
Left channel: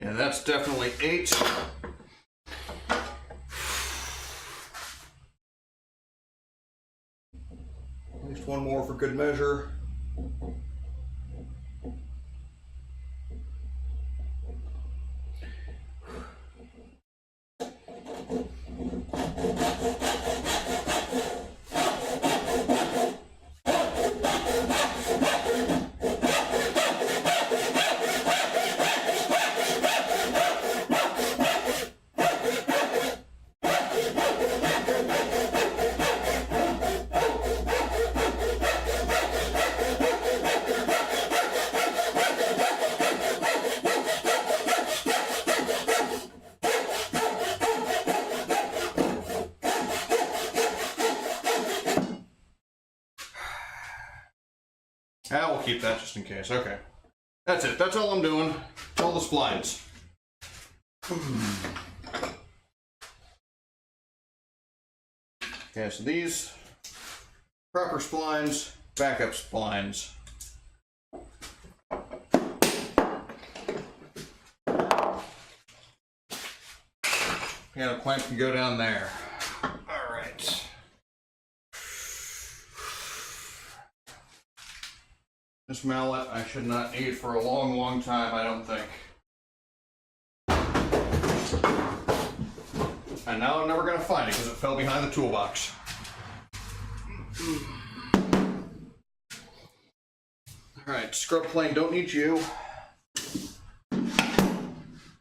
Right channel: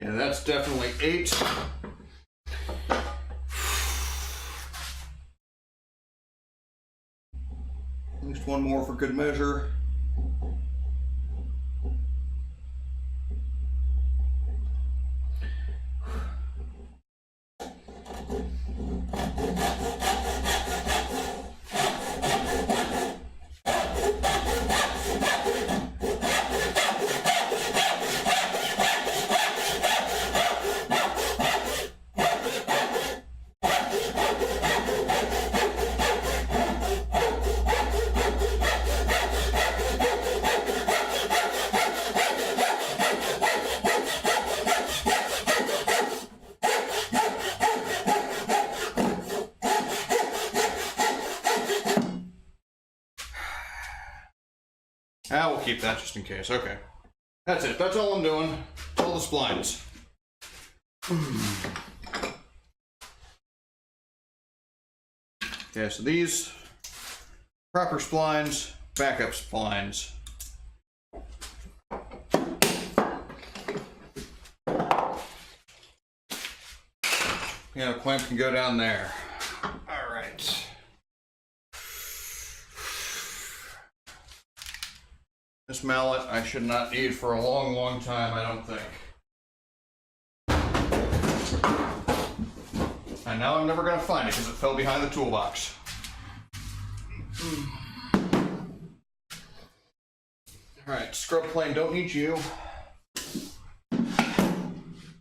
And that's definitely 8. At least one more for good measure. I will keep that just in case. Okay. That's it. That's all I'm doing. All the splines. Okay, so these proper splines, backup splines. Yeah, the clamp can go down there. All right. This mallet I should not need for a long, long time, I don't think. And now I'm never going to find it because it fell behind the toolbox. Alright, scrub plane, don't need you.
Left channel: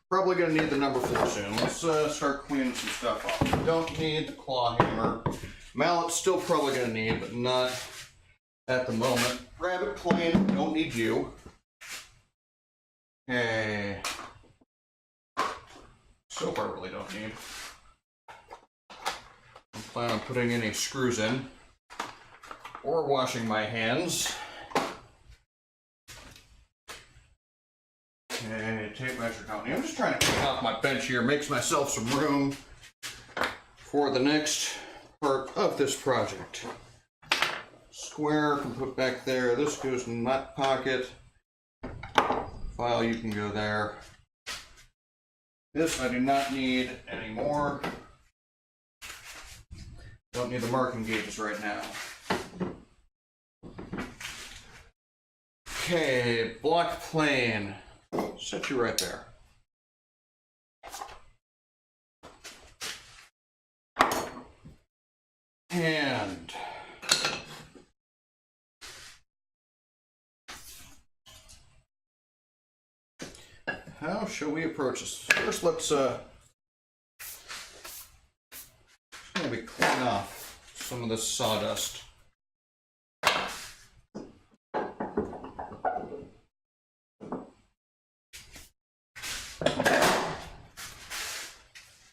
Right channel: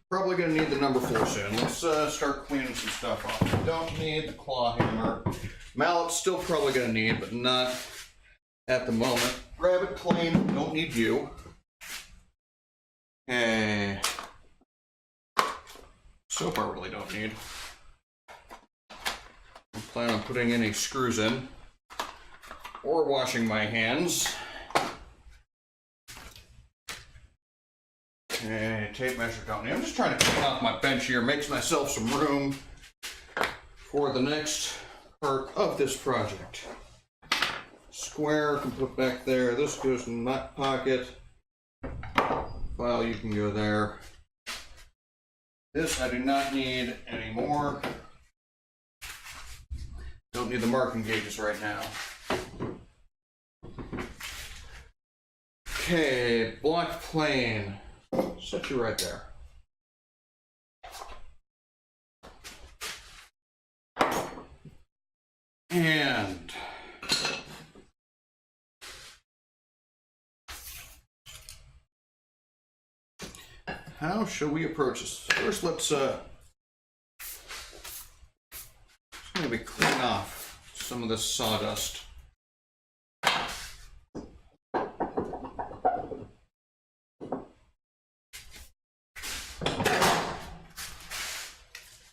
Probably going to need the number 4 soon. Let's start cleaning some stuff off. Don't need the claw hammer. Mallet's still probably going to need, but not at the moment. Rabbit plane, don't need you. Okay. Soap I really don't need. I plan on putting any screws in or washing my hands. Okay, tape measure don't need. I'm just trying to clean off my bench here, make myself some room for the next part of this project. Square can put back there. This goes in my pocket. File, you can go there. This I do not need anymore. Don't need the marking gauges right now. Okay, block plane. Set you right there. And how shall we approach this? First, let's maybe clean off some of this sawdust.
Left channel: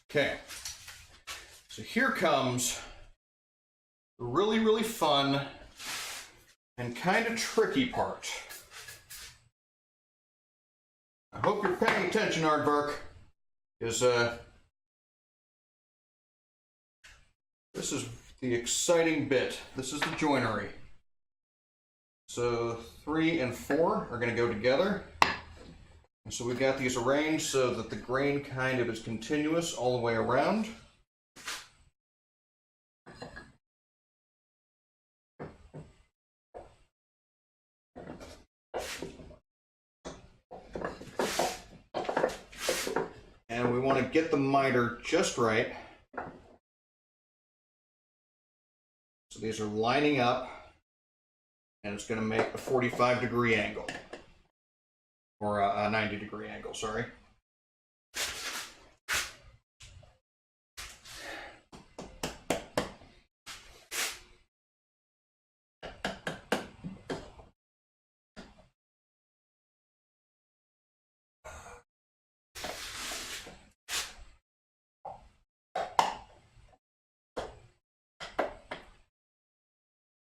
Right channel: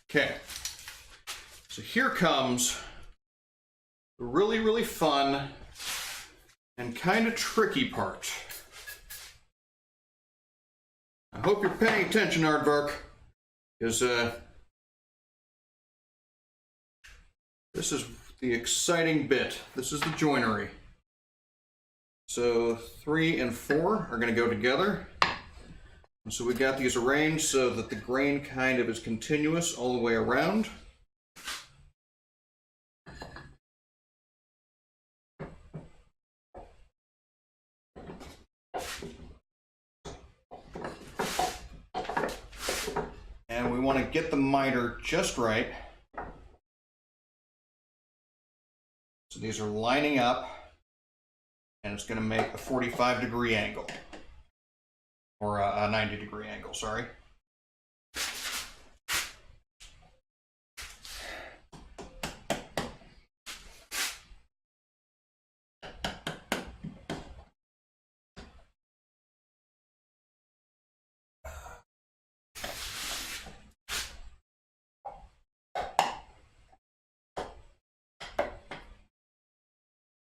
Okay, so here comes the really, really fun and kind of tricky part. I hope you're paying attention, Aardvark, because this is the exciting bit. This is the joinery. So 3 and 4 are going to go together. And so we've got these arranged so that the grain kind of is continuous all the way around. to get the miter just right. So these are lining up, and it's going to make a 45-degree angle, or a 90-degree angle, sorry.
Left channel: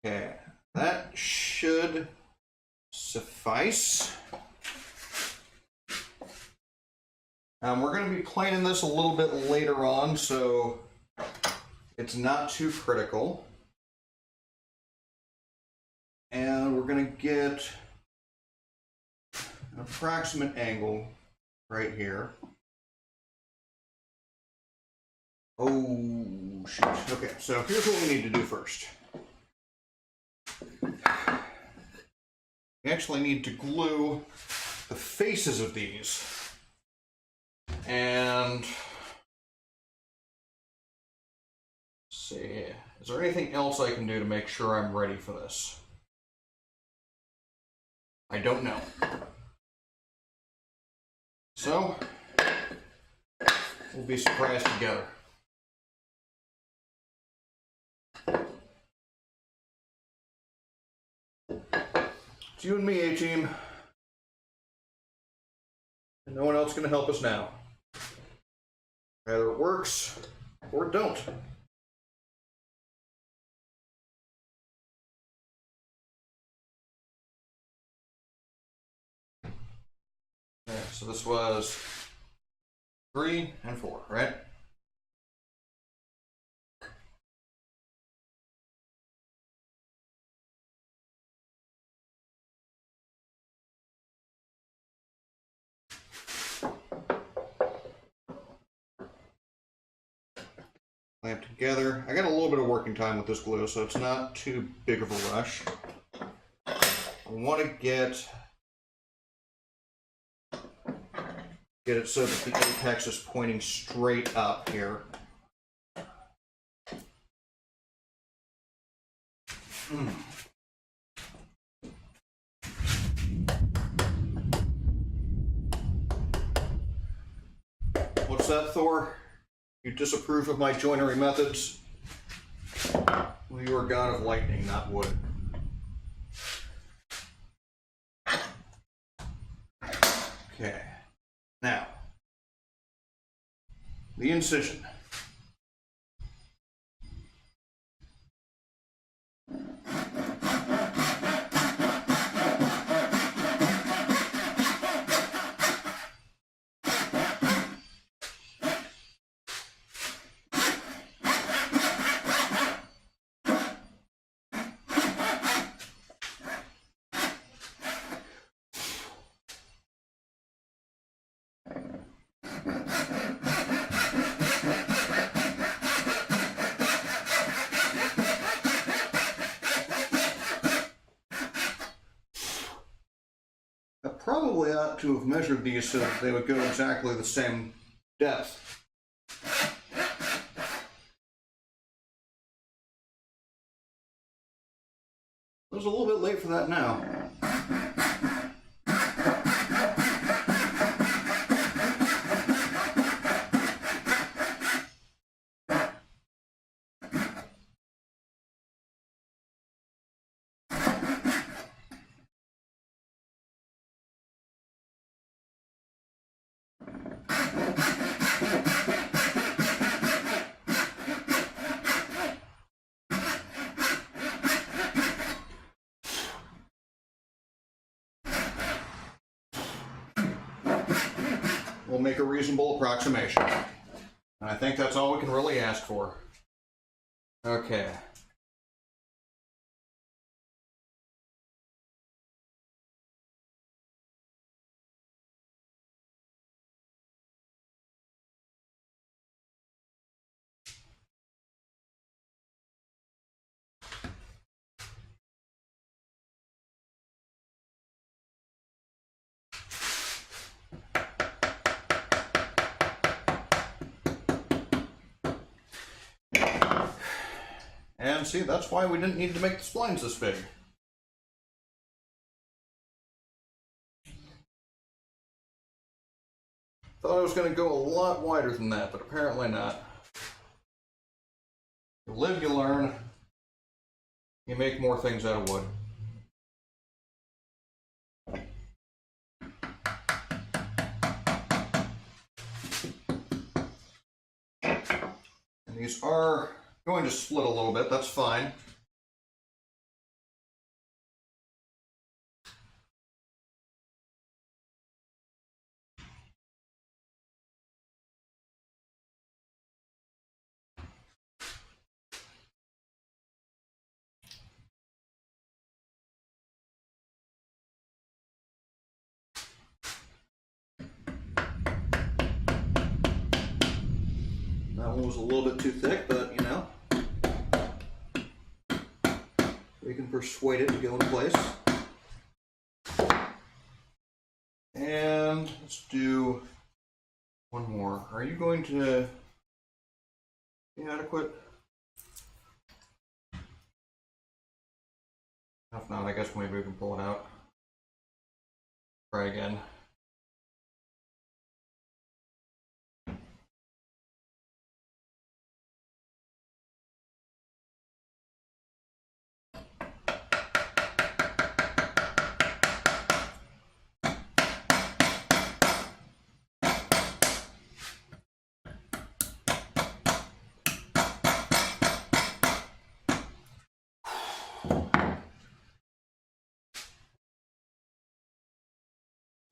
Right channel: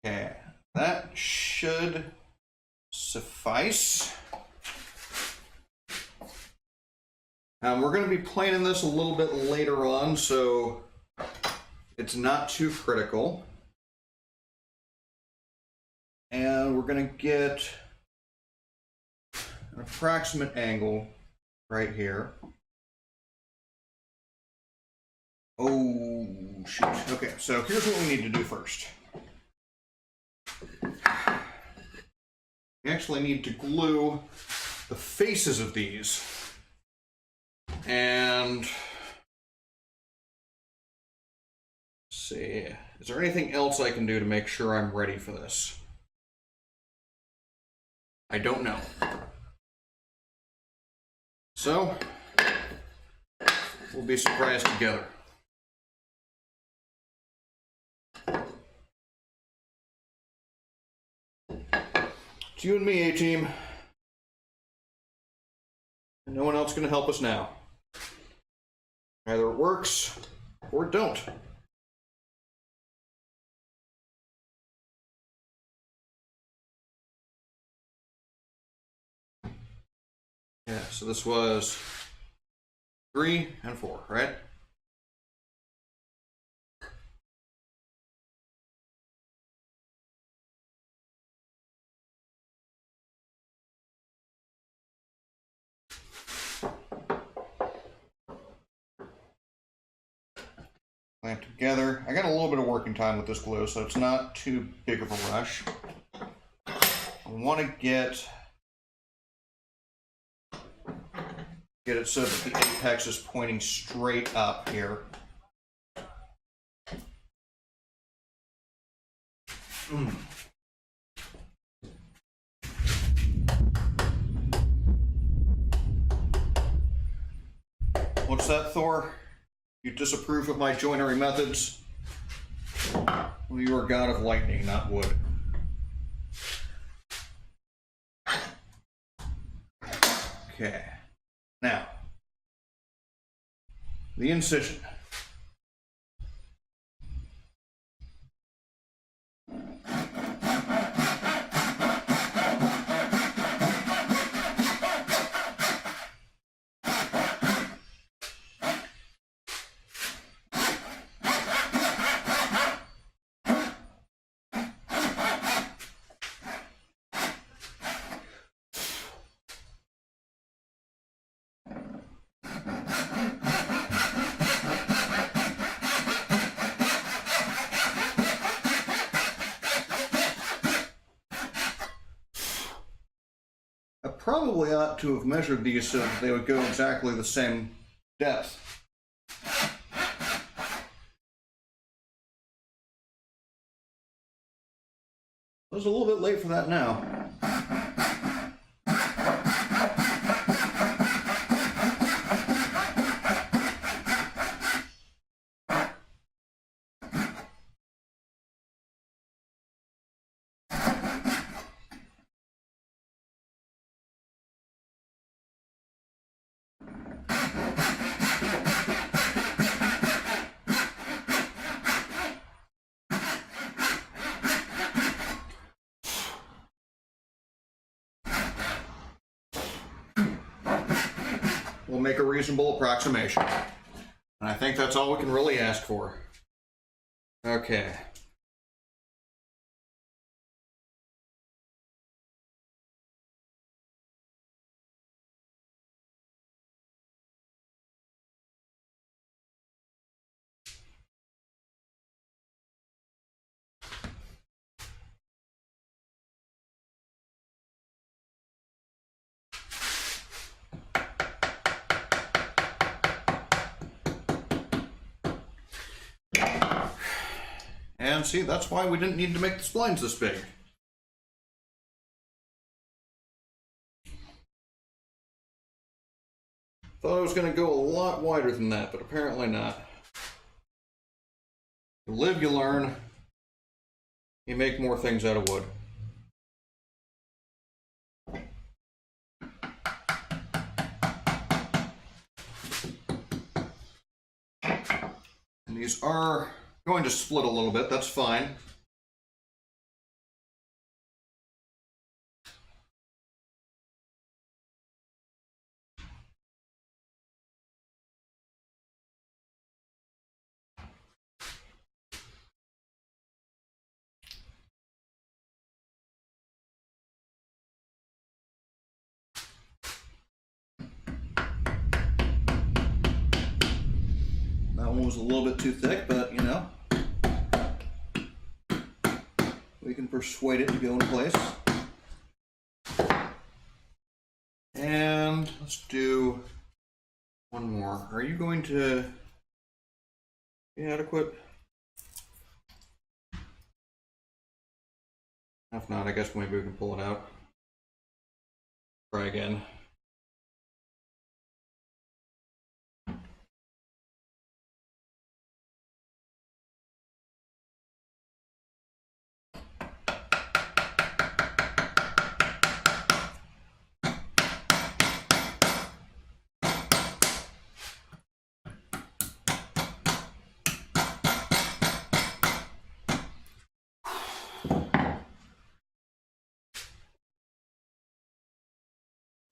Okay, that should suffice. We're going to be planing this a little bit later on, so it's not too critical. And we're going to get an approximate angle right here. Oh, shoot. Okay, so here's what we need to do first. We actually need to glue the faces of these. And let's see, is there anything else I can do to make sure I'm ready for this? I don't know. So, we'll be surprised together. It's you and me, A-Team. And no one else can help us now. Either it works, or it don't. Yeah, so this was 3 and 4, right? Clamp together. I got a little bit of working time with this glue, so it's not too big of a rush. I want to get it so that the apex is pointing straight up here. What's that, Thor? You disapprove of my joinery methods? Well, you are god of lightning, not wood. Okay. Now, the incision. Probably ought to have measured these so that they would go exactly the same depth. I was a little bit late for that now. We'll make a reasonable approximation. And I think that's all we can really ask for. Okay. I see. That's why we didn't need to make the splines this big. Thought I was going to go a lot wider than that, but apparently not. You live, you learn. You make more things out of wood. And these are going to split a little bit, that's fine. That one was a little bit too thick, but you know, we can persuade it to go in place. And let's do one more. Are you going to be adequate? If not, I guess maybe we can pull it out. Try again.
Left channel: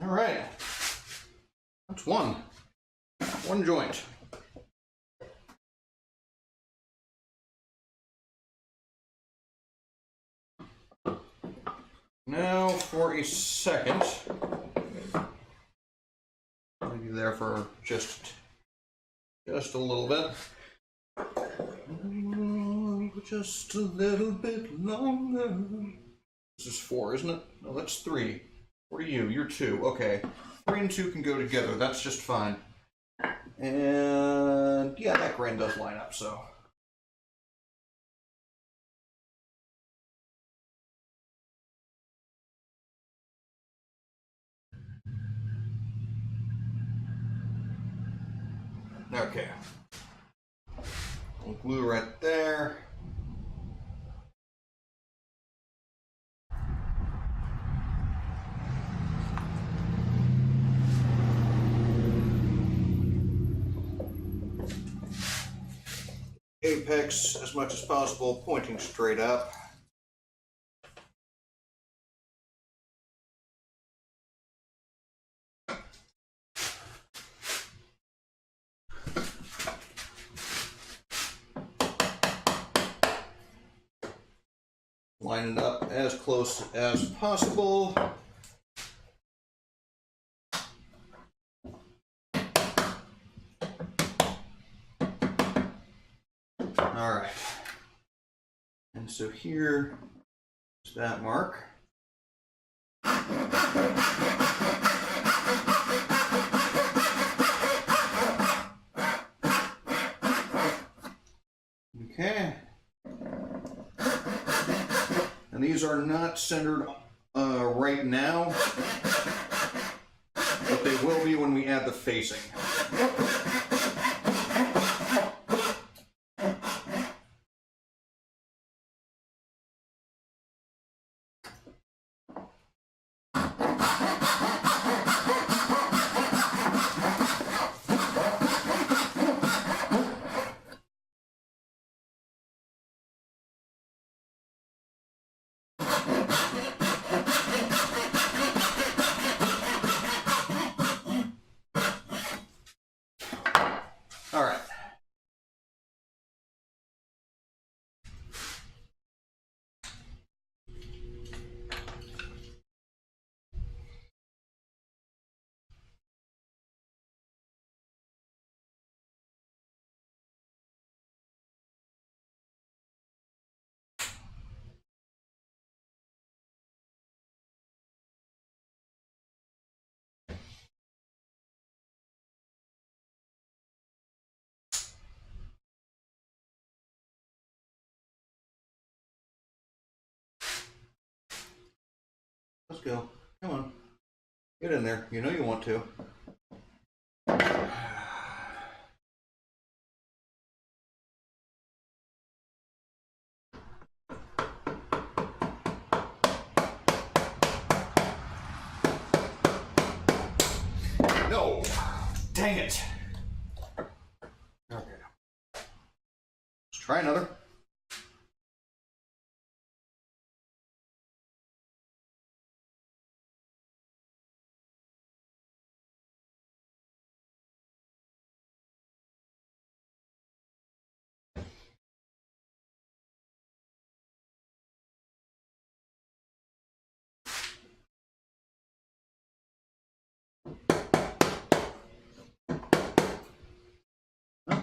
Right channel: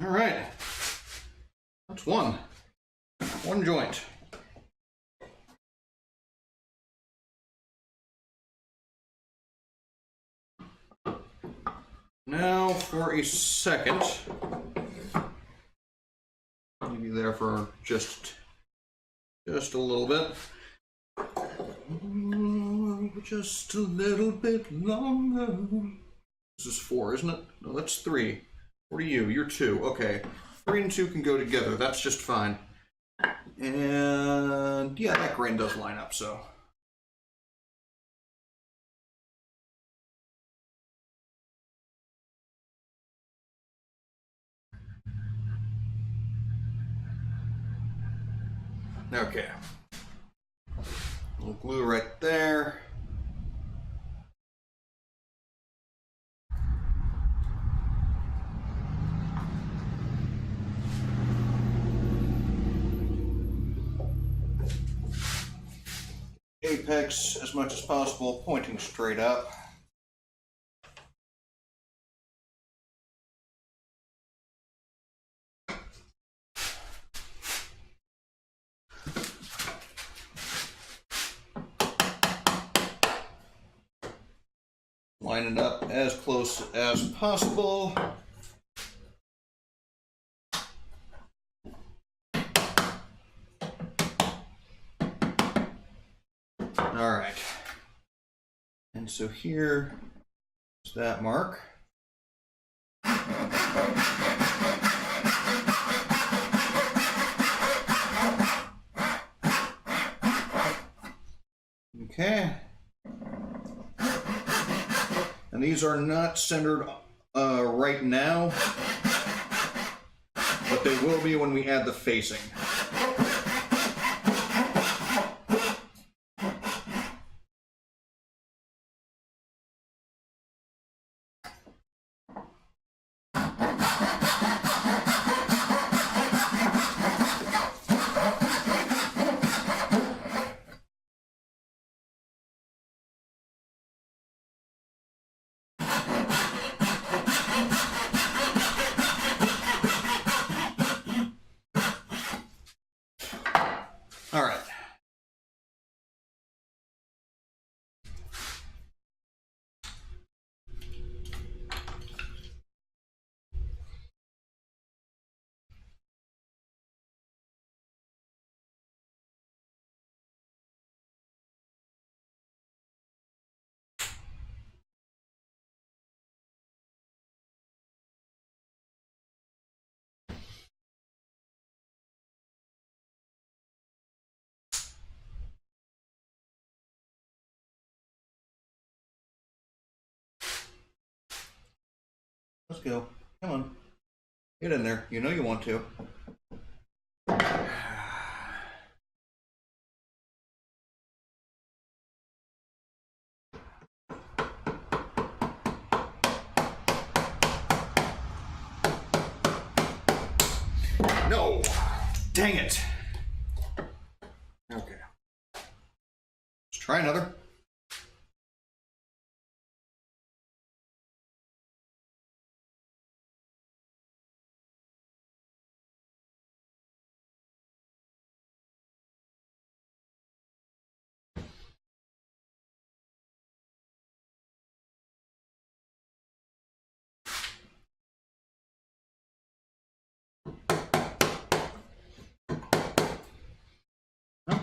All right, that's one joint. Now for a second, maybe there for just a little bit. Just a little bit longer. This is 4, isn't it? No, that's 3. What are you? You're 2. Okay. 3 and 2 can go together. That's just fine. And yeah, that grain does line up, so. Okay. Little glue right there. Apex as much as possible, pointing straight up. Line it up as close as possible. All right, and so here is that mark. Okay, and these are not centered right now, but they will be when we add the facing. let's go. Come on. Get in there. You know you want to. No! Dang it! Okay. Let's try another.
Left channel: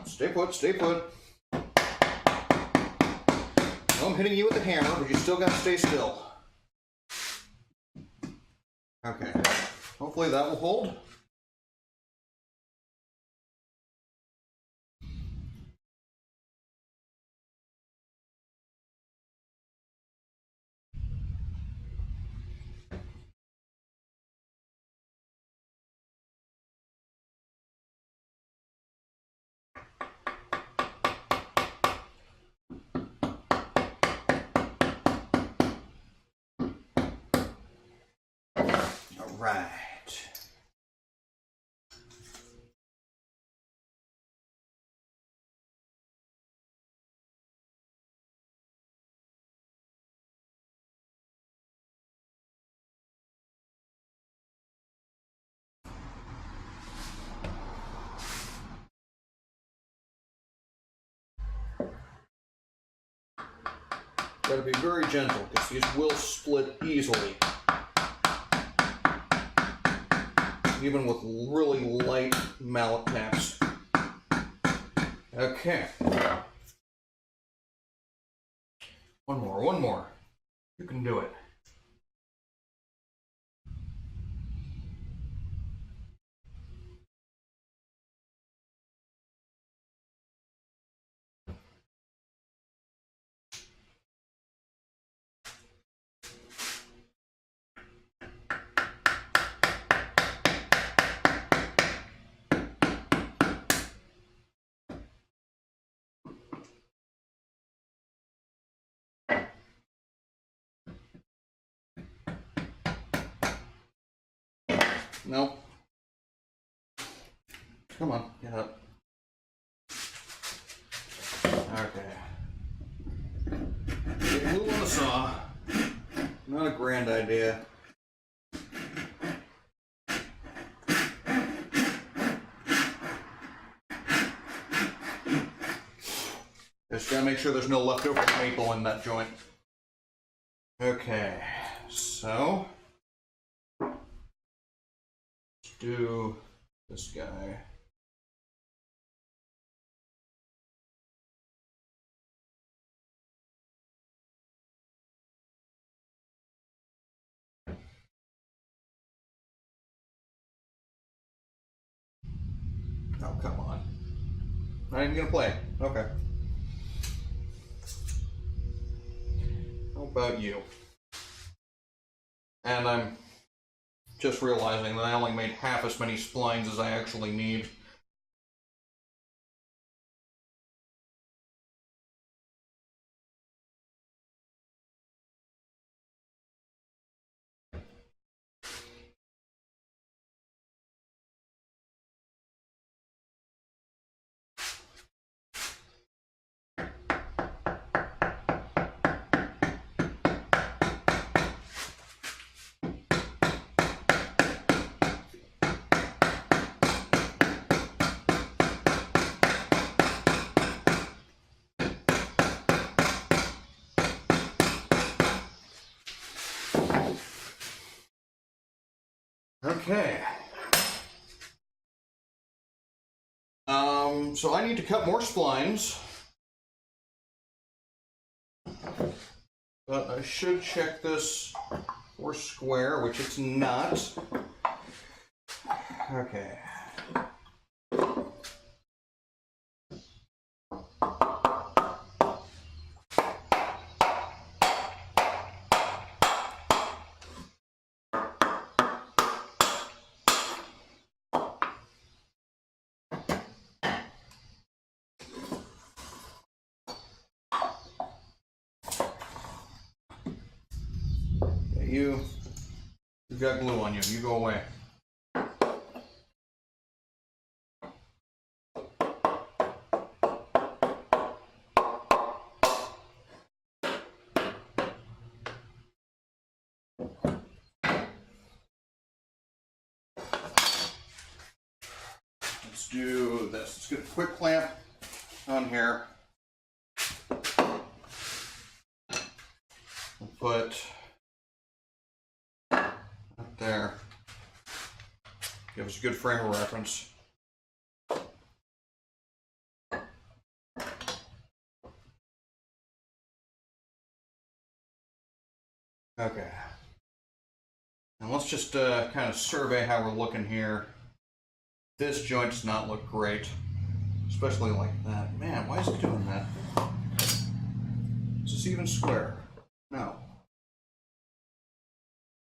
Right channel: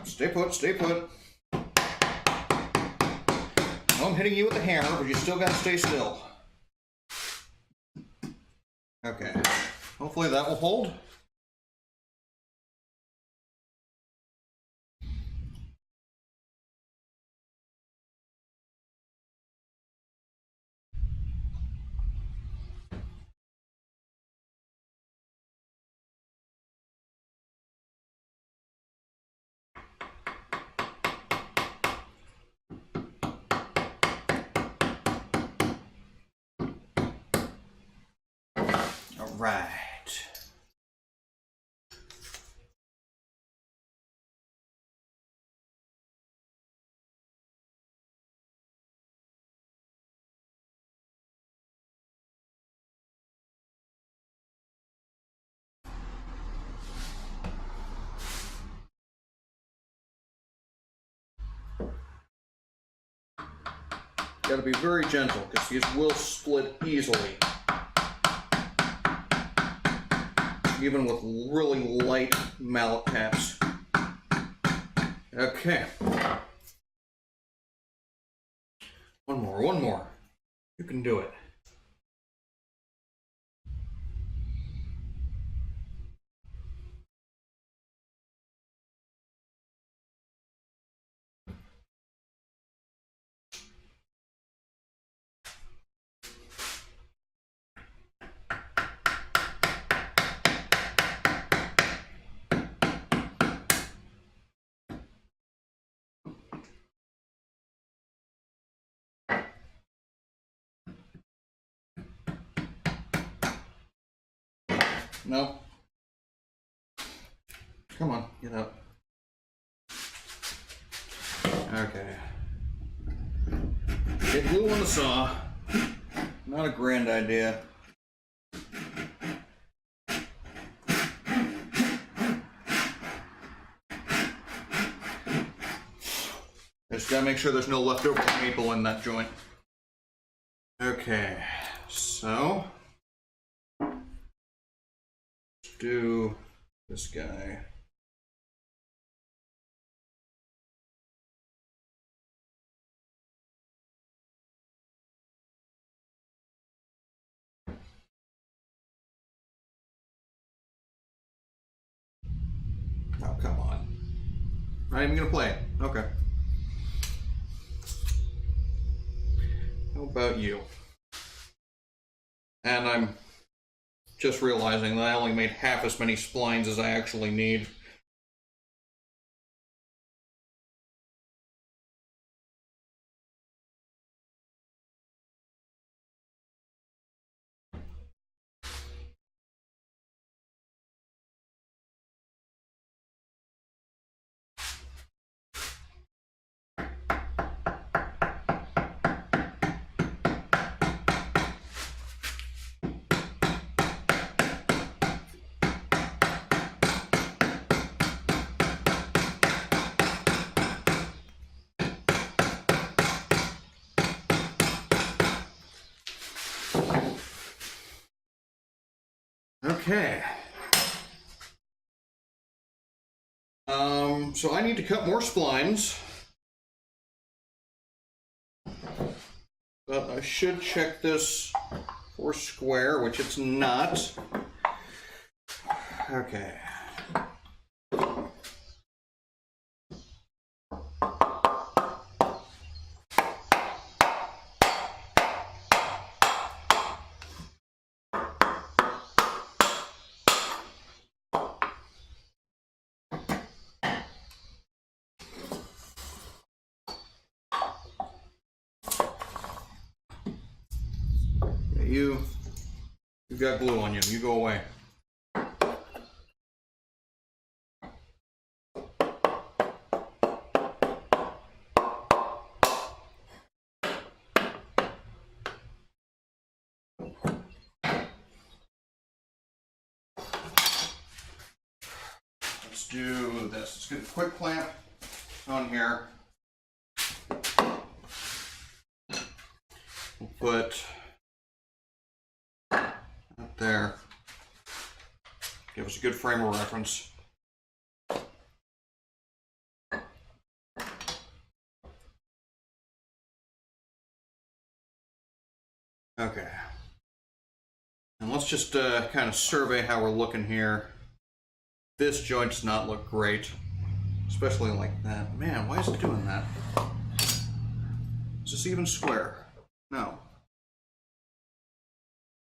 Stay put, stay put. No, I'm hitting you with a hammer, but you still gotta stay still. Okay. Hopefully that will hold. All right. Gotta be very gentle because these will split easily. Even with really light mallet taps. Okay. One more, one more. You can do it. No. Come on, get up. Okay. Get glue on the saw. Not a grand idea. Just gotta make sure there's no leftover maple in that joint. Okay, so let's do this guy. Oh, come on. Not even gonna play it. Okay. How about you? And I'm just realizing that I only made half as many splines as I actually need. Okay. So I need to cut more splines. But I should check this for square, which it's not. Okay. you've got glue on you. You go away. Let's do this. Let's get a quick clamp on here. We'll put up there. Give us a good frame of reference. Okay. And let's just kind of survey how we're looking here. This joint does not look great, especially like that. Man, why is it doing that? Is this even square? No.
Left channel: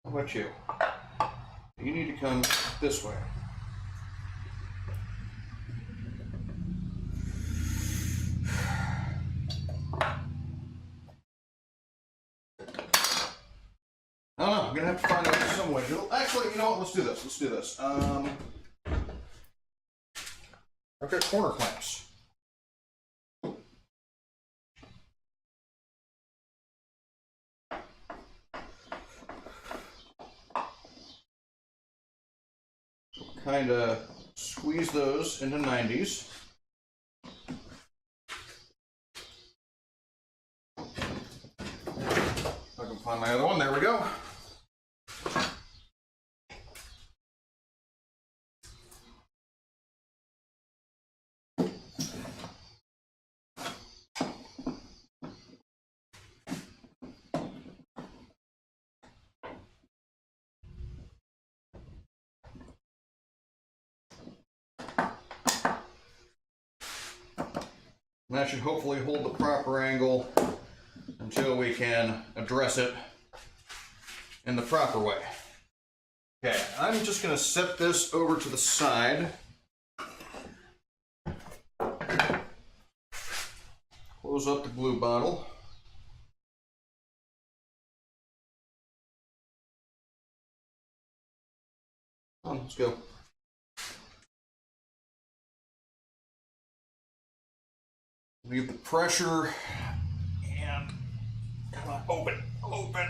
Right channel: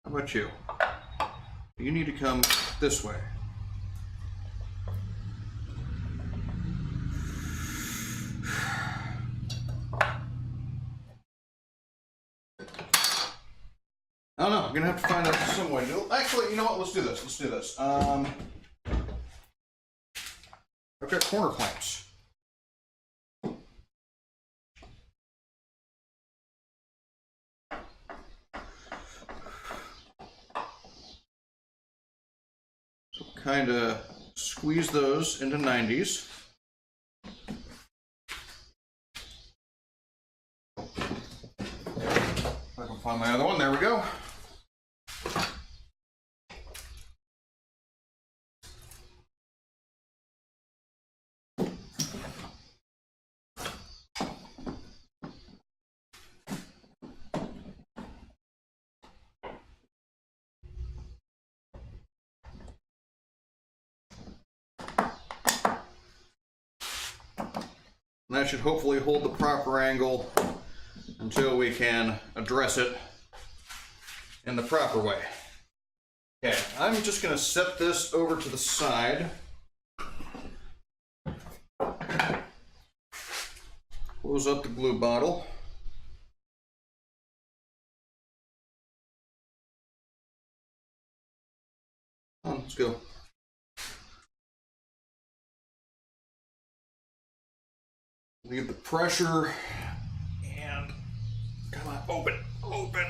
How about you? You need to come this way. I don't know, I'm gonna have to find out some way to do it. Actually, you know what, let's do this, let's do this. I've got corner clamps. So kind of squeeze those into 90s. If I can find my other one, there we go. And that should hopefully hold the proper angle until we can address it in the proper way. Okay, I'm just going to set this over to the side. Close up the glue bottle. Let's go. Leave the pressure and come on, open, open.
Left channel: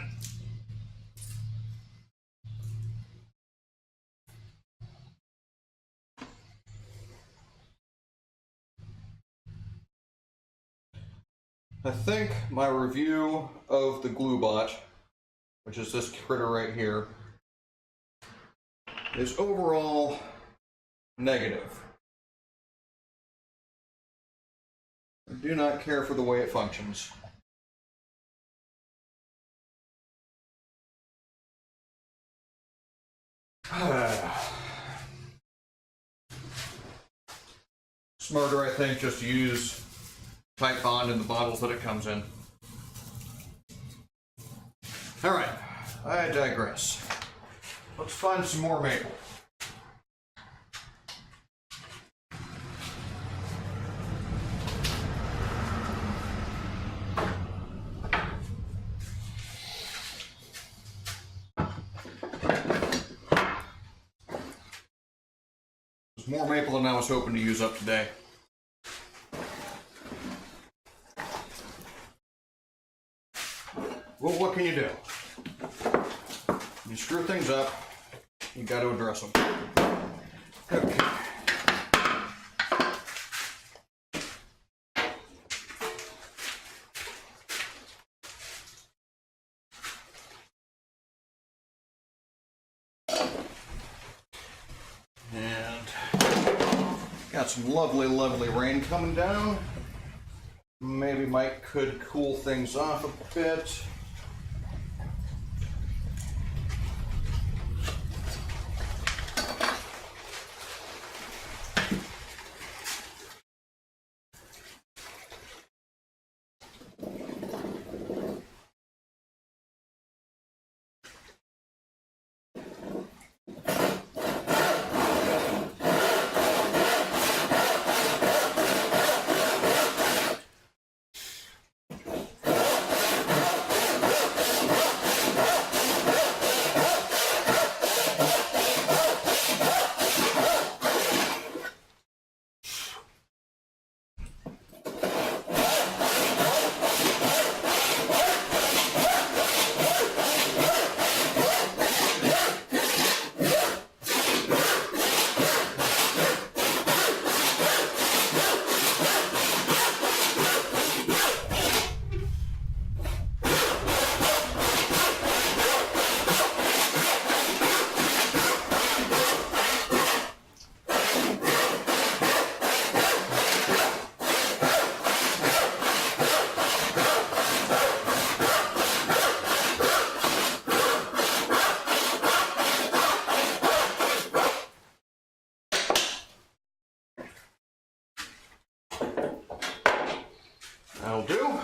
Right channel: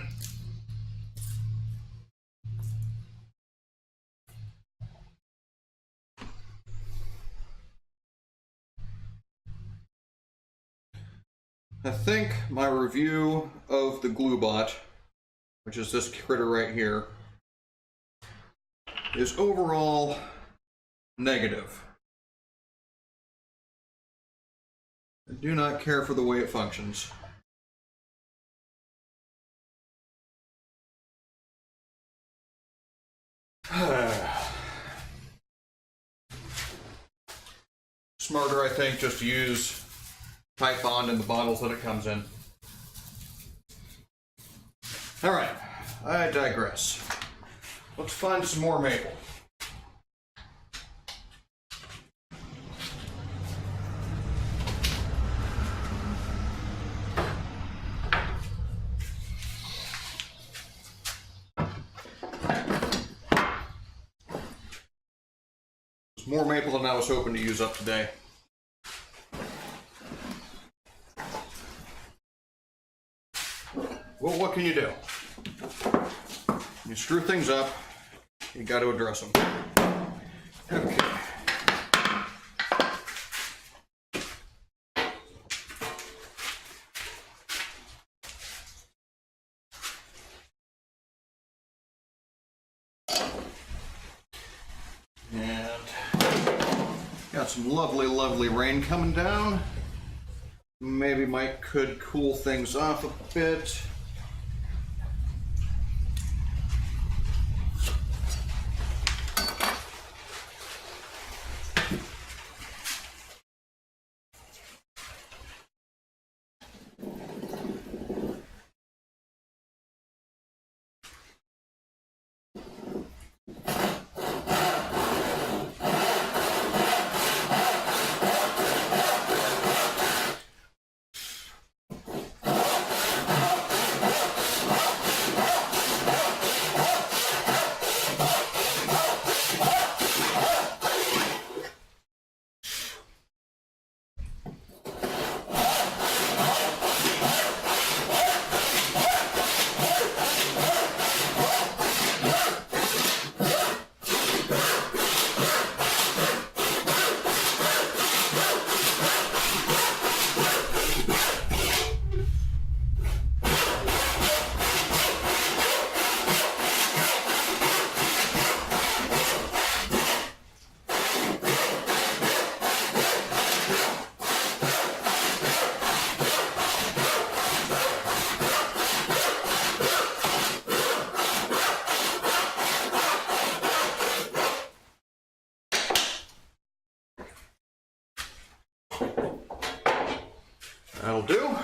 I think my review of the glue bot, which is this critter right here, is overall negative. I do not care for the way it functions. Smarter, I think, just to use tight bond in the bottles that it comes in. Alright, I digress. Let's find some more maple. More maple than I was hoping to use up today. Well, what can you do? When you screw things up, you got to address them. Okay. Got some lovely, lovely rain coming down. Maybe Mike could cool things off a bit. That'll do.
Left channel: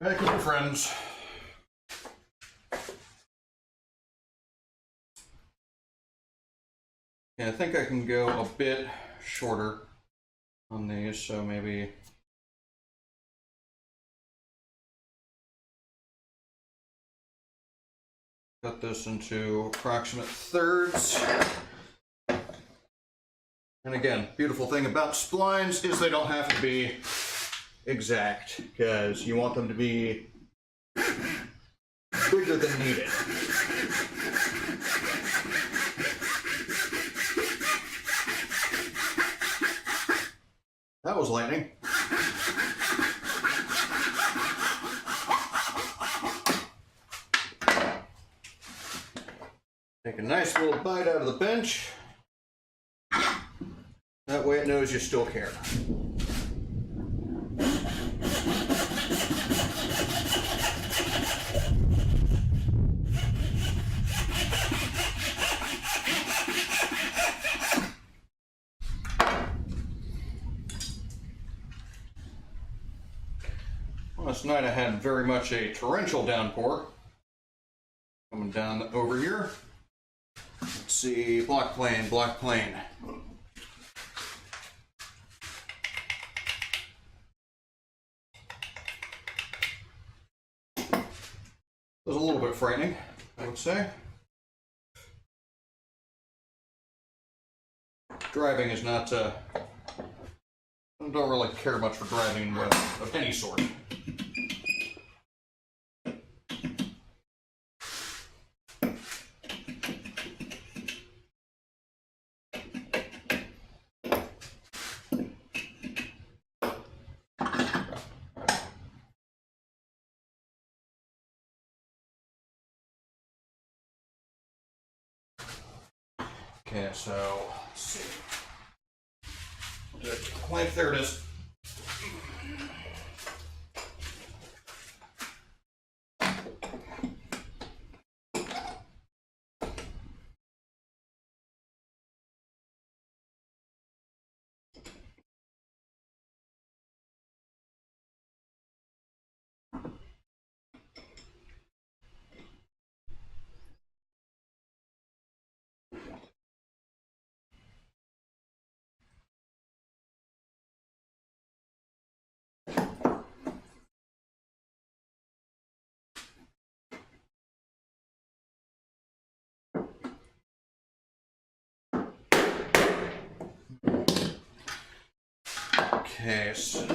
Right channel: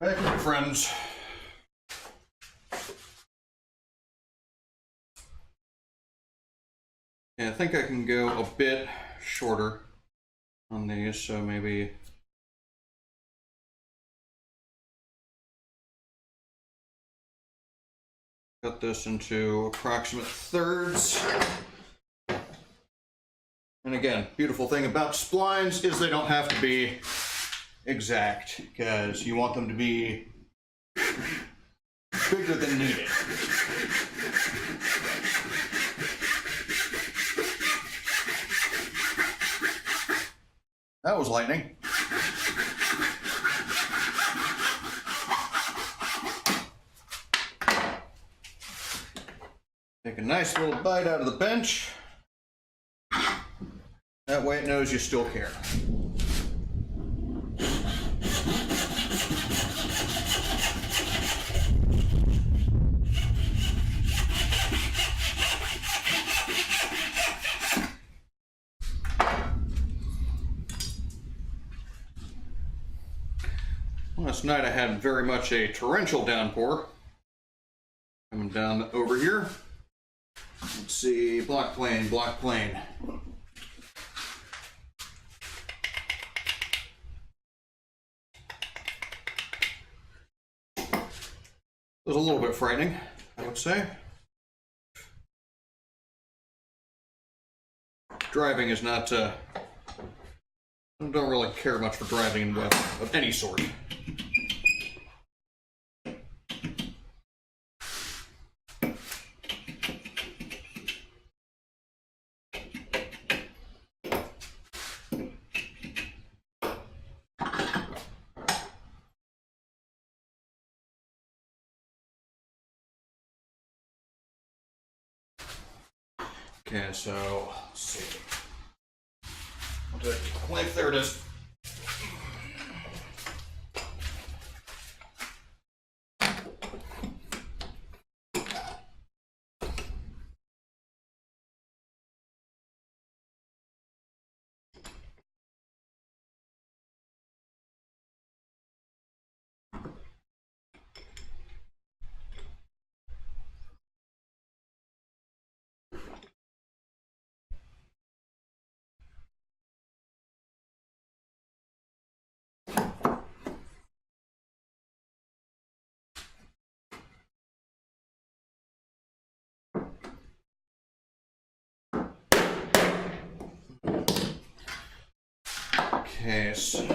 Hey, friends. Yeah, I think I can go a bit shorter on these, so maybe cut this into approximate thirds. And again, beautiful thing about splines is they don't have to be exact, because you want them to be bigger than needed. That was lightning. Take a nice little bite out of the bench. That way it knows you still care. Last night I had very much a torrential downpour coming down over here. Let's see, block plane, block plane. It was a little bit frightening, I would say. Driving is not, I don't really care much for driving of any sort. Okay, so let's see. Length, there it is. Okay, so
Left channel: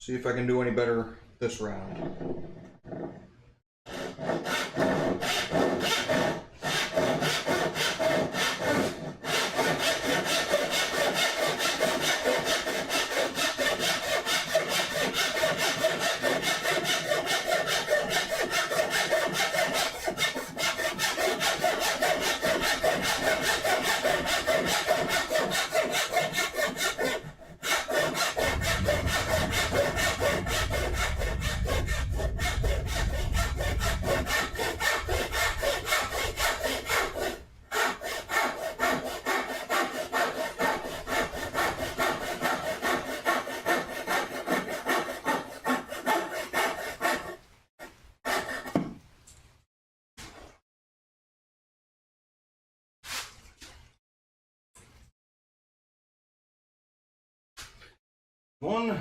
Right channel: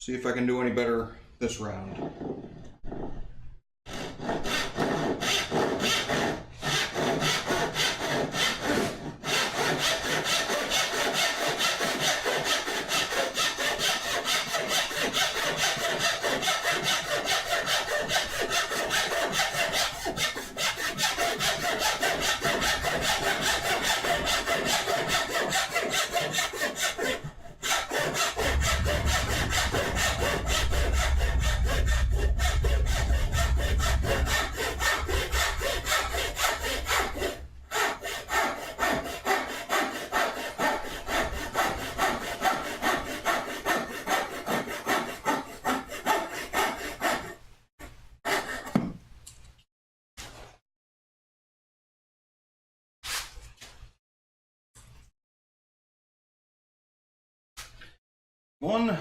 see if I can do any better this round. One.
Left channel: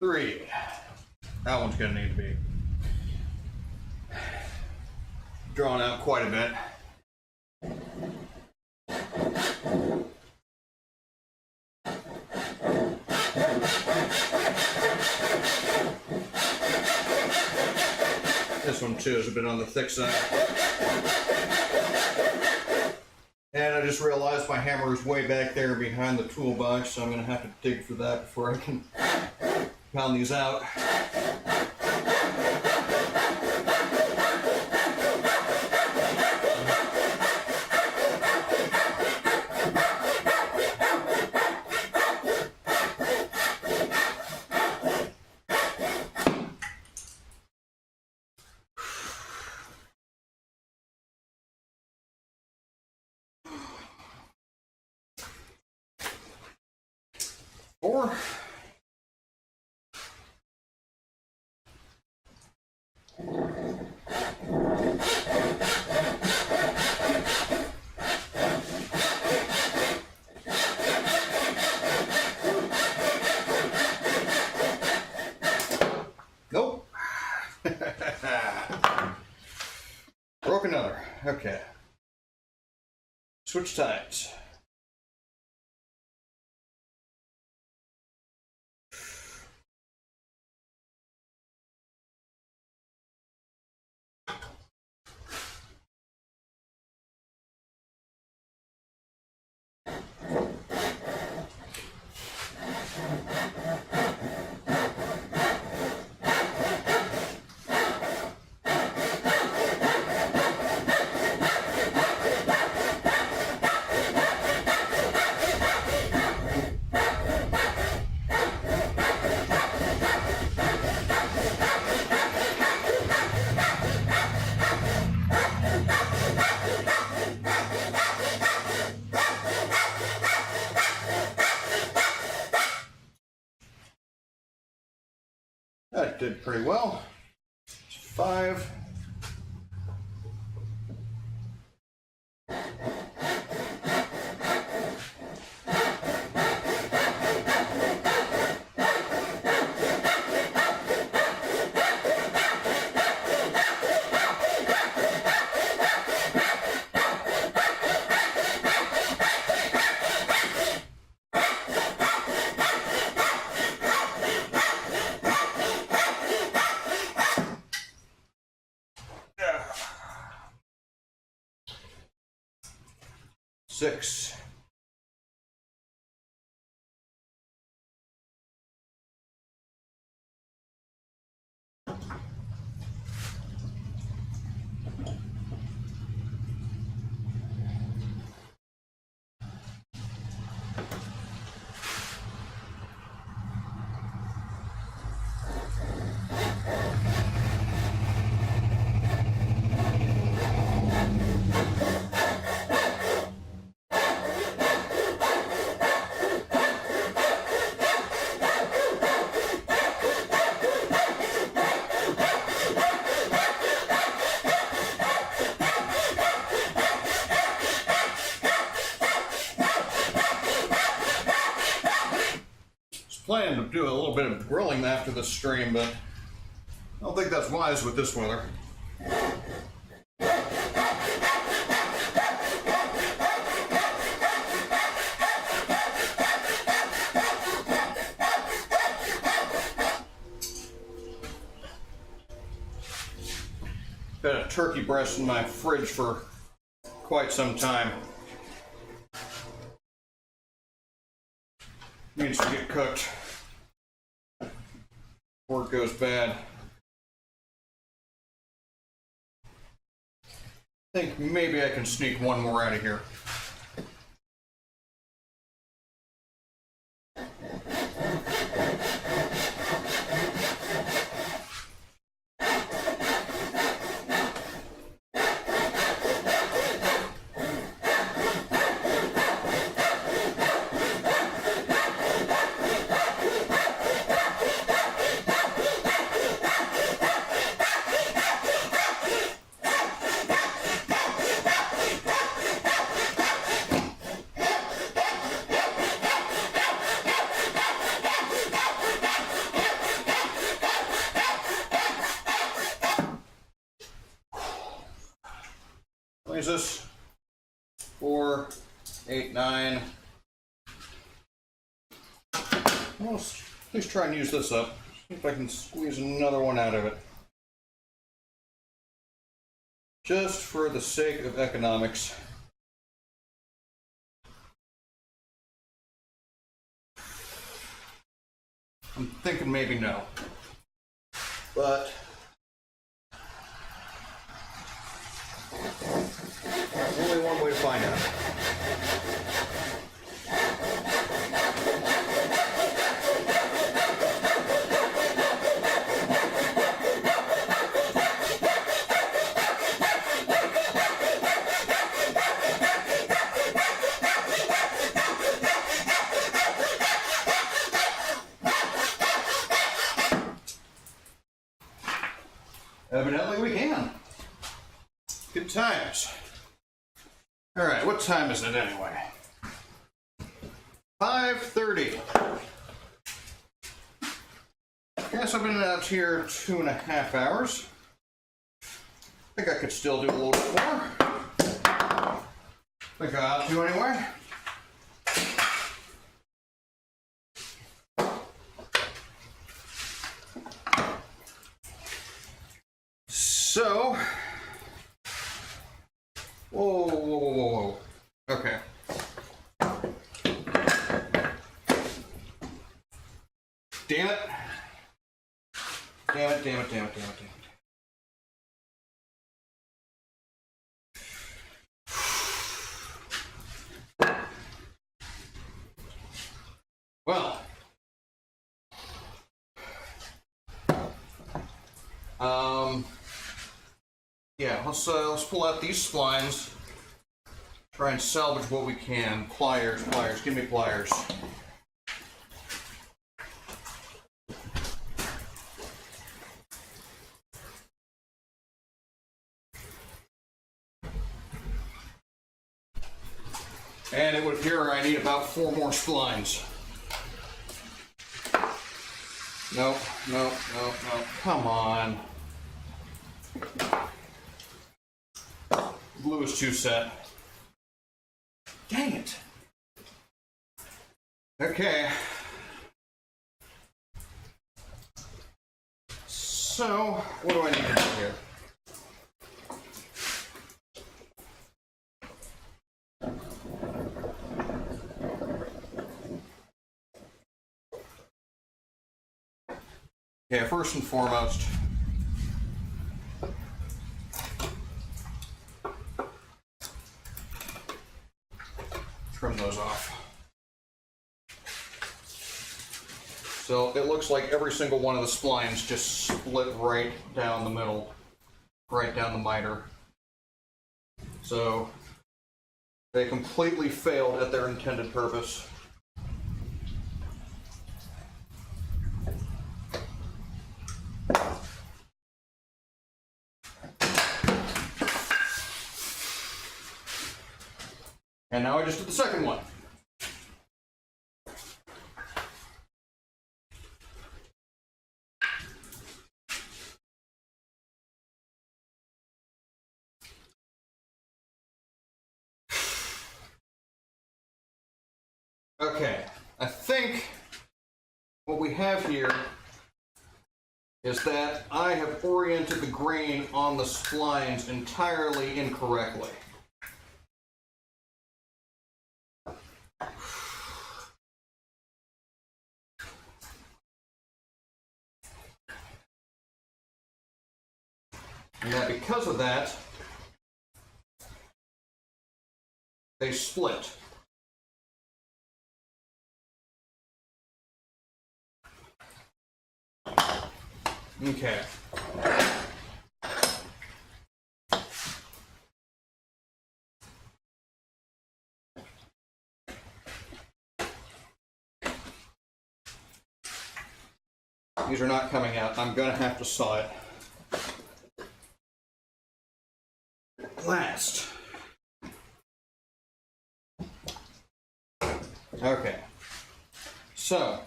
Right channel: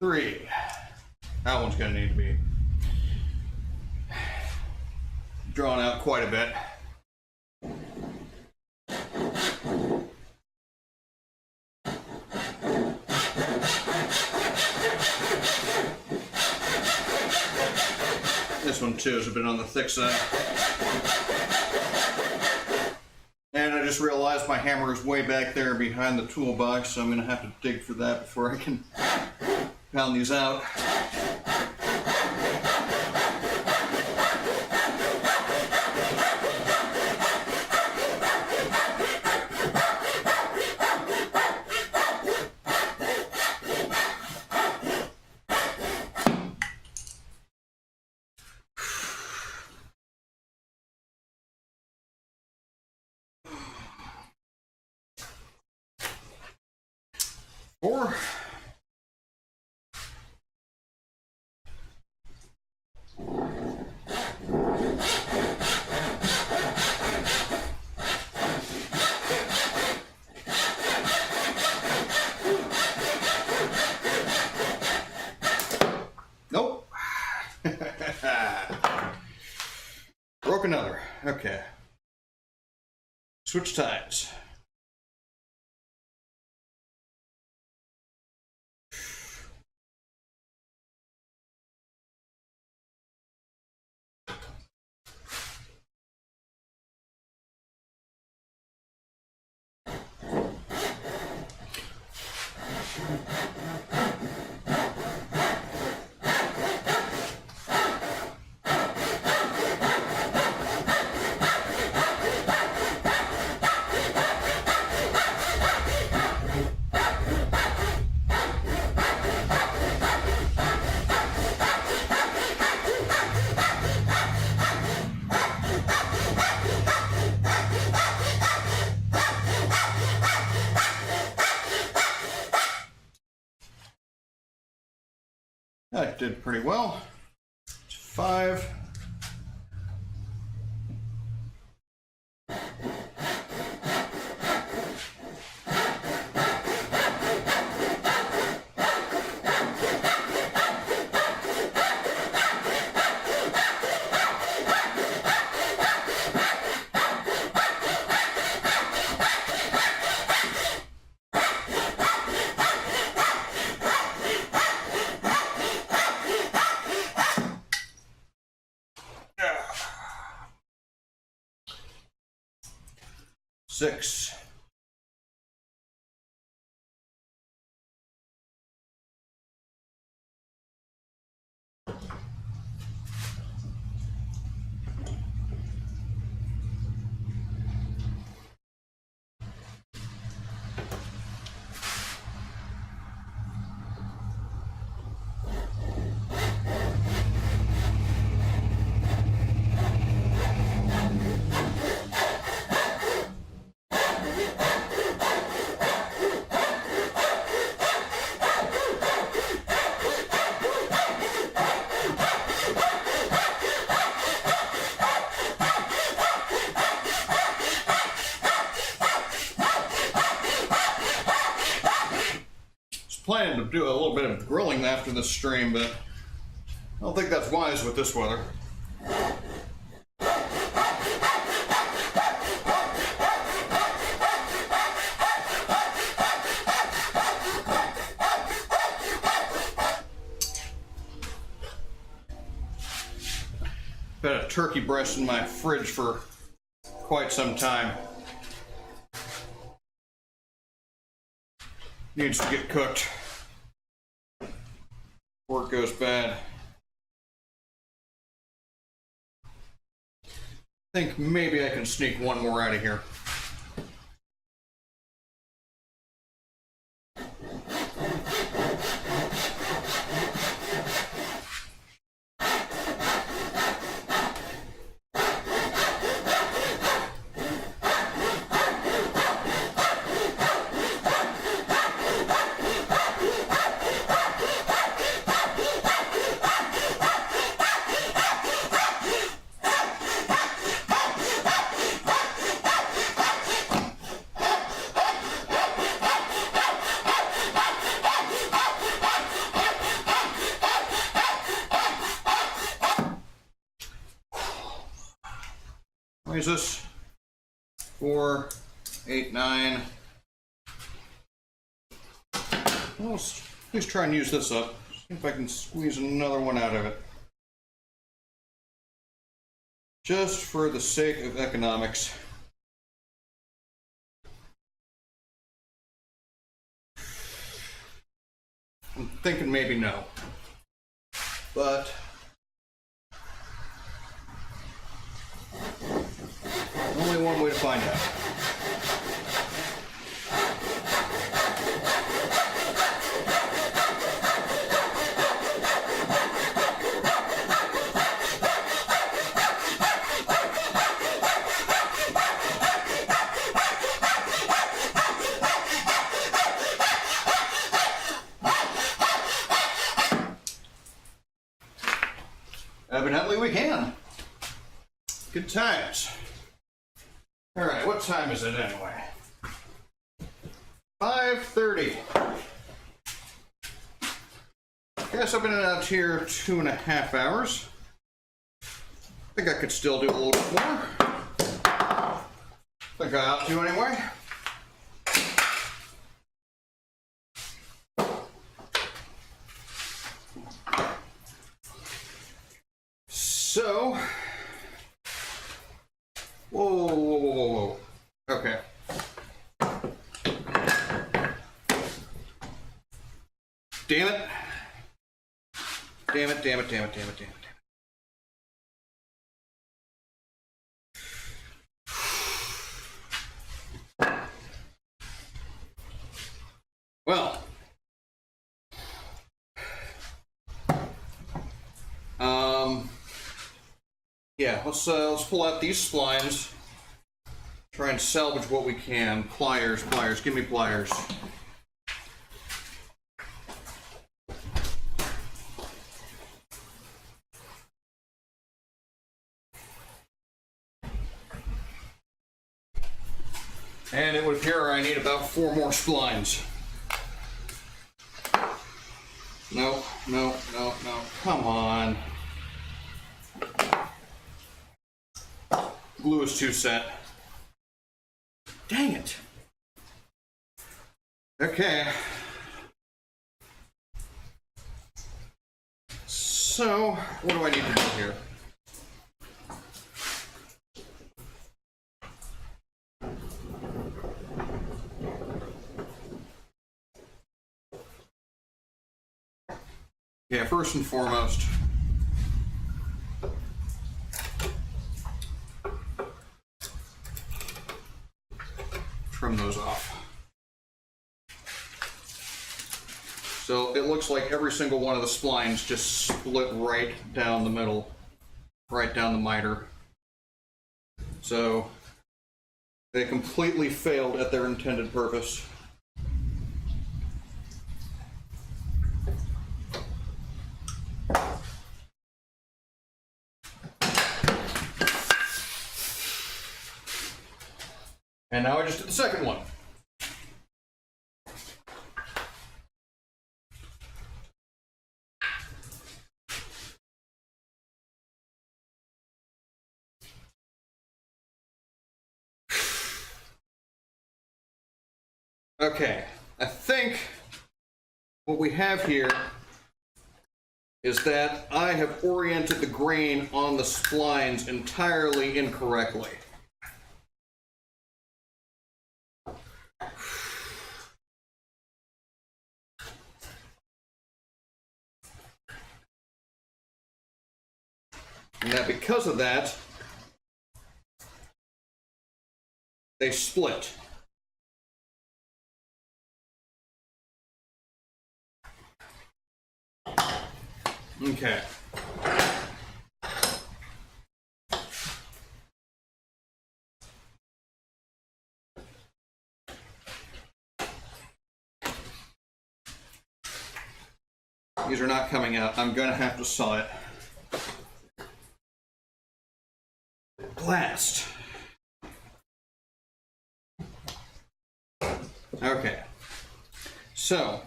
3. That one's gonna need to be drawn out quite a bit. This one too is a bit on the thick side. And I just realized my hammer is way back there behind the toolbox, so I'm going to have to dig for that before I can pound these out. Four. Nope. Broke another. Okay. Switch sides. That did pretty well. 5. Six. Planning to do a little bit of grilling after this stream, but I don't think that's wise with this weather. Been a turkey breast in my fridge for quite some time. Needs to get cooked before it goes bad. I think maybe I can sneak one more out of here. What is this? 4, 8, 9. Well, let's at least try and use this up. See if I can squeeze another one out of it. Just for the sake of economics. I'm thinking maybe no. But there's only one way to find out. Evidently we can. Good times. All right, what time is it anyway? 5:30. Guess I've been out here 2.5 hours. I think I could still do a little bit more. Think I ought to anyway. So, whoa. Okay. Damn it. Damn it, damn it, damn it, damn it, damn it. Well, yeah, let's pull out these splines. Try and salvage what we can. Pliers, pliers, give me pliers. And it would appear I need about 4 more splines. Nope, nope, nope, nope. Come on. Glue is too set. Dang it. Okay. So, what do I need to do here? Yeah, first and foremost, trim those off. So it looks like every single one of the splines just split right down the middle, right down the miter. So they completely failed at their intended purpose. And now I just did the second one. Okay, I think what we have here is that I have oriented the grain on the splines entirely incorrectly. And that because of that, they split. Okay. These are not coming out. I'm going to have to saw it. Blast. Okay. So,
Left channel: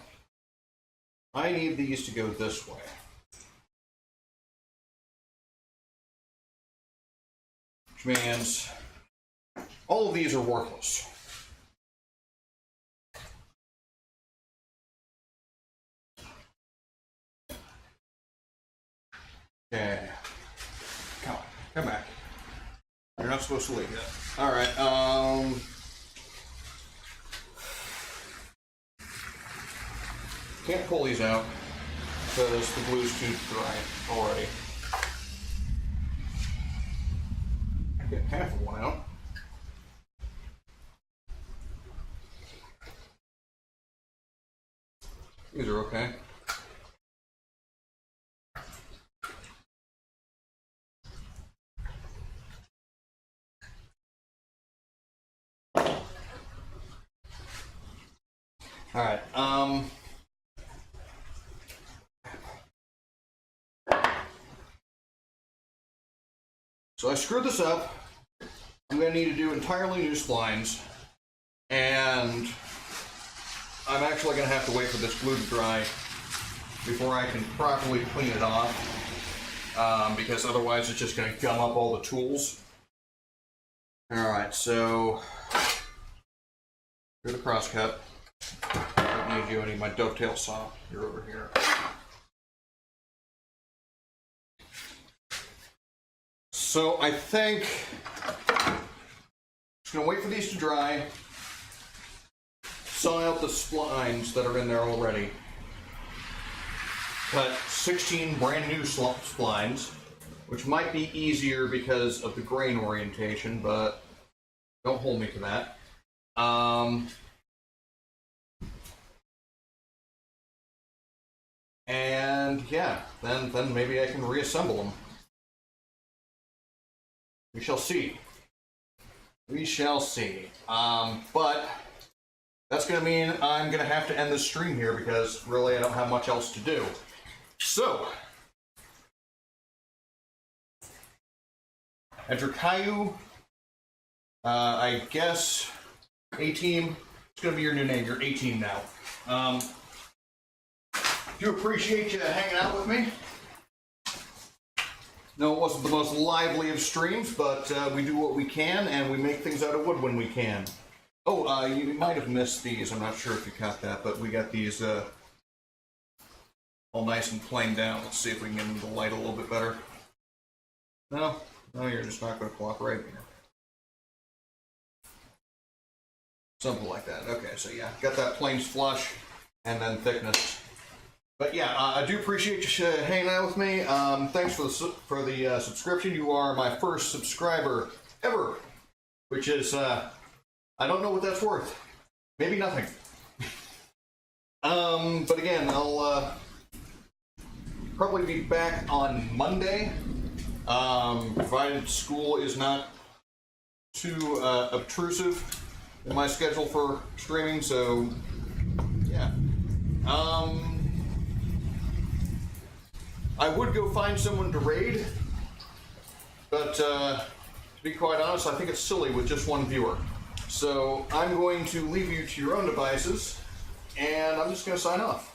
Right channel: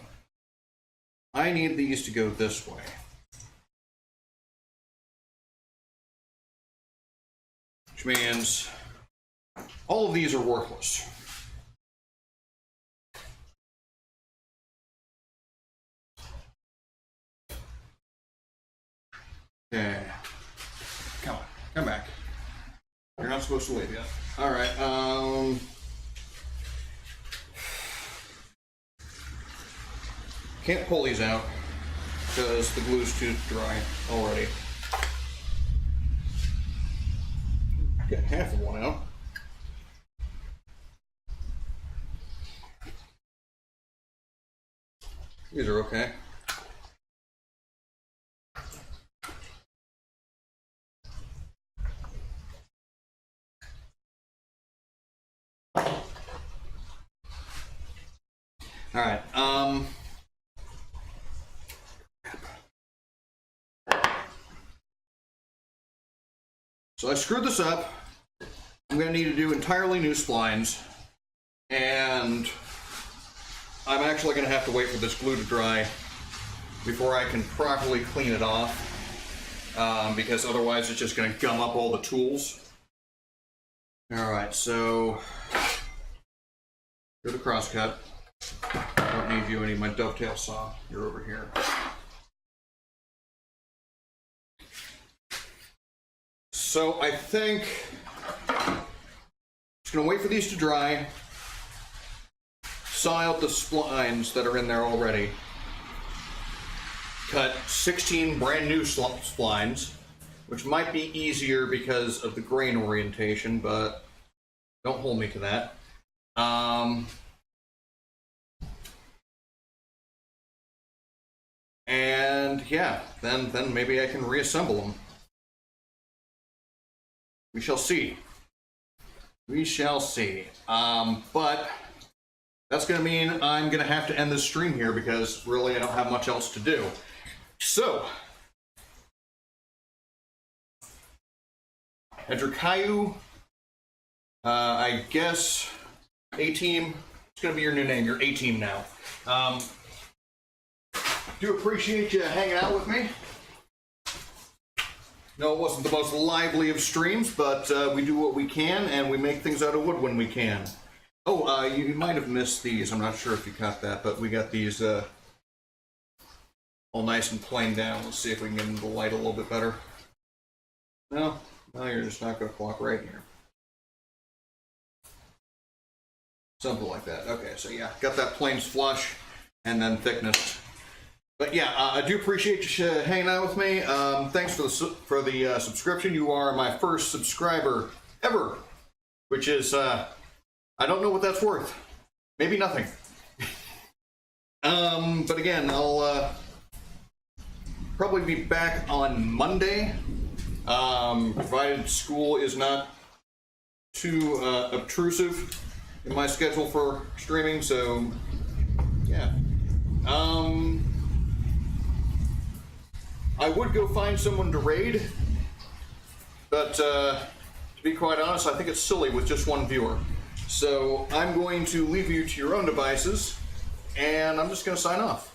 I need these to go this way. which means all of these are worthless. Okay. Come back. You're not supposed to leave yet. Alright, can't pull these out because the glue's too dry already. Get half of one out. These are okay. All right. So I screwed this up. I'm going to need to do entirely new splines, and I'm actually going to have to wait for this glue to dry before I can properly clean it off, because otherwise it's just going to gum up all the tools. All right, so do the cross cut. I don't need you. I need my dovetail saw. You're over here. So I think I'm just going to wait for these to dry, saw out the splines that are in there already, cut 16 brand new splines, which might be easier because of the grain orientation, but don't hold me to that. And yeah, then maybe I can reassemble them. We shall see. We shall see. But that's going to mean I'm going to have to end this stream here because really I don't have much else to do. So, Edricayu, I guess A-Team, it's going to be your new name. You're A-Team now. Do appreciate you hanging out with me. No, it wasn't the most lively of streams, but we do what we can, and we make things out of wood when we can. Oh, you might have missed these. I'm not sure if you caught that, but we got these all nice and plain down. Let's see if we can get into the light a little bit better. No, you're just not going to cooperate here. Something like that. Okay, so yeah, got that plains flush and then thickness. But yeah, I do appreciate you hanging out with me. Thanks for the subscription. You are my first subscriber ever, which is, I don't know what that's worth. Maybe nothing. But again, I'll probably be back on Monday, provided school is not too obtrusive in my schedule for streaming, so yeah. I would go find someone to raid, but to be quite honest, I think it's silly with just one viewer. So I'm going to leave you to your own devices, and I'm just going to sign off.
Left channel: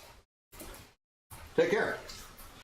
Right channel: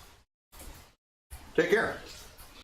Take care.